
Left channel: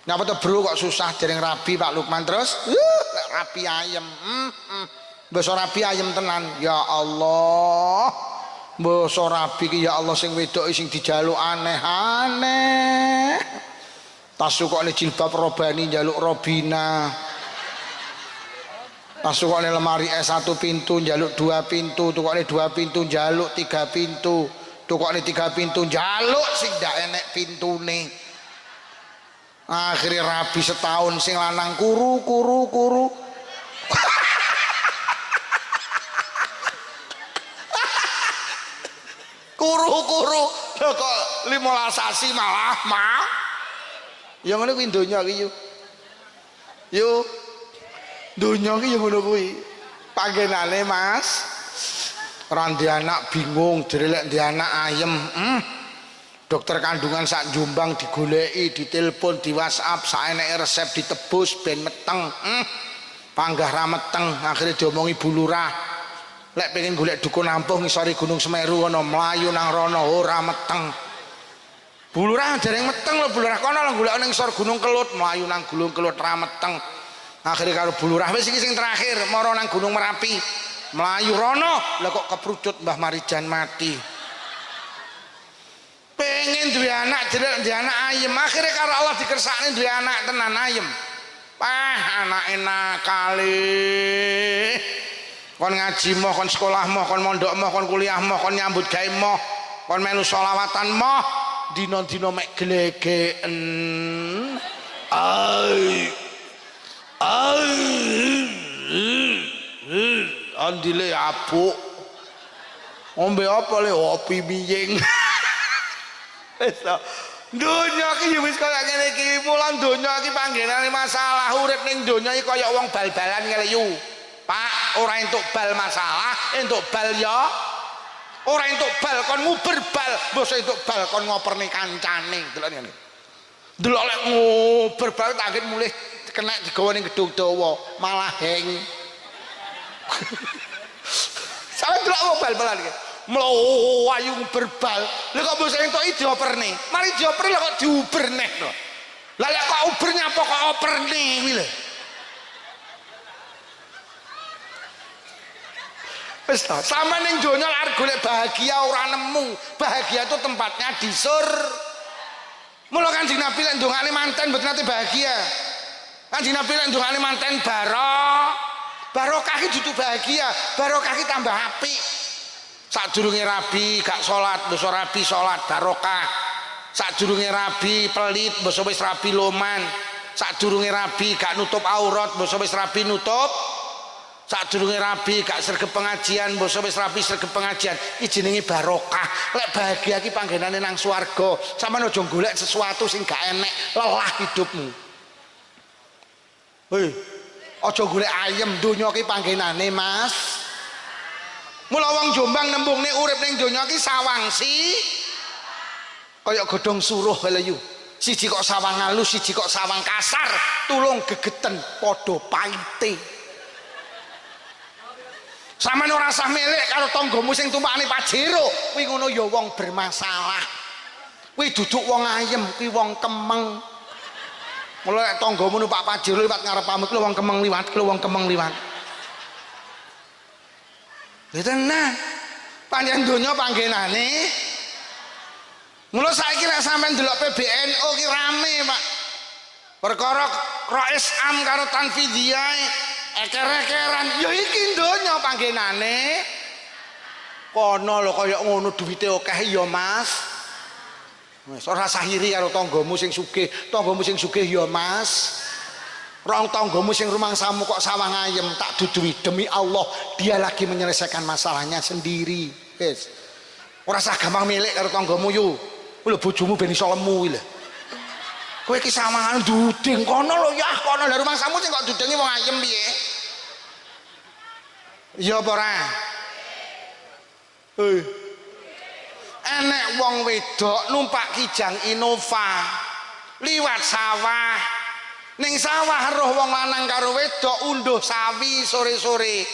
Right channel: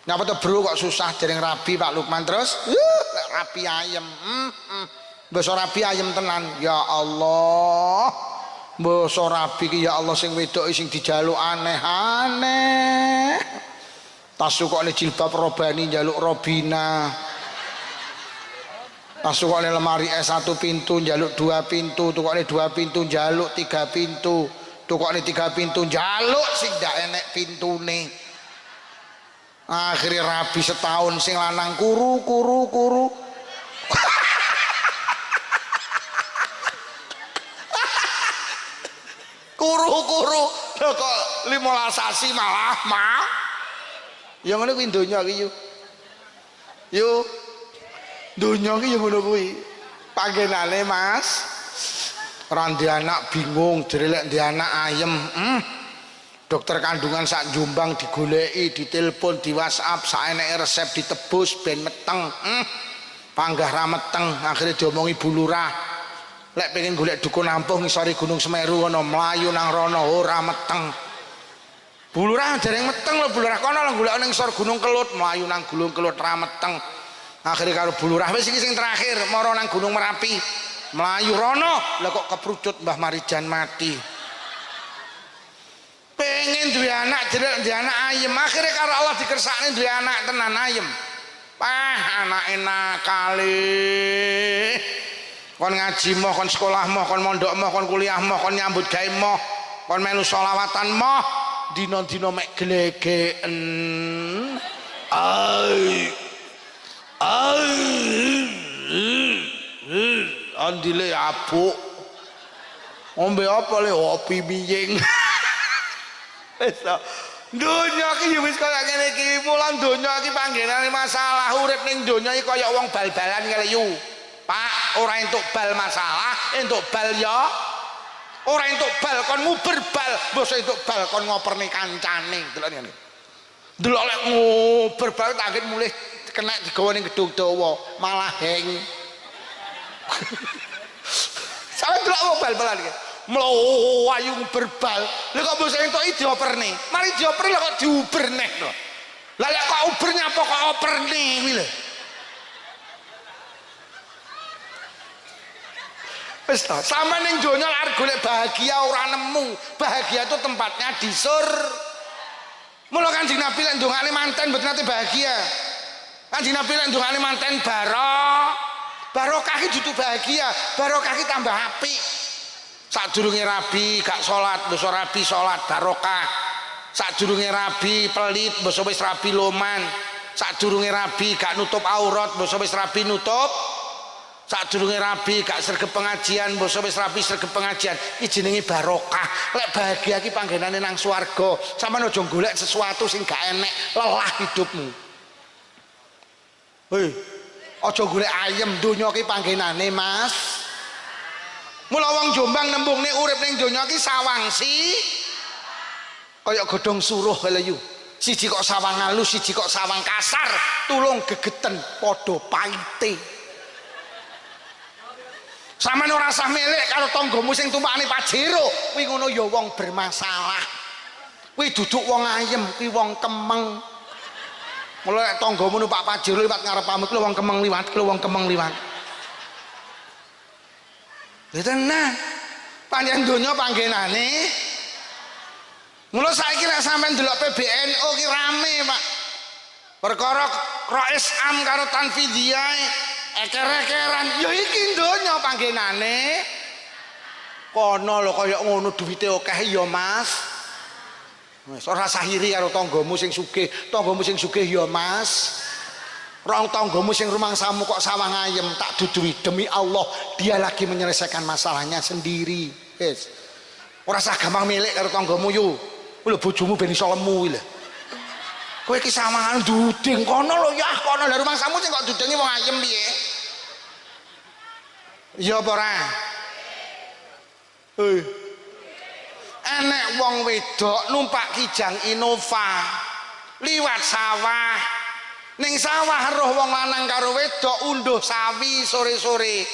Ngapa to bro kok susah dereng rabi Pak Lukman terus? Rabi ayem. Basa rabi ayem tenan. Ya Allah. Basa rabi ki ya Allah sing wedok sing dijaluk aneh-aneh. Tasukane jilbab robani njaluk robina. Tasukane lemari S1 pintu njaluk 2 pintu, tukokne 2 pintu njaluk 3 pintu. Tukokne 3 pintu njaluk sing ndak enek pintune. Akhirnya rabi setahun sing lanang kuru. Kuru lho kok 15 sasi malah mah. Ya ngono kuwi donya iki yo. Yo donya iki yo ngono kuwi. Panggenane Mas. Ora ndek anak bingung, drelek ndek anak ayem. Dokter kandungan sak Jombang digoleki, ditelepon, di WhatsApp, saeneke resep ditebus ben meteng. Panggah ra meteng, akhirnya diomongi Bu Lurah. Lek pengen golek dukun ampuh ngisori Gunung Semeru ana mlayu nang rono ora meteng. Bu Lurah dereng meteng lho Bu Lurah kono lho golek ning ngisor Gunung Kelut, mlayu nang Gunung Kelut ra meteng. Akhire karo Bu Lurah wis iki sing terakhir, mara nang Gunung Merapi. Mlayu rono, lah kok keprucut Mbah Marijan mati. Pengen duwe anak jelek duwe anak ayem, akhire karo Allah dikersakne duwe anak tenan ayem. Anake nakale. Kon ngaji moh, kon sekolah moh, kon mondok moh, kon kuliah moh, kon nyambut gawe moh, kon melu sholawatan moh, dina-dina mek glegeken. Andile apuk. Ombe apa le opi miying. Wis to. Donya iki ya wis kaya ngene iki, mulan donya iki panggenane masalah urip ning donya iki kaya wong bal-balan ngeleyu. Pak, ora entuk bal masalah, entuk bal ya. Ora entuk bal kon nguber bal, mbok entuk bal kon ngoperni kancane, delok ngene. Delok lek nguber bal tak mulih kena digawa ning gedung dawa, malah heng. Sampe delok bal-balan iki. Mlayu nguber bal. Lha kok mbok entuk dioperni. Mari dioperni lho kok diuber neh to. Lah lek kok uber nyapa kok operni kuwi lho. Wis to, sampe ning donya arep golek bahagia ora nemu. Bahagia itu tempatnya di Mula Kanjeng Nabi lek ndongane manten mboten nate bahagia. Kanjeng Nabi lek ndongane manten barokah iki dudu bahagia, barokah iki tambah apik. Sadurunge rabi gak salat, basa rabi salat barokah. Sadurunge rabi pelit, basa wis rabi loman. Sadurunge rabi gak nutup aurat, basa wis rabi nutup. Sadurunge rabi gak sregep pengajian, basa wis rabi sregep pengajian. Iki jenenge barokah. Lek bahagia iki panggenane nang swarga. Sampeyan aja golek sesuatu sing gak enek, lelah hidupmu. Hei, aja golek ayem, donya iki panggenane Mas. Mula wong Jombang nembungne urip ning donya iki sawangsi kaya godhong suruh lho. Siji kok sawang halus, siji kok sawang kasar, tulung gegeten padha paite. Sampeyan ora usah melek karo tanggamu sing tumpakane Pajero, kuwi ngono ya wong bermasalah. Kuwi duduk wong ayem, kuwi wong kemeng. Mula nek tanggamu numpak Pajero liwat ngarep pamit kuwi wong kemeng liwat, kuwi wong kemeng liwat. Lha tenan. Panjenengan donya panggenane. Mula saiki nek sampean delok PBNU ki rame, Pak. Perkara Rais Am karo Tanfidiyah eker-ekeran, ya iki donya panggenane. Kono lho kaya ngono duwite akeh ya, Mas. Wis ora sahiri karo tanggamu sing sugih, tanggamu sing sugih ya, Mas. Rong tanggamu sing rumangsamu kok sawang ayem tak dudui demi Allah dia lagi menyelesaikan masalahnya sendiri. Wis. Ora usah gampang milik karo tanggamu yo. Kuwi lho bojomu ben iso lemu lho. Kowe iki sawangan duding kono lho ya, kono lho rumangsamu sing kok dudengi wong ayem piye? Ya apa ora? Hei. Enek wong wedok numpak Kijang Innova liwat sawah. ning sawah roh wong lanang karo wedok unduh sawi sore-sore.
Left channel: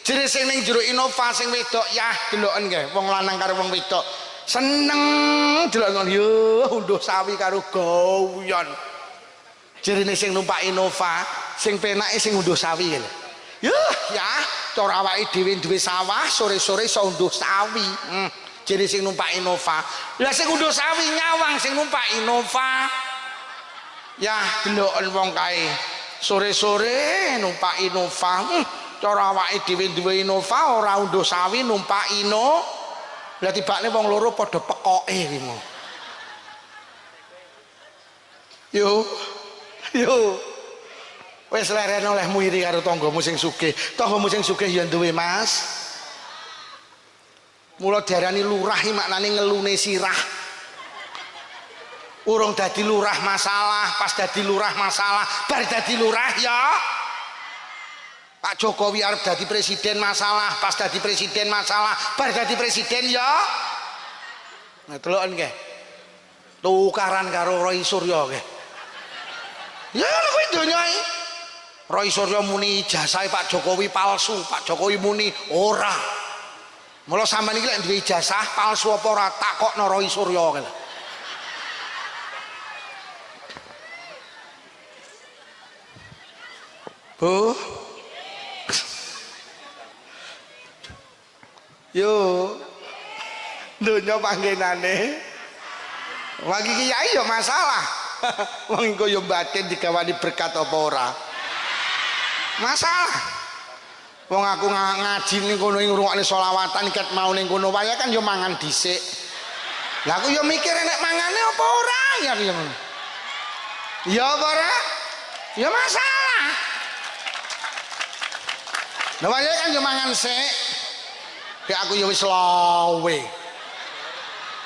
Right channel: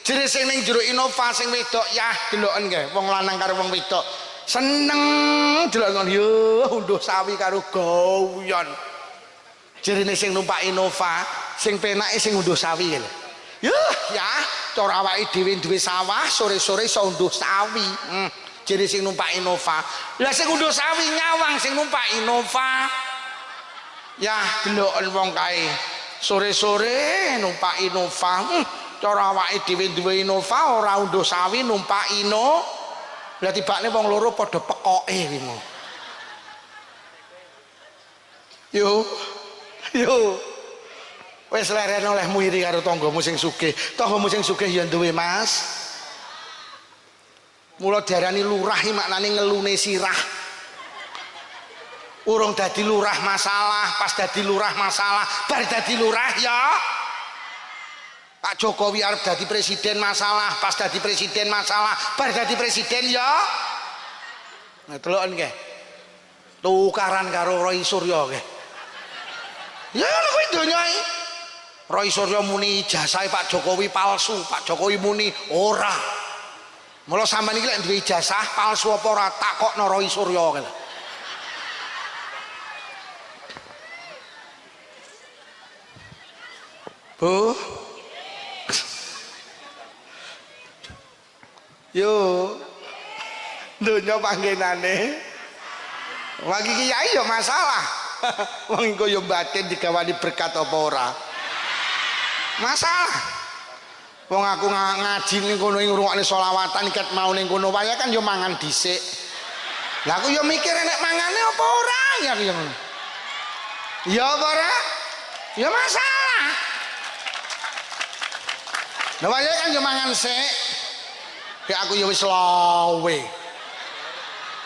Jere sing ning jero Innova sing wedok yah deloken nggih wong lanang karo wong wedok seneng delok ngono yo unduh sawi karo gawian. Jerene sing numpak Innova sing penake sing unduh sawi lho. Yuh ya cara awake dhewe duwe sawah sore-sore iso unduh sawi. Jere sing numpak Innova. Lah sing unduh sawi nyawang sing numpak Innova. Ya deloken wong kae sore-sore numpak Innova. Cara awake dhewe duwe Innova ora unduh sawi numpak Inno. Lah tibane wong loro padha pekoke kuwi. Yo. Wis leren olehmu iri karo tanggamu sing sugih. Tanggamu sing sugih ya duwe Mas. Mula diarani lurah iki maknane ngelune sirah. Urung dadi lurah masalah, pas dadi lurah masalah, bar dadi lurah ya. Pak Jokowi arep dadi presiden masalah, pas dadi presiden masalah, bar dadi presiden ya. Nah deloken nggih. Tukaran karo Roy Suryo nggih. Ya kuwi donya iki. Roy Suryo muni ijazah Pak Jokowi palsu, Pak Jokowi muni ora. Mula sampean iki lek duwe ijazah palsu apa ora takokno Roy Suryo kene. Bu. Yo. Donya panggenane. Wagi kiai ya masalah. Wong engko yo batin digawani berkat apa ora. Masalah. Wong aku ngaji ning kono ngrungokne selawatan iket mau ning kono wae kan yo mangan dhisik. Lah aku yo mikir nek mangane apa ora ya yo ngono. Ya apa ora? Ya masalah. Lah wae kan yo mangan sik. Kayak aku yo wis lawe.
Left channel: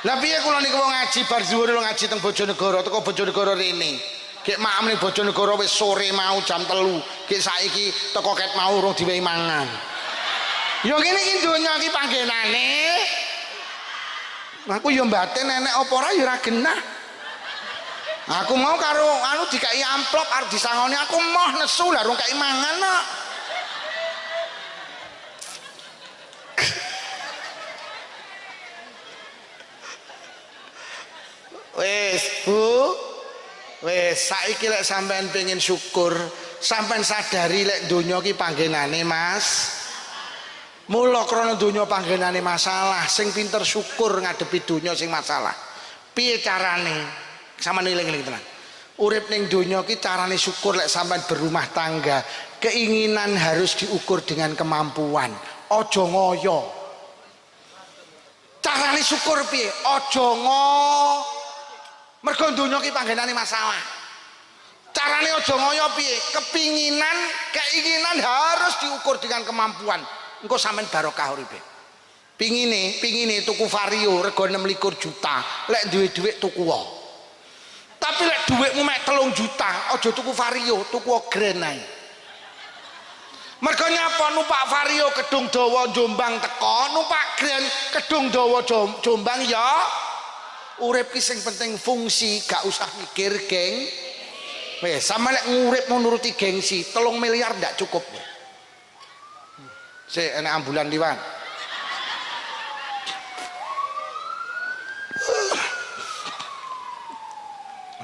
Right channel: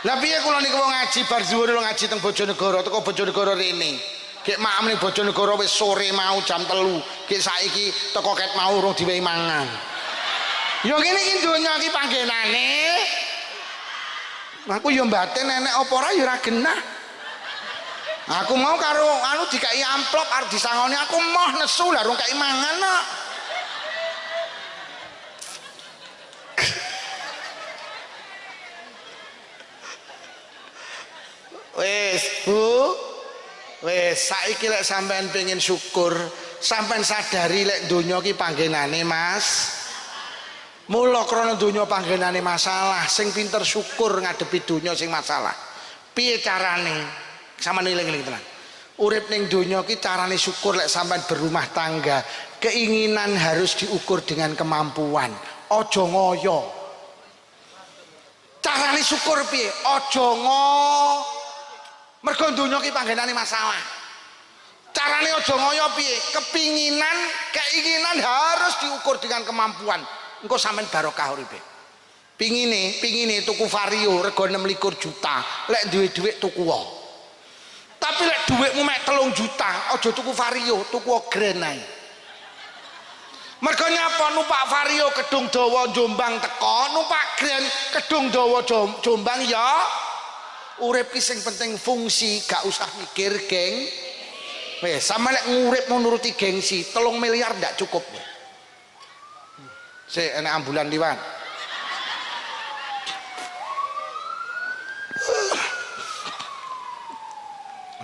Lah piye kula niku wong ngaji bar zuwur ngaji teng Bojonegoro teko Bojonegoro rene. Gek maem ning Bojonegoro wis sore mau jam 3. Gek saiki teko ket mau urung diwehi mangan. Ya ngene iki donya iki panggenane. Aku yo mbaten nenek apa ora ya ora genah. Aku mau karo anu dikai amplop arep disangoni aku moh nesu lah rung kai mangan kok. Wes Bu, wes saiki lek sampean pengen syukur, sampean sadari lek donya ki panggenane Mas. Mula krana donya panggenane masalah, sing pinter syukur ngadepi donya sing masalah. Piye carane? Sampeyan eling-eling tenan. Urip ning donya ki carane syukur lek sampean berumah tangga, keinginan harus diukur dengan kemampuan. Aja ngoyo. Carane syukur piye? Aja mergo donya ki panggenane masalah. Carane aja ngoyo piye? Keinginan harus diukur dengan kemampuan. Engko sampean barokah uripe. Pingine tuku Vario rego 26 juta. Lek duwe dhuwit tuku wae. Tapi lek dhuwitmu mek 3 juta, aja tuku Vario, tuku Grand ae. Mergo nyapa numpak Vario Kedung Dawa Jombang teko, numpak Grand Kedung Dawa Jombang ya. Urip ki sing penting fungsi, gak usah mikir geng. Wes sama lek ngurip mau nuruti gengsi 3 miliar ndak cukup. Sik enek ambulan liwat.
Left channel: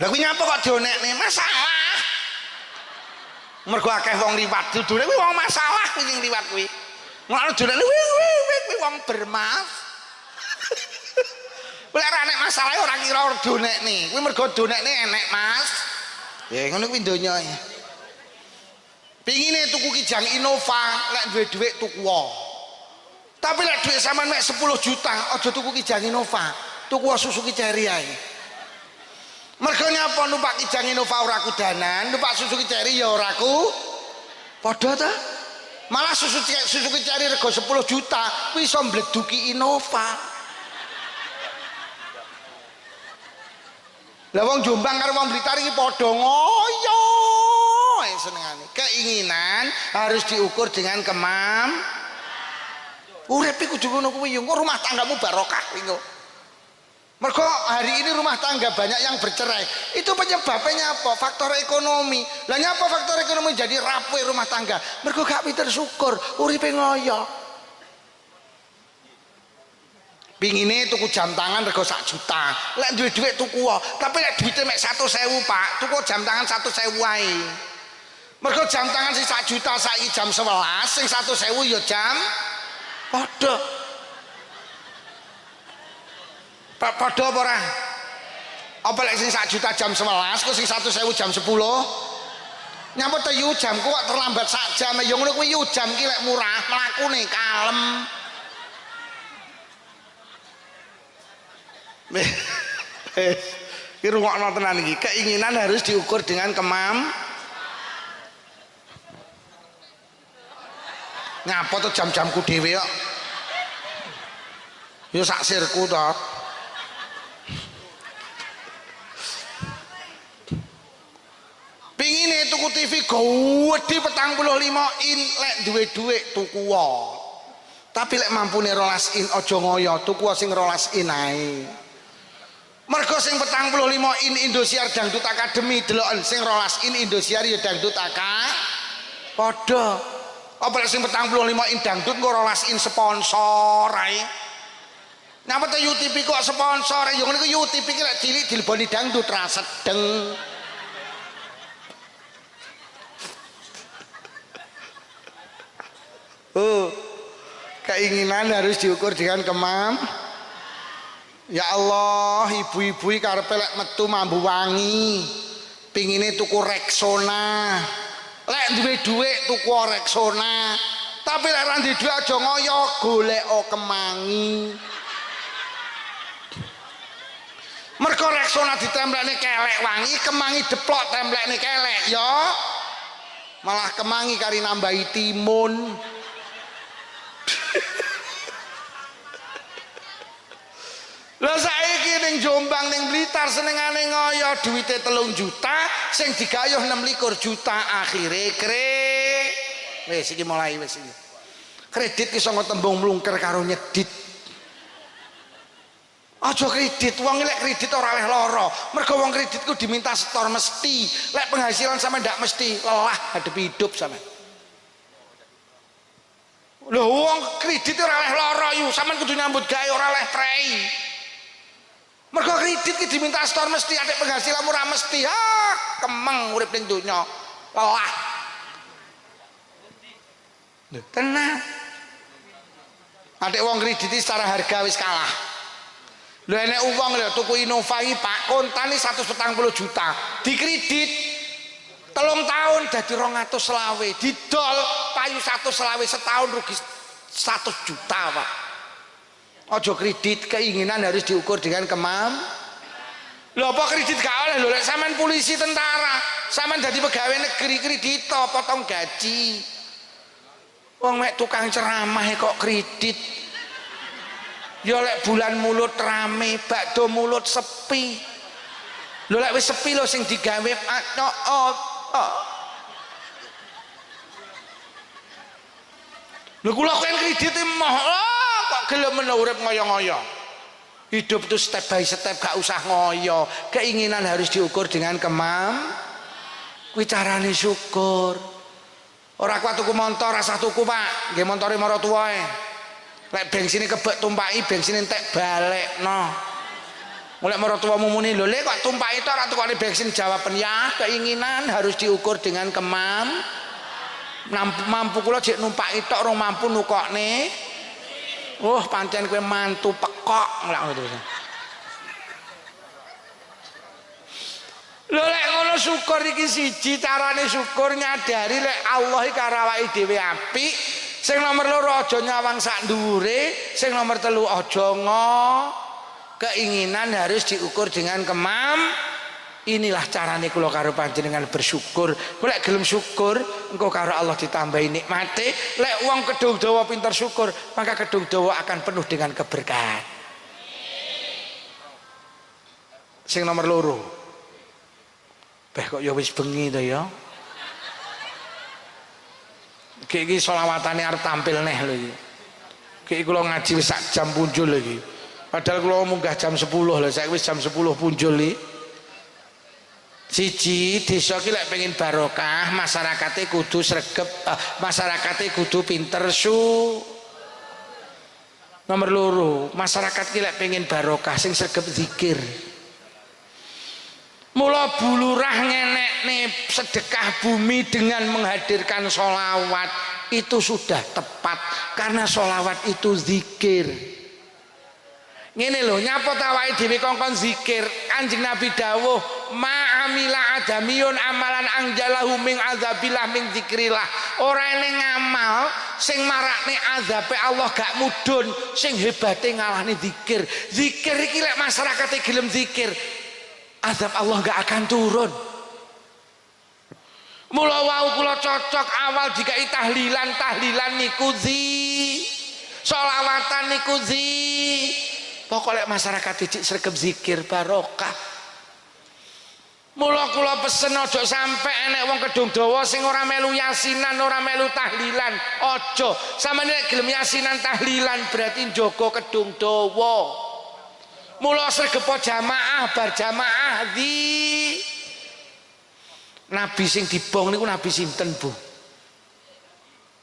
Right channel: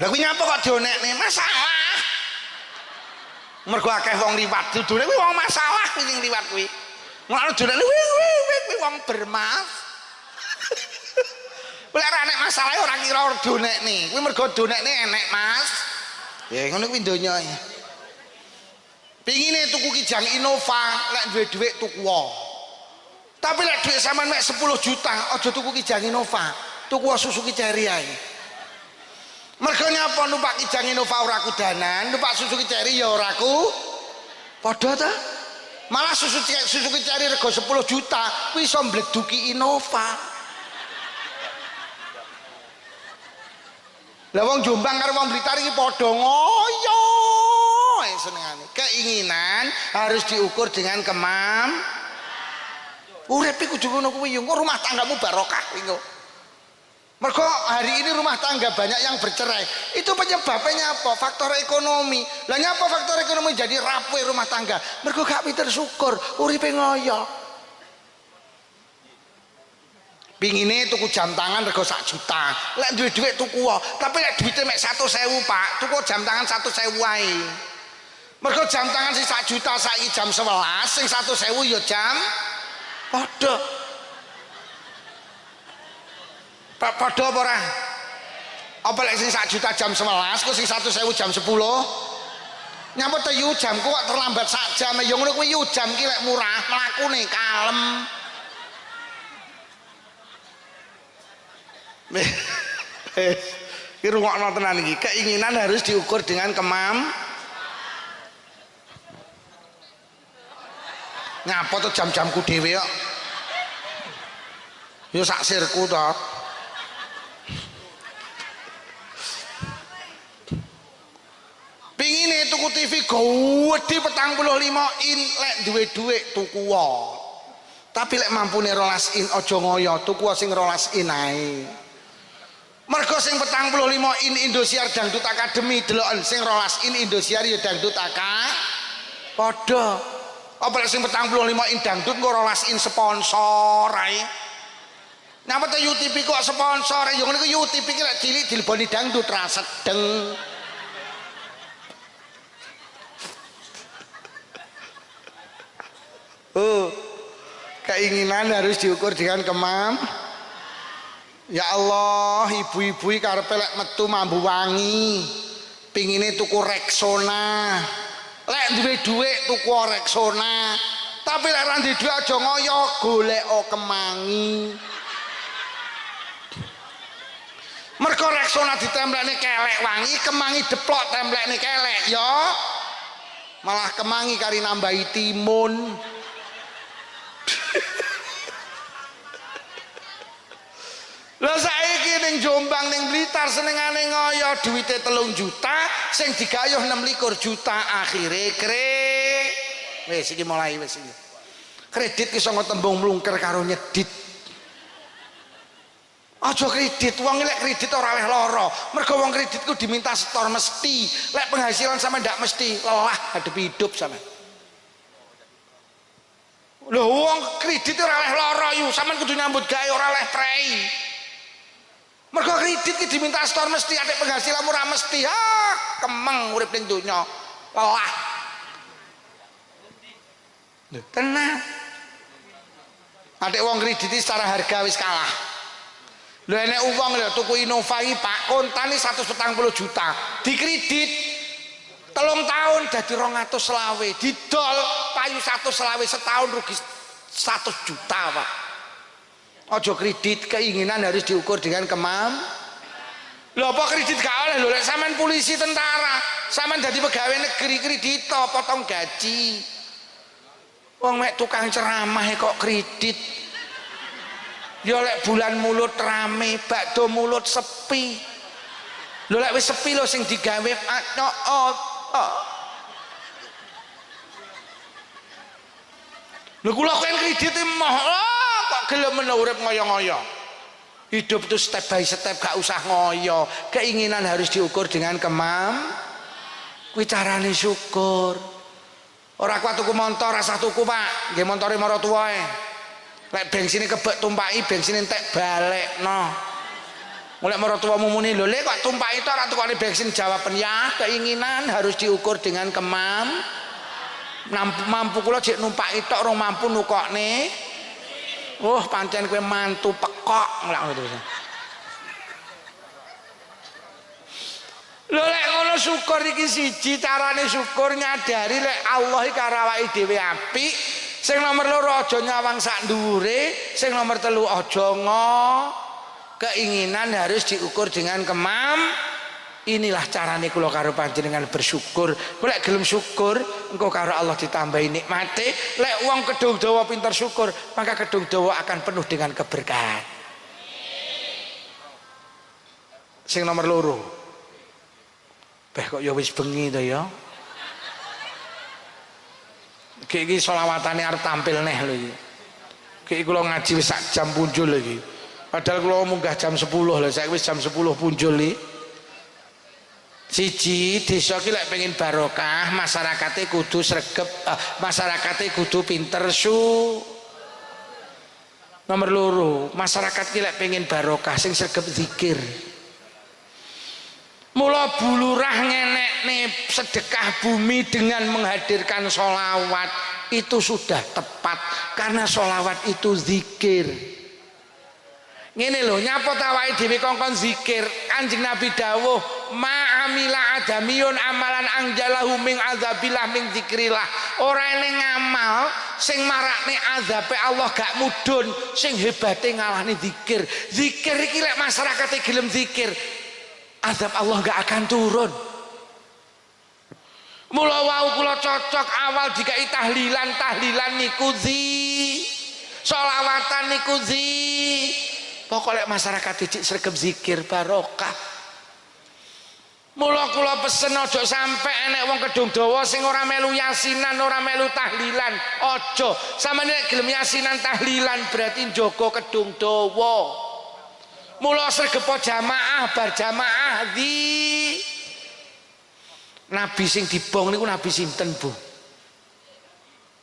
Lah kuwi nyapa kok dionekne masalah. Mergo akeh wong liwat dudune kuwi wong masalah sing liwat kuwi. Ngono donekne kuwi wong bermaaf. Lek ora enek masalah ora kira donekne. Kuwi mergo donekne enek Mas. Ya ngono kuwi donya. Pingine tuku kijang Innova, lek duwe dhuwit tuku wae. Tapi lek dhuwit sampean mek 10 juta, aja tuku kijang Innova, tuku Suzuki Cherry ae. Mergo nyapa numpak kijang Innova ora kudanan, numpak Suzuki Cherry ya ora ku padha ta? Malah Suzuki Cherry rego 10 juta, kuwi iso mbleduki Innova. Lah wong Jombang karo wong Blitar iki padha ngoyo senengane. Keinginan harus diukur dengan urip iku kudu ngono kuwi yo rumah tanggamu barokah kuwi. Mergo hari ini rumah tangga banyak yang bercerai. Itu penyebabnya apa? Faktor ekonomi. Lah nyapa faktor ekonomi jadi rapuh rumah tangga? Mergo gak pinter syukur, uripe ngoyo. Pingine tuku jam tangan rego 1 juta. Lek duwe dhuwit tuku wae, tapi lek duwite mek 100.000, Pak, tuku jam tangan 100.000 wae. Mergo jam tangan sing 1 juta saiki jam 11, sing 100.000 ya jam padha. Padha apa ora? Apa lek sing 1 juta jam 11, kok sing 100.000 jam 10? Nyapa te yu jamku kok terlambat sak jam. Ya ngono kuwi yu jam ki lek murah, mlakune kalem. Ki rungokno tenan iki. Keinginan harus diukur dengan Ngapa tuh jam-jamku dhewe kok? Ya sak sirku to. Pingine tuku TV gede 45 in, lek duwe dhuwit tuku wae. Tapi lek mampune 12 in aja ngoyo, tuku sing 12 in ae. Mergo sing 45 in Indosiar Dangdut Academy deloken, sing 12 in Indosiar ya Dangdut padha. Apa lek sing 45 in dangdut kok 12 in sponsor ae. Napa te UTV kok sponsor? Ya ngene ku UTV ki lek cilik dileboni dangdut ra sedeng. Keinginan harus diukur dengan Ya Allah, ibu-ibu karepe lek metu mambu wangi, pingine tuku Rexona. Lek duwe dhuwit tuku Rexona. Tapi lek ra duwe dhuwit aja ngoyo, golek kemangi. Mergo Rexona ditemplekne kelek wangi, kemangi deplok templekne kelek ya. Malah kemangi kari nambahi timun. Lah saiki ning Jombang ning Blitar senengane ngoyo duwite 3 juta sing digayuh 26 juta akhire wis iki mulai wis iki. Kredit ki sanga tembung mlungker karo nyedit. Aja kredit, wong lek kredit ora oleh lara. Mergo wong kredit ku diminta setor mesti. Lek penghasilan sampe ndak mesti, lelah hadepi hidup sampe. Lho wong kredit ora oleh lara yu, sampean kudu nyambut gawe ora oleh prei. Mergo kredit ki diminta setor mesti, adek penghasilan ora mesti. Kemeng urip ning donya. Lelah. Lho, tenang. Adek wong kredit secara harga wis kalah. Lho enek uang lho tuku Innova iki Pak, kontane 140 juta. Dikredit 3 tahun dadi 220, didol payu 120 setahun rugi 100 juta, Pak. Ojo kredit, keinginan harus diukur dengan Lho apa kredit gak oleh lho, lek sampean polisi tentara, sampean dadi pegawai negeri kredit potong gaji. Wong mek tukang ceramah kok kredit. Ya lek bulan mulut rame, bakdo mulut sepi. Lho lek wis sepi lho sing digawe Lho kula kan kredit emoh kok gelem urip ngoyo-ngoyo. Hidup itu step by step, gak usah ngoyo. Keinginan harus diukur dengan kuwi carane syukur. Ora kuat tuku motor, rasa tuku Pak, nggih montore maratuwae. Lek bensin kebek tumpaki, bensin entek balekno. Mulai maratuwamu muni lho le kok tumpaki tok ora tukane bensin, jawaban ya keinginan harus diukur dengan mampu kula jek numpaki tok rong mampu nukokne. Pancen kowe mantu pekok lak ngono terus. Lho lek ngono syukur iki siji carane syukur nyadari lek Allah iki karo awake dhewe apik. Sing nomor 2 aja nyawang sak dhuwure, sing nomor 3 aja keinginan harus diukur dengan Inilah carane kula karo panjenengan bersyukur. Lek gelem syukur, engko karo Allah ditambahi nikmate. Lek wong kedung dawa pinter syukur, maka kedung dawa akan penuh dengan keberkahan. Sing nomor 2. Kok ya wis bengi to ya. Iki selawatane arep tampil neh lho iki. Iki kula ngaji wis sak jam punjul iki. Padahal kalau munggah jam 10 lah, saya wis jam 10 punjul nih. Siji desa ki lek pengen barokah, masyarakatnya kudu sregep, masyarakatnya kudu pinter su. Nomor loro, masyarakat ki lek pengen barokah sing sregep zikir. Mula bulurah ngenekne sedekah bumi dengan menghadirkan sholawat itu sudah tepat karena sholawat itu zikir. Ngene lho, nyapa tawake dhewe kongkon zikir. Kanjeng Nabi dawuh, "Ma'amila adamiyun amalan angjalahu min azabillah min zikrillah." Ora eling ngamal sing marakne azabe Allah gak mudhun, sing hebate ngalahne zikir. Zikir iki lek masyarakate gelem zikir, azab Allah gak akan turun. Mula wau kula cocok awal dikai tahlilan niku sholawatan niku pokoknya masyarakat cicik sregep zikir barokah. Mula kula pesen ojo sampai enek wong kedung dawa sing ora melu yasinan, ora melu tahlilan. Ojo, sampeyan nek gelem yasinan tahlilan berarti njogo kedung dawa. Mula sregep jamaah bar jamaah Nabi sing dibong niku nabi sinten, Bu?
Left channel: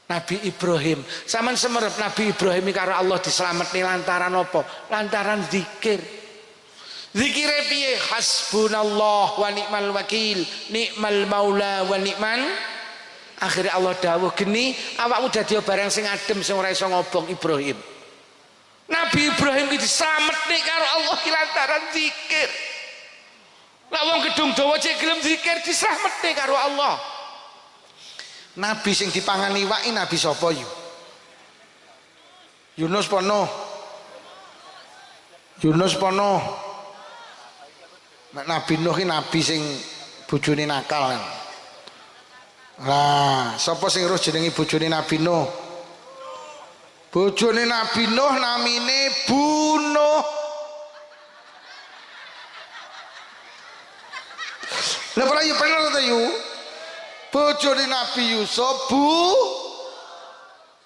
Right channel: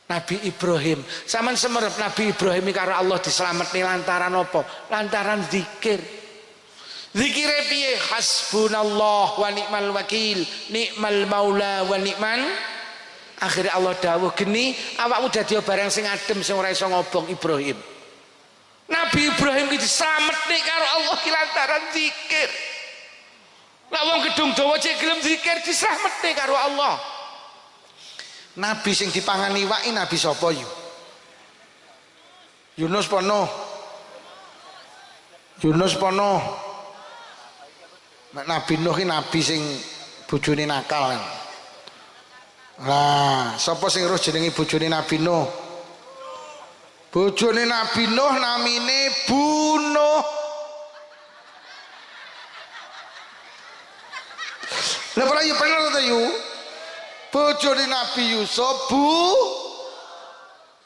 Nabi Ibrahim. Saman semerep Nabi Ibrahim karo Allah diselametne lantaran apa? Lantaran zikir. Zikire piye? Hasbunallah wa ni'mal wakil, ni'mal maula wa ni'man. Akhirnya Allah dawuh geni, awakmu dadi barang sing adem sing ora iso ngobong Ibrahim. Nabi Ibrahim iki diselametne karo Allah ki lantaran zikir. Lah wong gedung dawa cek gelem zikir diselametne karo Allah. Nabi sing dipangani iwaki nabi sapa yu? Yunus pono. Yunus pono. Nabi Nuh ki nabi sing bojone nakal. Lah, sapa sing roh jenenge bojone Nabi Nuh? Bojone Nabi Nuh namine Bunuh. Lah ora yo bener ta yu? Bojone Nabi Yusuf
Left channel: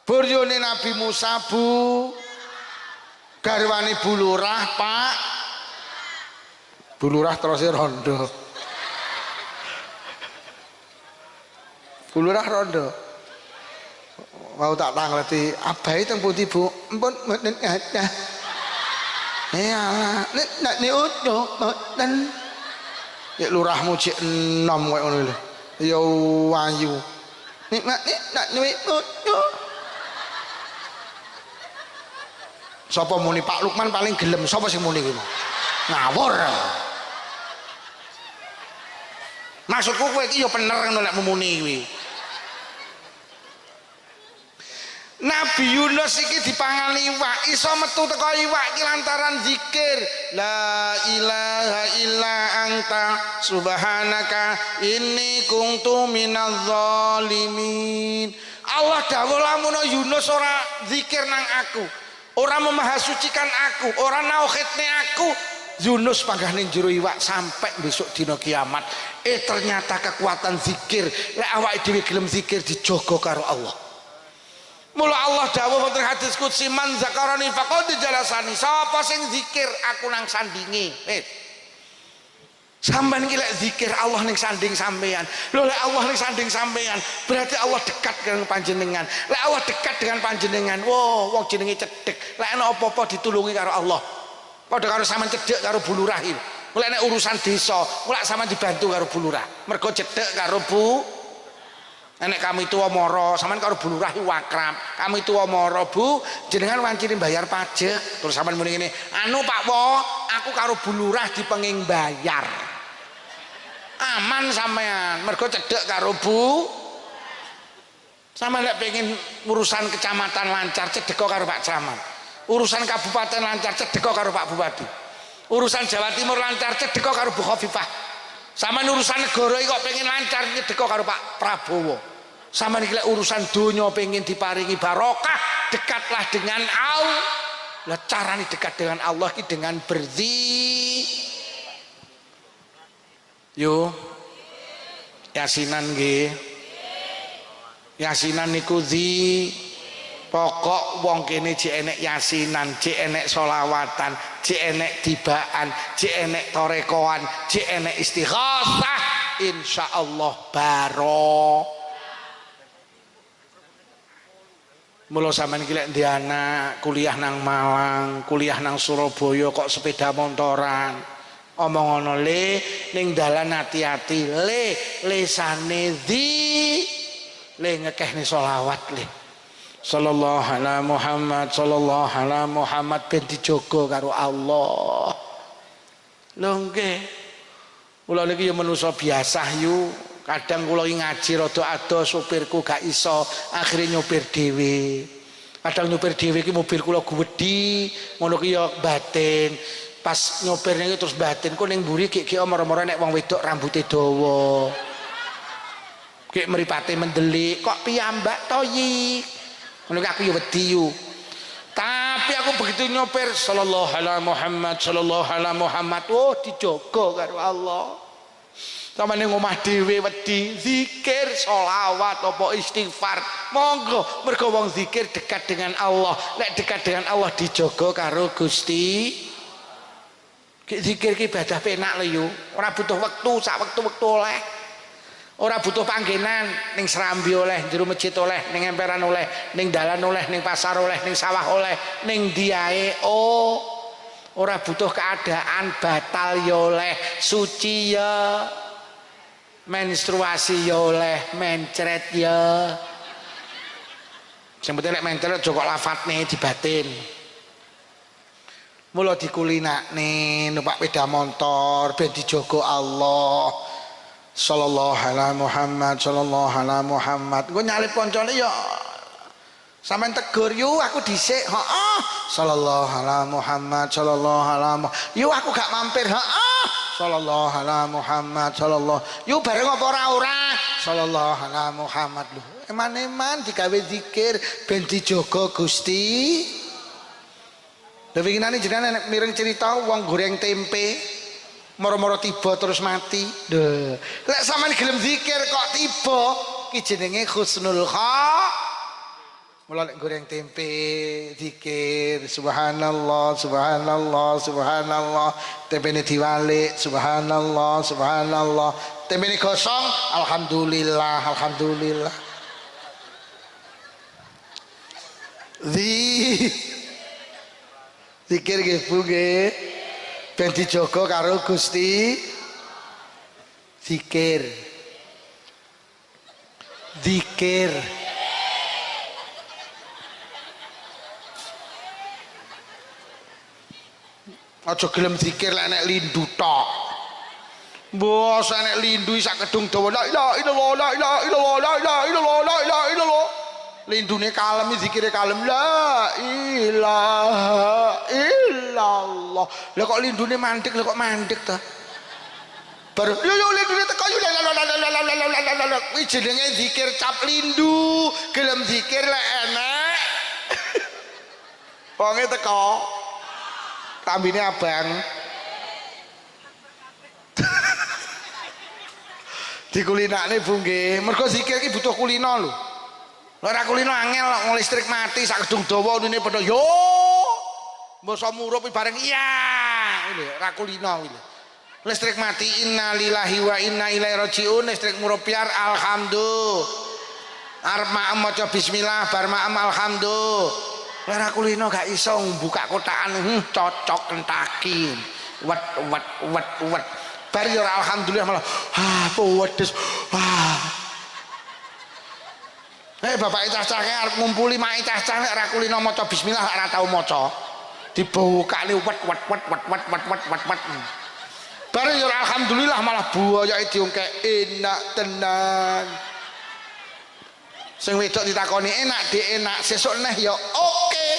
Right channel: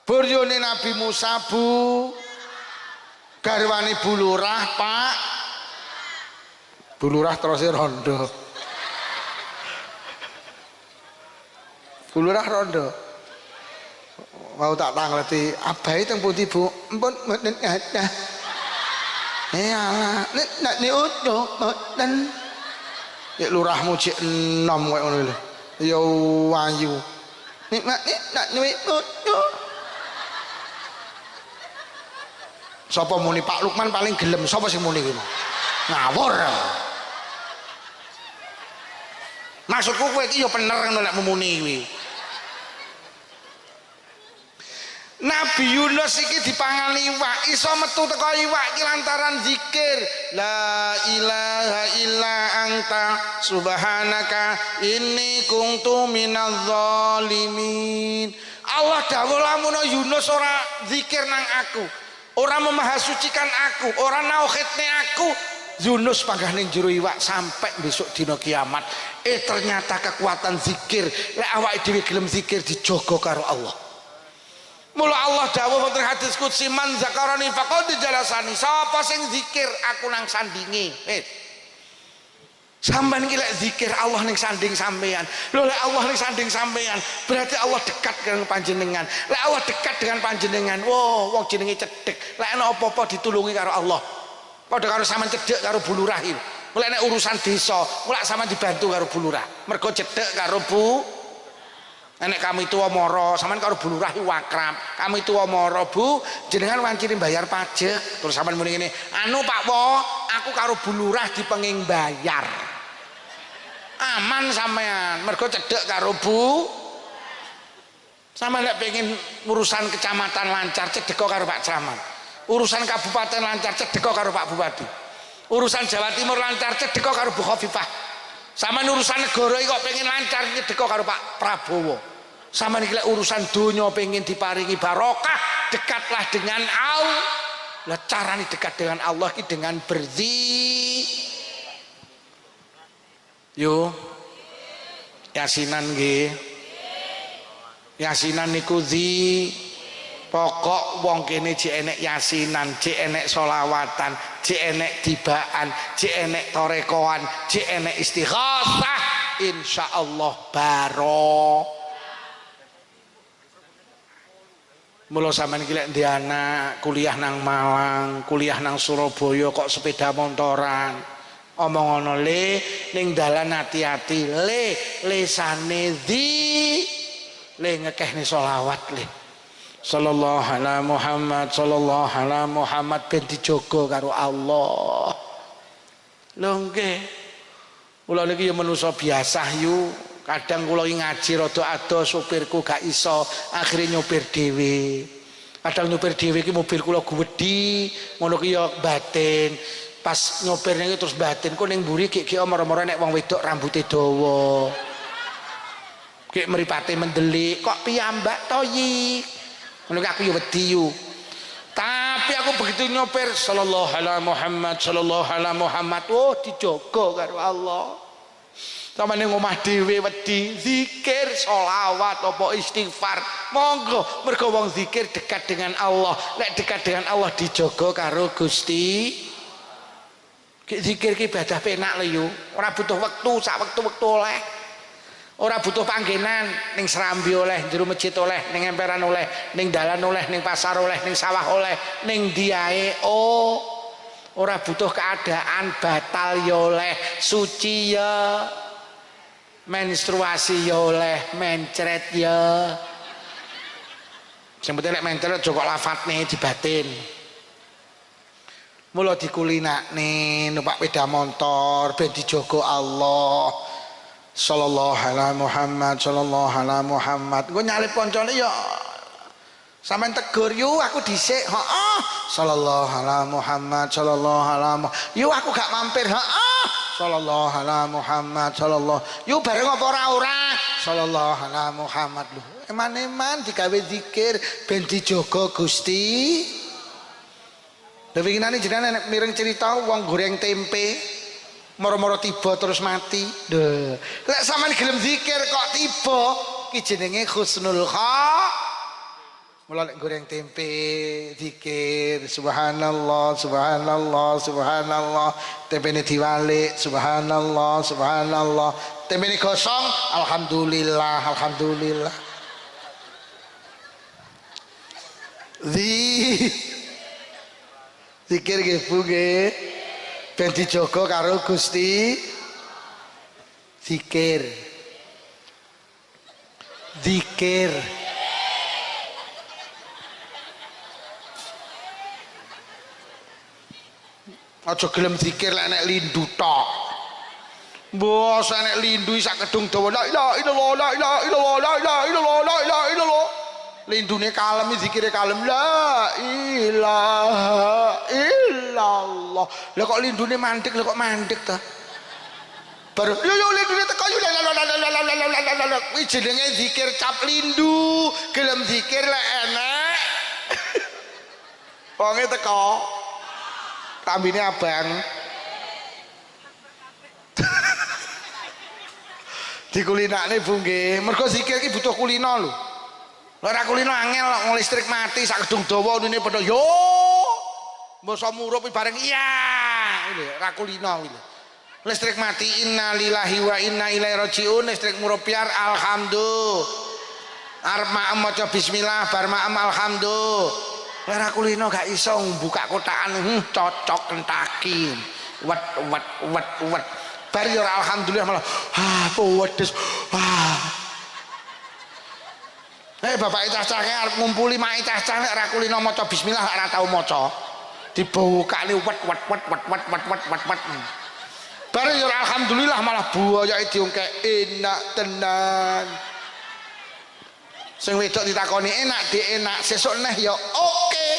boryone Nabi Musa garwane Bulurah Pak Bulurah terus rondo Bulurah rondo mau tak tangleti abahe teng pundi Bu empun mboten ada ya nek niku mboten nek lurahmu cek enom koyo ngono lho. Ya wayu nikmat sapa muni Pak Lukman paling gelem sapa sing muni kuwi ngawur maksudku kowe iki ya bener ngono nek muni kuwi Nabi Yunus iki dipangan iwak iso metu teko iwak iki lantaran zikir la ilaha illa anta subhanaka inni kuntu minadz zalimin. Allah dawuh lamun Yunus ora zikir nang aku, ora memahasucikan aku, ora nauhidne aku, Yunus panggah ning jero iwak sampai besok dina kiamat. Ternyata kekuatan zikir lek awake dhewe gelem zikir dijaga karo Allah. Mula Allah dawuh wonten hadis qudsi man zakarani faqad jalasani. Sapa sing zikir aku nang sandinge. Sampeyan iki lek zikir Allah ning sanding sampeyan. Lho lek Allah ning sanding sampeyan, berarti Allah dekat dengan panjenengan. Lek Allah dekat dengan panjenengan, wow, wong jenenge cedhek. Lek ana apa-apa ditulungi karo Allah. Padha karo sampean cedhek karo bulurah. Mulai nek urusan desa, mulai sampean dibantu karo bulurah. Mergo cedhek karo Bu Nek kami tua moro, sampean karo bulurah wakrab. Kami tua moro, Bu, jenengan wancine bayar pajak. Terus sampean muni ngene, "Anu Pak Wo, aku karo bulurah dipenging bayar." Aman sampean, mergo cedhek karo Bu. Sampeyan lek pengen urusan kecamatan lancar, cedhek karo Pak Camat. Urusan kabupaten lancar, cedhek karo Pak Bupati. Urusan Jawa Timur lancar, cedhek karo Bu Khofifah. Sampeyan urusan negara iki kok pengen lancar, cedhek karo Pak Prabowo. Sama nih urusan dunia pengen diparingi barokah, dekatlah dengan Allah. Lah cara nih dekat dengan Allah ini dengan yo yasinan nggih. Yasinan niku Pokok wong kene jek enek yasinan, jek enek solawatan, jek enek tibaan, jek enek torekoan, jek enek istighosah, insyaallah baro. Mula sampean iki lek ndek anak kuliah nang Malang, kuliah nang Surabaya kok sepeda motoran. Omong ngono le ning dalan hati-hati le lesane le ngekehne selawat le. Sallallahu ala Muhammad, sallallahu ala Muhammad ben dijogo karo Allah. Lho nggih. Kula niki ya manusa biasa yu. Kadang kula ngaji rada ado supirku gak iso, akhirnya nyopir dhewe. Kadang nyopir dhewe iki mobil kula gwedhi, ngono ki ya batin. Pas nyopirnya iki terus batin ku ning mburi gek omor-omor nek wong wedok rambute dawa. Gek mripate mendelik, kok piyambak to yi? Ngono aku ya wedi yu. Tapi aku begitu nyopir sallallahu alaihi Muhammad, sallallahu alaihi Muhammad, oh dijogo karo Allah. Sama ning omah dhewe wedi zikir, sholawat apa istighfar. Monggo mergo wong zikir dekat dengan Allah. Nek dekat dengan Allah dijogo karo Gusti. Zikir ki ibadah penak lho yo. Ora butuh wektu, sak wektu-wektu oleh. Ora butuh panggenan, ning serambi oleh, jero masjid oleh, ning emperan oleh, ning dalan oleh, ning pasar oleh, ning sawah oleh, ning diae oh. Ora butuh keadaan batal ya oleh, suci ya. Menstruasi ya oleh, mencret ya. Sing penting nek mencret aja kok lafadzne dibatin. Mula dikulinakne numpak sepeda motor ben dijogo Allah. Sallallahu alaihi Muhammad, sallallahu alaihi Muhammad. Engko nyalip koncone ya sampean tegur yu aku dhisik, heeh. Sallallahu alaihi Muhammad, sallallahu alaihi Muhammad. Yu aku gak mampir, heeh. Sallallahu alaihi Muhammad, sallallahu. Yu bareng apa ora? Sallallahu alaihi Muhammad lho. Eman-eman digawe zikir ben dijogo Gusti. Lha winginane jenengan mireng cerita wong goreng tempe moro-moro tiba terus mati. Lho, lek sampean gelem zikir kok tiba ki jenenge husnul khatimah. Mula nek goreng tempe zikir subhanallah subhanallah subhanallah, tempene diwalik subhanallah subhanallah, tempene gosong alhamdulillah alhamdulillah. Zikir nggih Bu nggih ben dijogo karo Gusti. Zikir zikir aja gelem zikir lek nek lindu tok. Mbos nek lindu sak kedung dawa la ilaha illallah la ilaha illallah la ilaha illallah la ilaha illallah. Lindune kalem zikire kalem la ilaha illallah. Lah kok lindune mandek, lah kok mandek ta? Baru yo lindune teko yo la kuwi jenenge zikir cap lindu. Gelem zikir lek enek wonge teko tambine abang. Dikulinakne Bu nggih. Mergo zikir iki butuh kulino lho. Ora kulino angel listrik mati sak gedung dawa ngene padha yo. Mbasa murup bareng iya. Lho ora kulino kuwi. Listrik mati innalillahi wa inna ilaihi rajiun, listrik murup piar alhamdulillah. Arep maem maca bismillah bar maem alhamdulillah. Lara kulino gak iso buka kotakan cocok kentaki wet bar yo alhamdulillah malah pedes bapak cah-cah arep ngumpuli mak cah-cah nek ora kulino maca bismillah ora tau maca dibukane wet bar yo alhamdulillah malah buayake diungkek enak tenan. Sing wedok ditakoni enak di enak sesuk neh ya oke.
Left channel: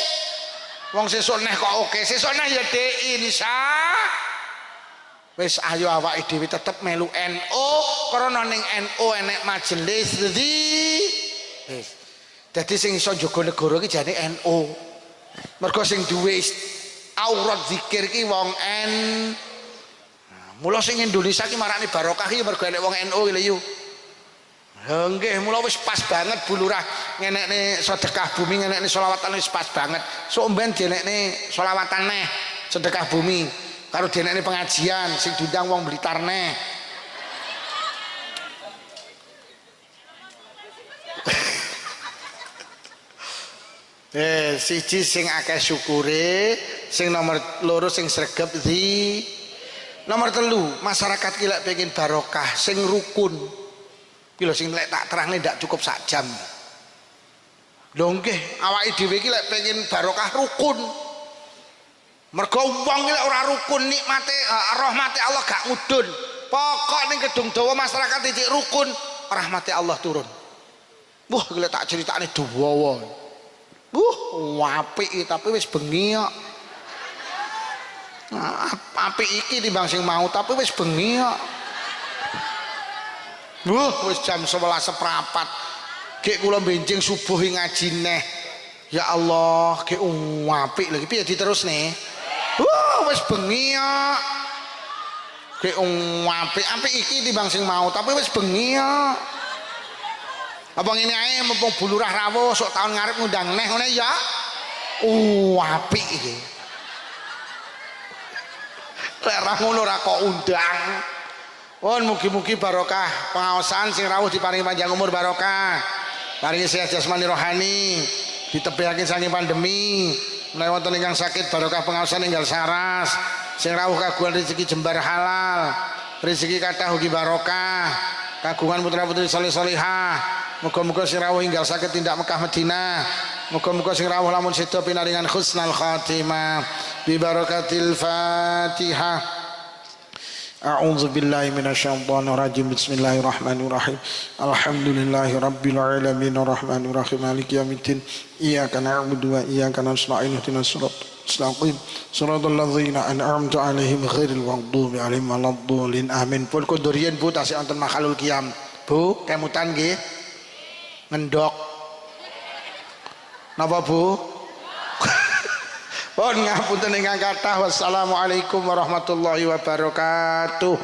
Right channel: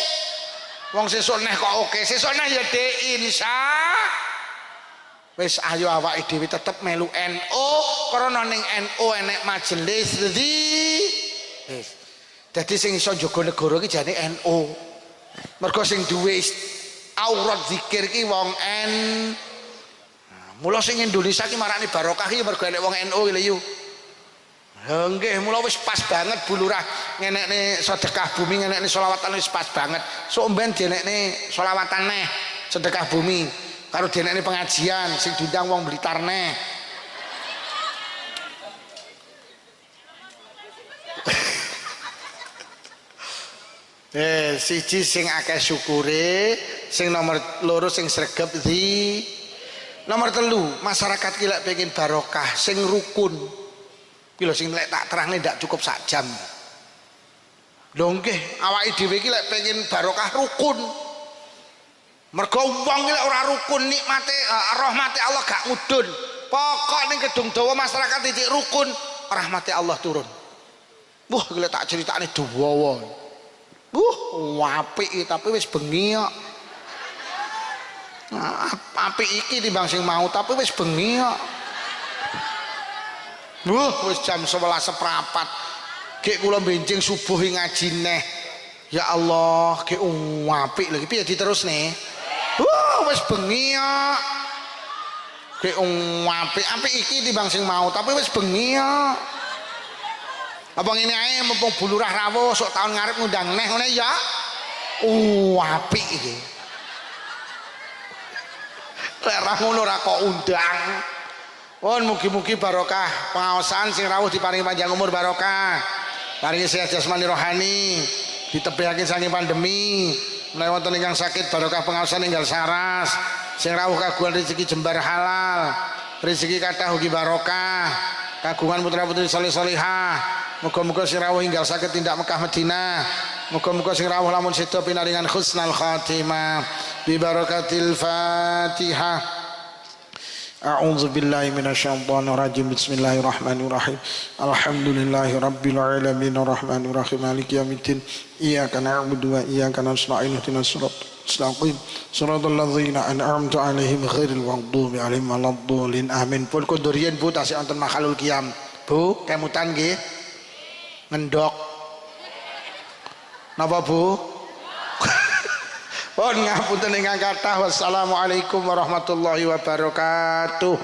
Wong sesuk neh kok oke, sesuk neh ya de insya. Wis ayo awake dhewe tetep melu NU krana ning NU enek majelis wis. Dadi sing iso njaga negara iki jane NU. Mergo sing duwe aurat zikir ki wong Mula sing Indonesia ki marani barokah iki mergo enek wong NU iki lho. Nggih, mula wis pas banget Bu Lurah ngenekne sedekah bumi, ngenekne selawatan wis pas banget. Sok mben dienekne selawatan neh sedekah bumi karo dienekne pengajian sing diundang wong Blitar neh. Siji sing akeh syukure, sing nomor loro sing sregep di. Nomor telu, masyarakat ki lek pengen barokah sing rukun. Ki lho sing lek tak terangne ndak cukup sak jam. Lho nggih, awake dhewe ki lek pengen barokah rukun. Mergo wong ki lek ora rukun nikmate rahmate Allah gak mudhun. Pokok ning Kedung Dawa masyarakat iki rukun, rahmate Allah turun. Wah, ki lek tak critakne dawa. Apik tapi wis bengi kok. Apik iki timbang sing mau tapi wis bengi kok. Wis jam 11 seprapat. Gek kula benjing subuh ngaji neh. Ya Allah, gek apik lho. Piye diterusne? Wis bengi kok. Gek apik iki timbang sing mau tapi wis bengi kok. Apa ngene ae mumpung Bu Lurah rawuh sok tahun ngarep ngundang neh ngene ya. Apik iki. Lek ra ngono ra kok undang. Pun mugi-mugi barokah pengaosan sing rawuh diparingi panjang umur barokah. Paringi sehat jasmani rohani, ditebihake saking pandemi. Menawi wonten ingkang sakit barokah pengaosan enggal saras. Sing rawuh kagungan rezeki jembar halal. Rezeki kathah ugi barokah. Kagungan putra-putri saleh-salihah. Muga-muga sing rawuh enggal saged tindak Mekah Madinah. Muga-muga sing rawuh lamun seda pinaringan husnul khatimah bi barakatil Fatihah. A'udzu billahi minasyaitonir rajim. Bismillahirrahmanirrahim. Alhamdulillahi rabbil alamin arrahmanir rahim maliki yaumiddin. Iyyaka na'budu wa iyyaka nasta'in ihdinas siratal mustaqim. Shiratal ladzina an'amta 'alaihim ghairil maghdubi 'alaihim waladdallin. Amin. Pun kondurien Bu tasih wonten makhlul qiyam. Bu, kemutan nggih. Ngendok. Napa Bu? Pun ngapunten ingkang kathah. Wassalamualaikum warahmatullahi wabarakatuh.